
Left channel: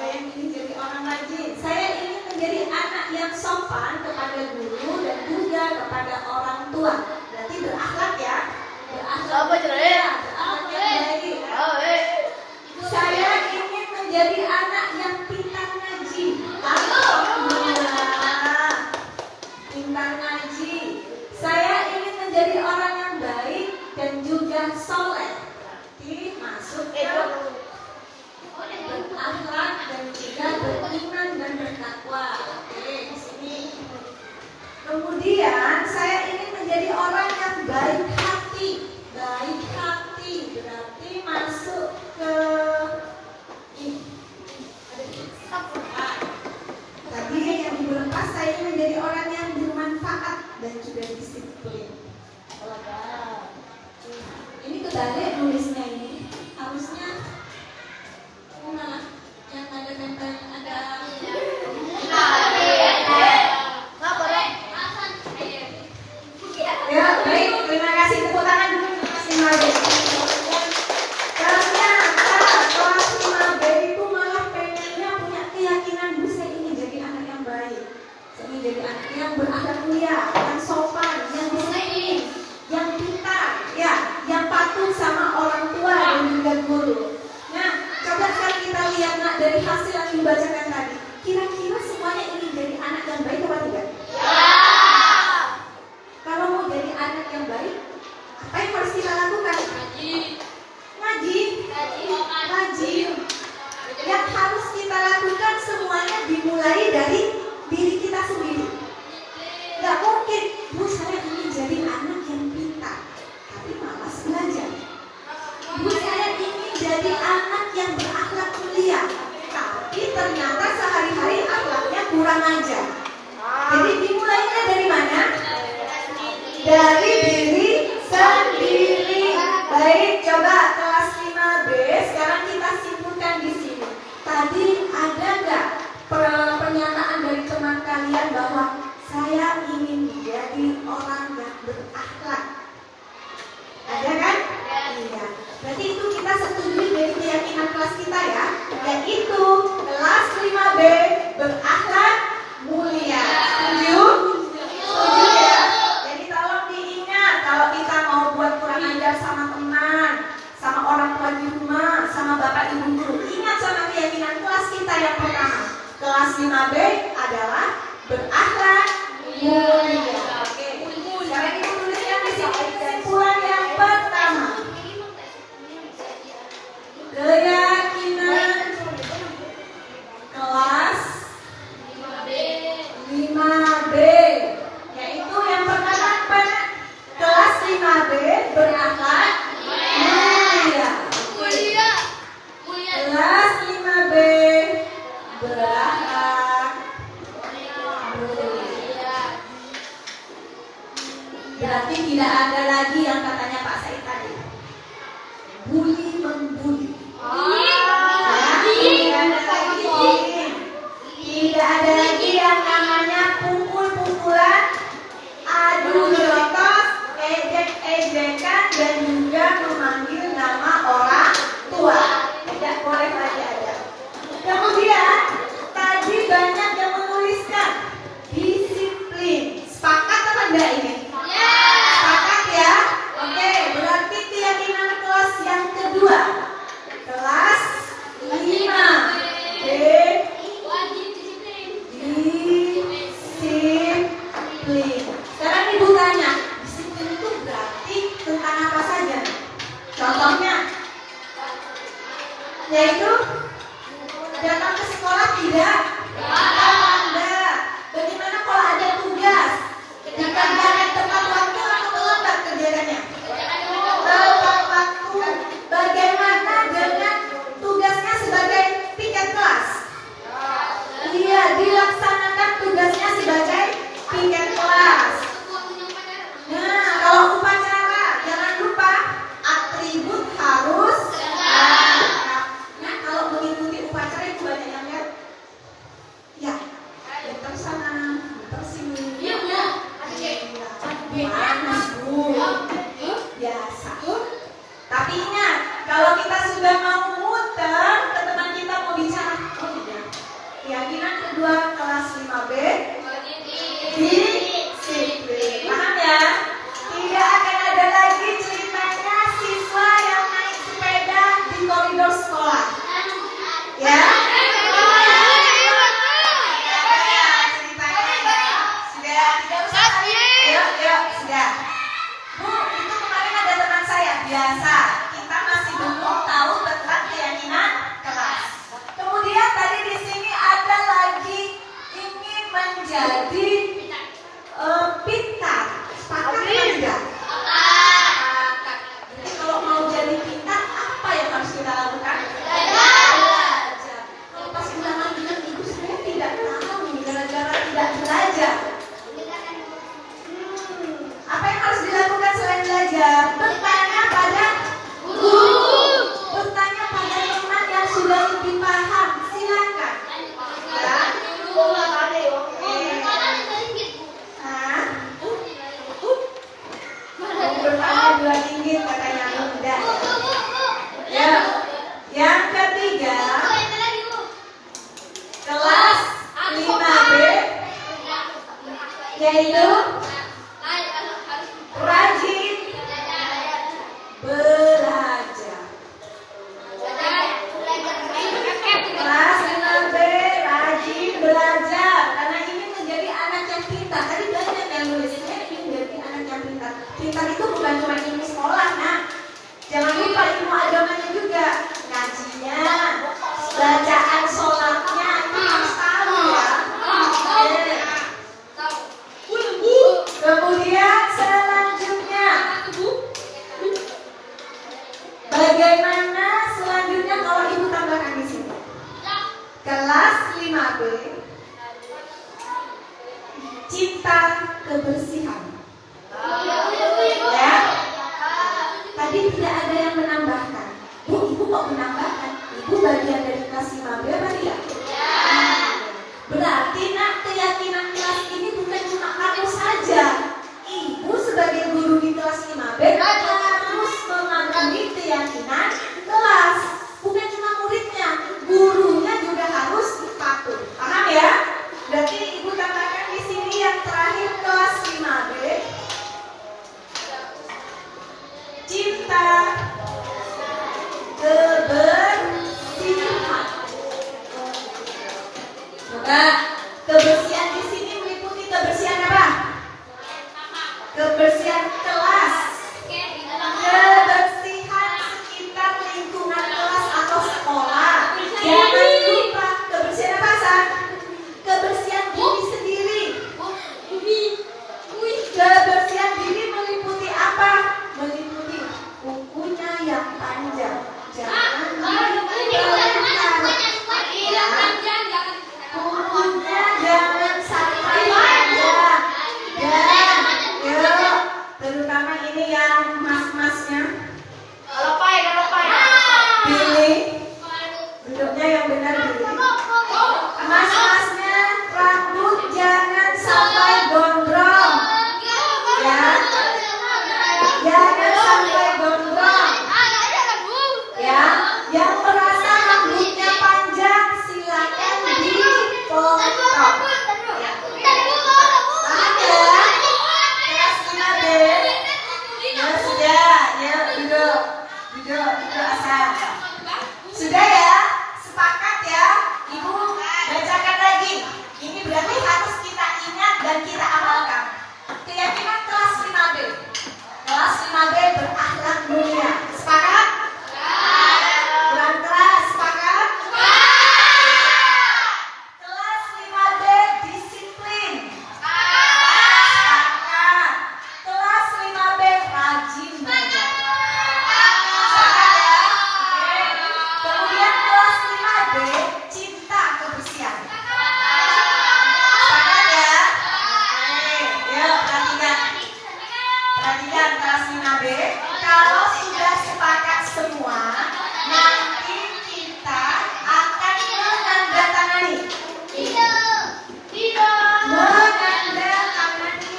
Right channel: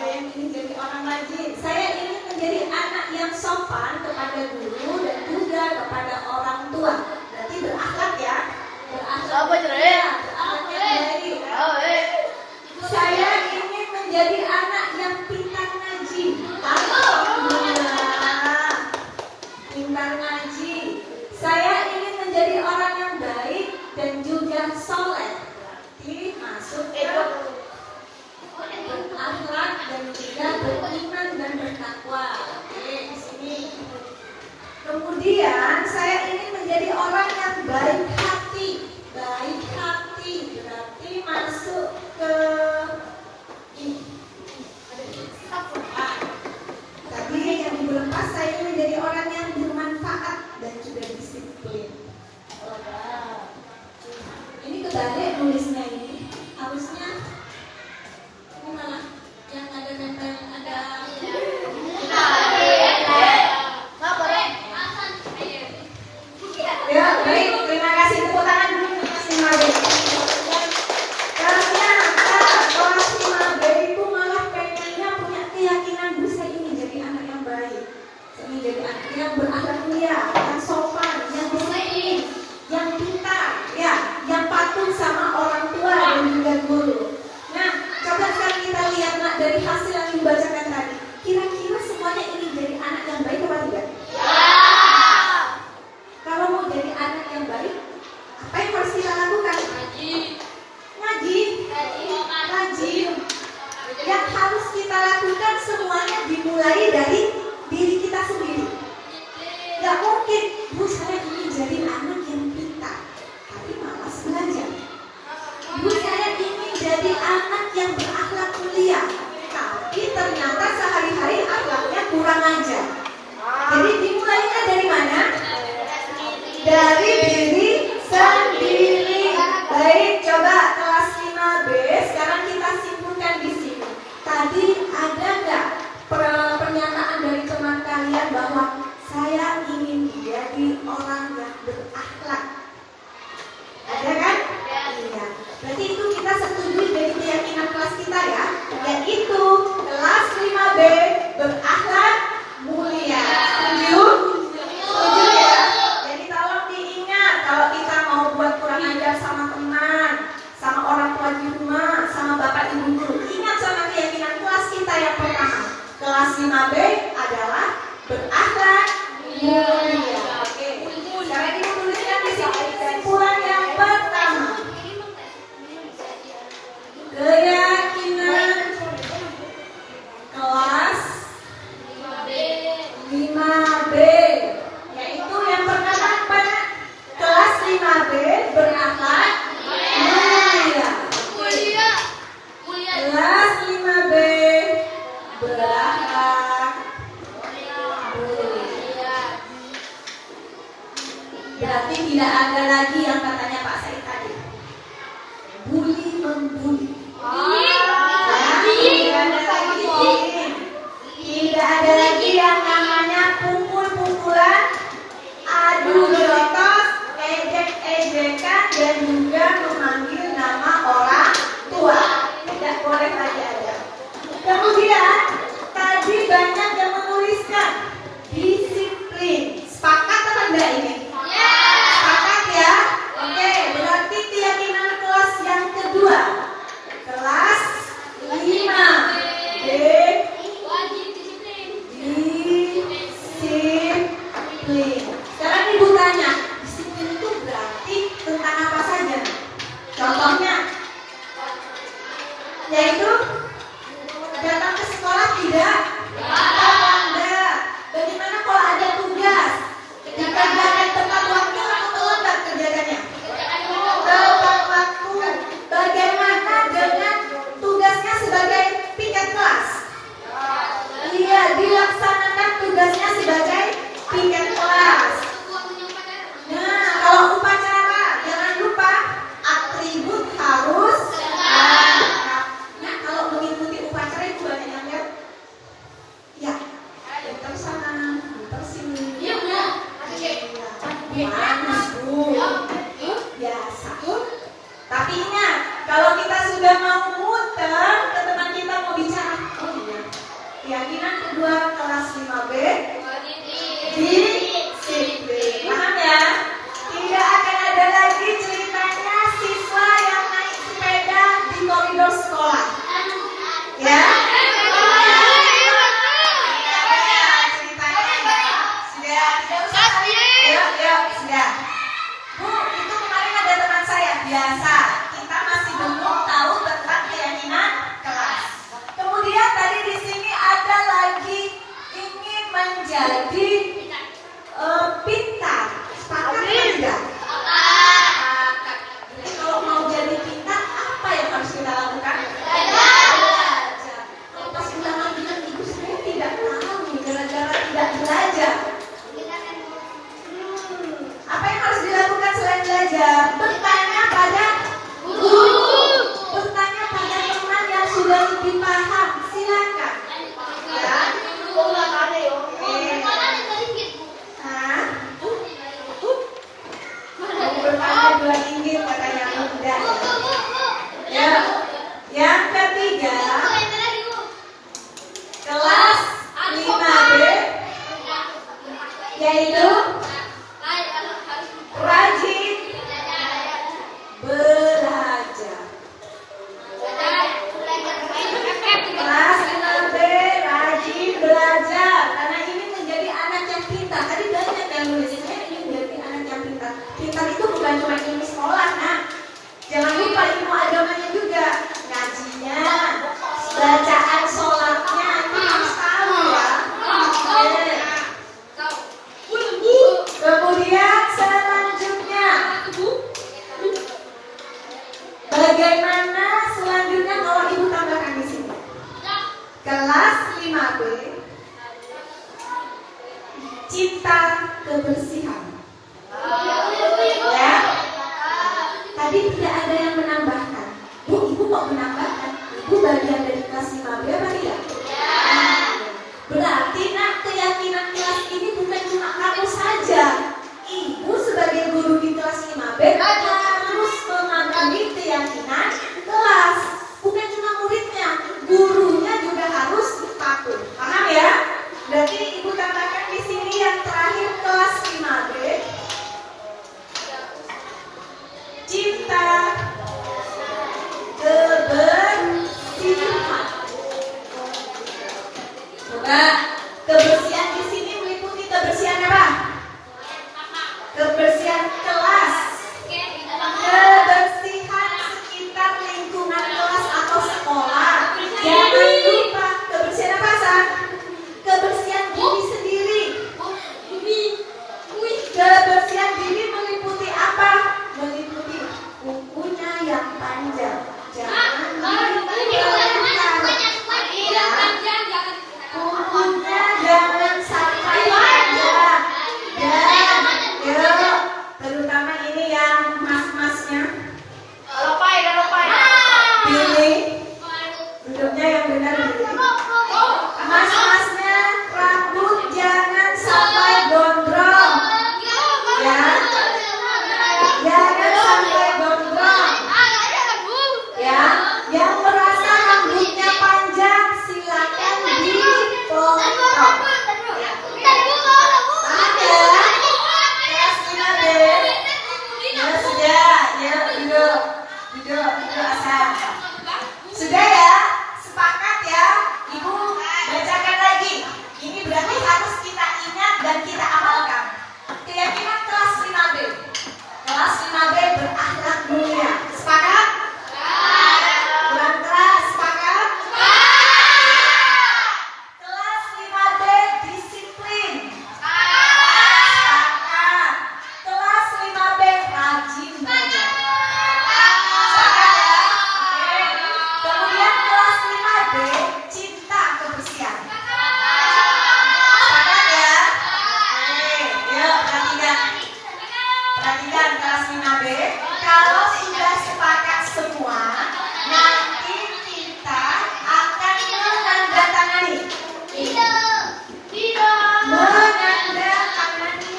Saya ingin menjadi orang rajin. Saya ingin menjadi anak yang sopan kepada guru dan juga kepada orang tua. Berarti berakhlak ya. Berakhlak mulia. Saya ingin menjadi anak yang pintar ngaji. Alhamdulillah. Pintar ngaji. Saya ingin menjadi orang yang baik dan juga soleh. Berarti masuk ke berakhlak dan juga beriman dan bertakwa. Oke, di sini. Kemudian saya ingin menjadi orang yang baik hati. Baik hati berarti masuk ke ini. Tadi yang dilepas saya ingin menjadi orang yang bermanfaat dan juga disiplin. Ini kebalik nulisnya ini. Harusnya ini malah yang ada nempel ada. Ya, baik. Terima kasih, tepuk tangan dulu. Terima kasih. Ternyata kelas 5B itu malah pengennya punya keyakinan saya ingin jadi anak yang baik. Saya ingin jadi anak yang berakhlak mulia, yang sopan, yang disiplin, yang pintar, ya, yang patuh sama orang tua dan juga guru. Nah, coba sekarang kita lihat nak dari hasil yang dibacakan tadi. Kira-kira semuanya ingin jadi anak yang baik apa tidak? Kalau mau jadi anak yang baik, apa yang harus kita lakukan? Ngaji. Yang harus kita lakukan semuanya dimulai dari diri kita sendiri. Gak mungkin, Bu saya ingin jadi anak yang pintar, tapi malas belajar. Bu saya ingin jadi anak yang berakhlak mulia, tapi ternyata sehari-hari akhlaknya kurang ajar. Jadi dimulainya dari mana? Dari diri sendiri. Baik, coba kelas 5B. Sekarang kita simpulkan di sini. Tadi ada nggak pernyataan dari teman kalian bahwa saya ingin jadi orang yang berakhlak? Ada kan? Iya. Berarti itu kita setuju dari keyakinan kelas kita ya, yaitu kelas 5B berakhlak mulia. Setuju? Setuju ya? Jadi tolong diingat kalau kita mau buat kurang ajar sama teman, sama orang tua di rumah, sama bapak ibu guru, ingat sama keyakinan kelas kita yang pertama. Kelas 5B adalah berakhlak mulia. Oke. Sekarang kita tuliskan di sini kesimpulan yang pertama. Keyakinan kelas 5B, yaitu yang pertama apa? Kelas 5B berakhlak mulia. Kelas 5B berakhlak Berarti tidak ada lagi yang katanya Pak Said tadi, bully membuli. Tidak ada lagi yang namanya pukul-pukulan, adu jotos, ejek-ejekan, dan juga memanggil nama orang tua. Tidak boleh lagi ada. Kemudian tadi banyak yang menuliskan disiplin. Sepakat apa enggak ini? Sepakat ya? Oke, berarti keyakinan kelas yang kedua. Kelas 5. Disiplin. Sekarang ibu tanya, disiplin itu berarti tentang apa saja? Contohnya, yaitu datang ke sekolah tidak? Enggak. Bagaimana kalau ada tugas? Dikerjakan tepat waktu atau terlambat kerjaannya? Tepat waktu. Bagaimana dengan tugasnya sebagai piket kelas? Iya, dilaksanakan tugasnya sebagai piket kelas. Nah, kalau upacara, jangan lupa atribut harus lengkap. Nah, kalau mengikuti upacara itu banyak yang lihat. Ya, muter sana, muter sini. Panas, Bu. Biasa. Tapi ingat, kalau kita sudah mau muter, ke teman kita mau bicara. Oh iya. Keyakinan kedua kelas 5B. Disiplin. Paham ya? Tidak akan ada lagi ceritanya siswa yang naik sepeda di koridor sekolah. Ya? Sudah. Bu, itu kemarin ada teman saya. Biasa. Kita masih belum tahu tentang keyakinan kelas. Kemudian tadi di sini ada lagi ingin menjadi pintar. Sepakat atau tidak? Jadi kalau mau jadi pintar, apa yang harus kita lakukan? Belajar. Kalau pas ulangan bilang, ibu saya tidak tahu nih, gara-gara tidak belajar. Apa yang harus dilakukan selain belajar? Bertanya pada guru. Bertanya pada teman yang sudah lebih paham. Silakan. Ya. Hah? Bertanya dua inggit katanya muda. Ya. Yang ketiga, kelas 5B, yaitu rajin belajar. Kelas 5B rajin belajar, karena ini menjadi anak yang pintar. Tadi banyak yang nulisnya ini menjadi anak yang pintar. Pintar itu bukan cuma ilmu sekolah, nah. Jangan lupa ilmu agamanya juga. Ngajinya, bacaan sholatnya, itu harus tahu ya. adik-adik, kalau sudah sepakat semua, nanti kita akan menandatangani. Menandatangani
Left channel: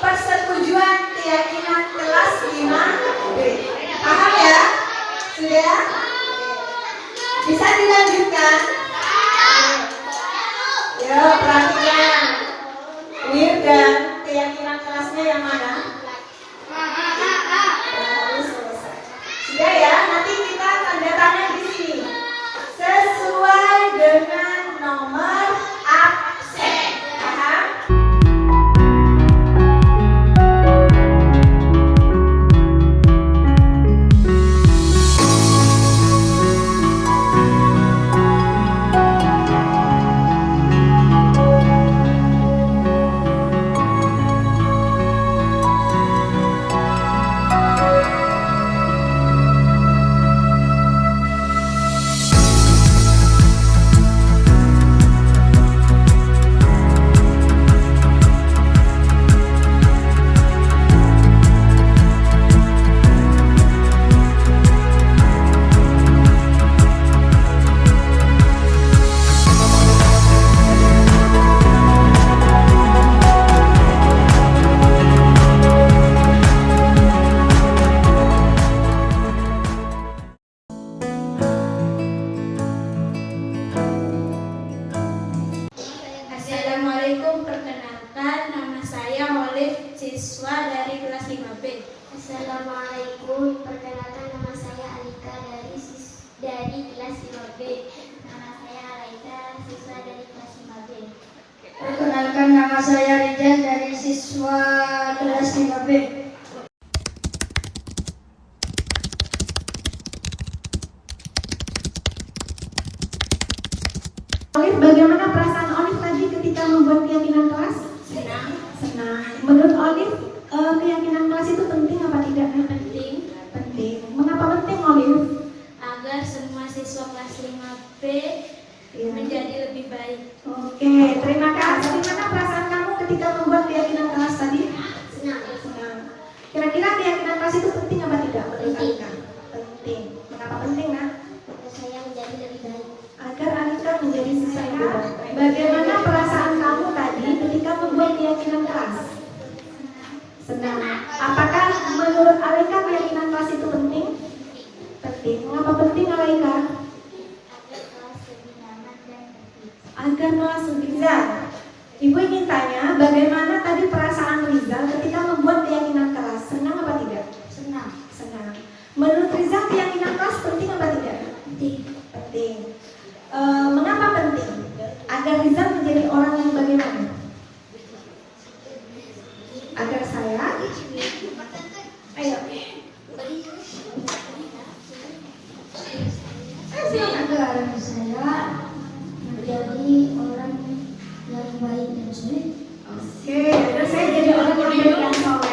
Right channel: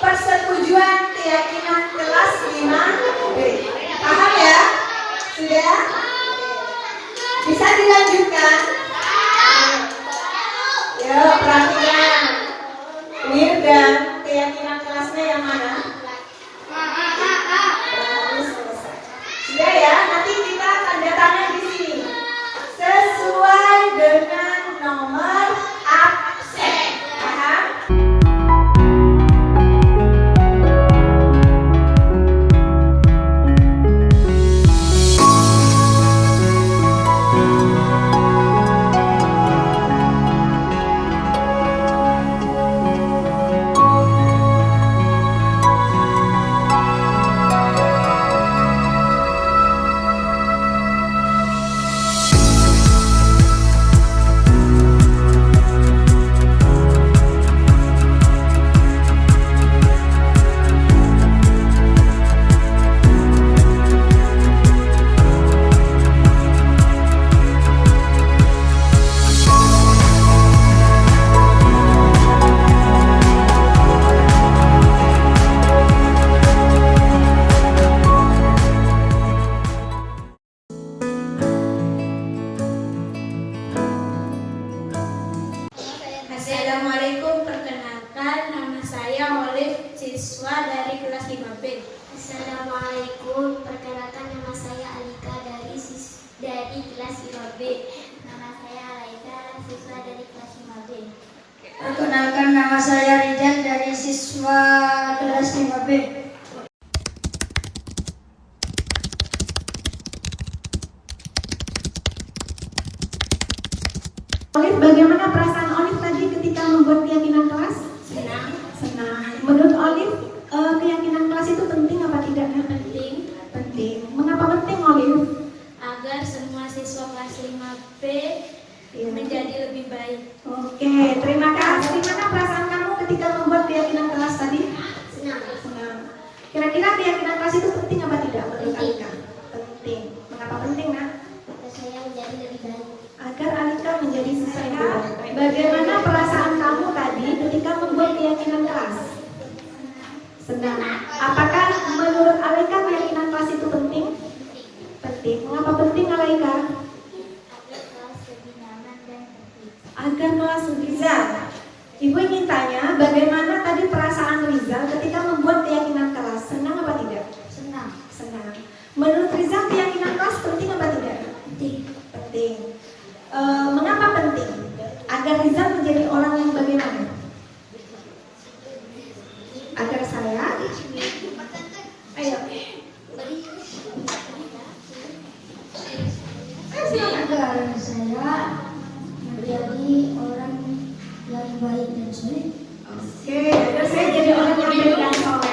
persetujuan keyakinan kelas 5B. Paham ya? Sudah? Bisa dilanjutkan? Ya, perhatikan. Wirgan, keyakinan kelasnya yang mana? Sudah ya, nanti kita tanda tangan di sini sesuai dengan nomor absen. Paham? Assalamualaikum, perkenalkan nama saya Olive, siswa dari kelas 5B. Assalamualaikum, perkenalkan nama saya Alika dari kelas 5B. Nama saya Alaika, siswa dari kelas 5B. Perkenalkan nama saya Rizal dari siswa kelas 5B. Olive, bagaimana perasaan Olive tadi ketika membuat keyakinan kelas? Senang, Senang. Menurut Olive, keyakinan kelas itu penting apa tidak? penting Penting. Mengapa penting, Olive? agar semua siswa kelas 5B menjadi lebih baik. Oke, terima kasih. Bagaimana perasaan kamu ketika membuat keyakinan kelas tadi? Senang, Senang. Kira-kira keyakinan kelas itu penting apa tidak menurut Alika? Penting. Mengapa penting, Nak? agar saya menjadi lebih baik. Agar Alika menjadi siswa yang baik. Bagaimana perasaan kamu tadi ketika membuat keyakinan kelas? Senang. Apakah menurut Alika keyakinan kelas itu penting? Penting. Mengapa penting, Alika? Agar kelas lebih nyaman dan tertib. Agar kelas Rizal. Ibu ingin tanya, bagaimana tadi perasaan Rizal ketika membuat keyakinan kelas? Senang apa tidak? Senang, Senang. Menurut Rizal keyakinan kelas penting apa tidak? penting. Penting. Mengapa penting? Agar Rizal menjadi orang yang bagaimana? Agar saya, ayo, silakan. Agar saya menjadi orang yang baik dan soleh. Oke, agar saya jadi orang yang baik dan soleh.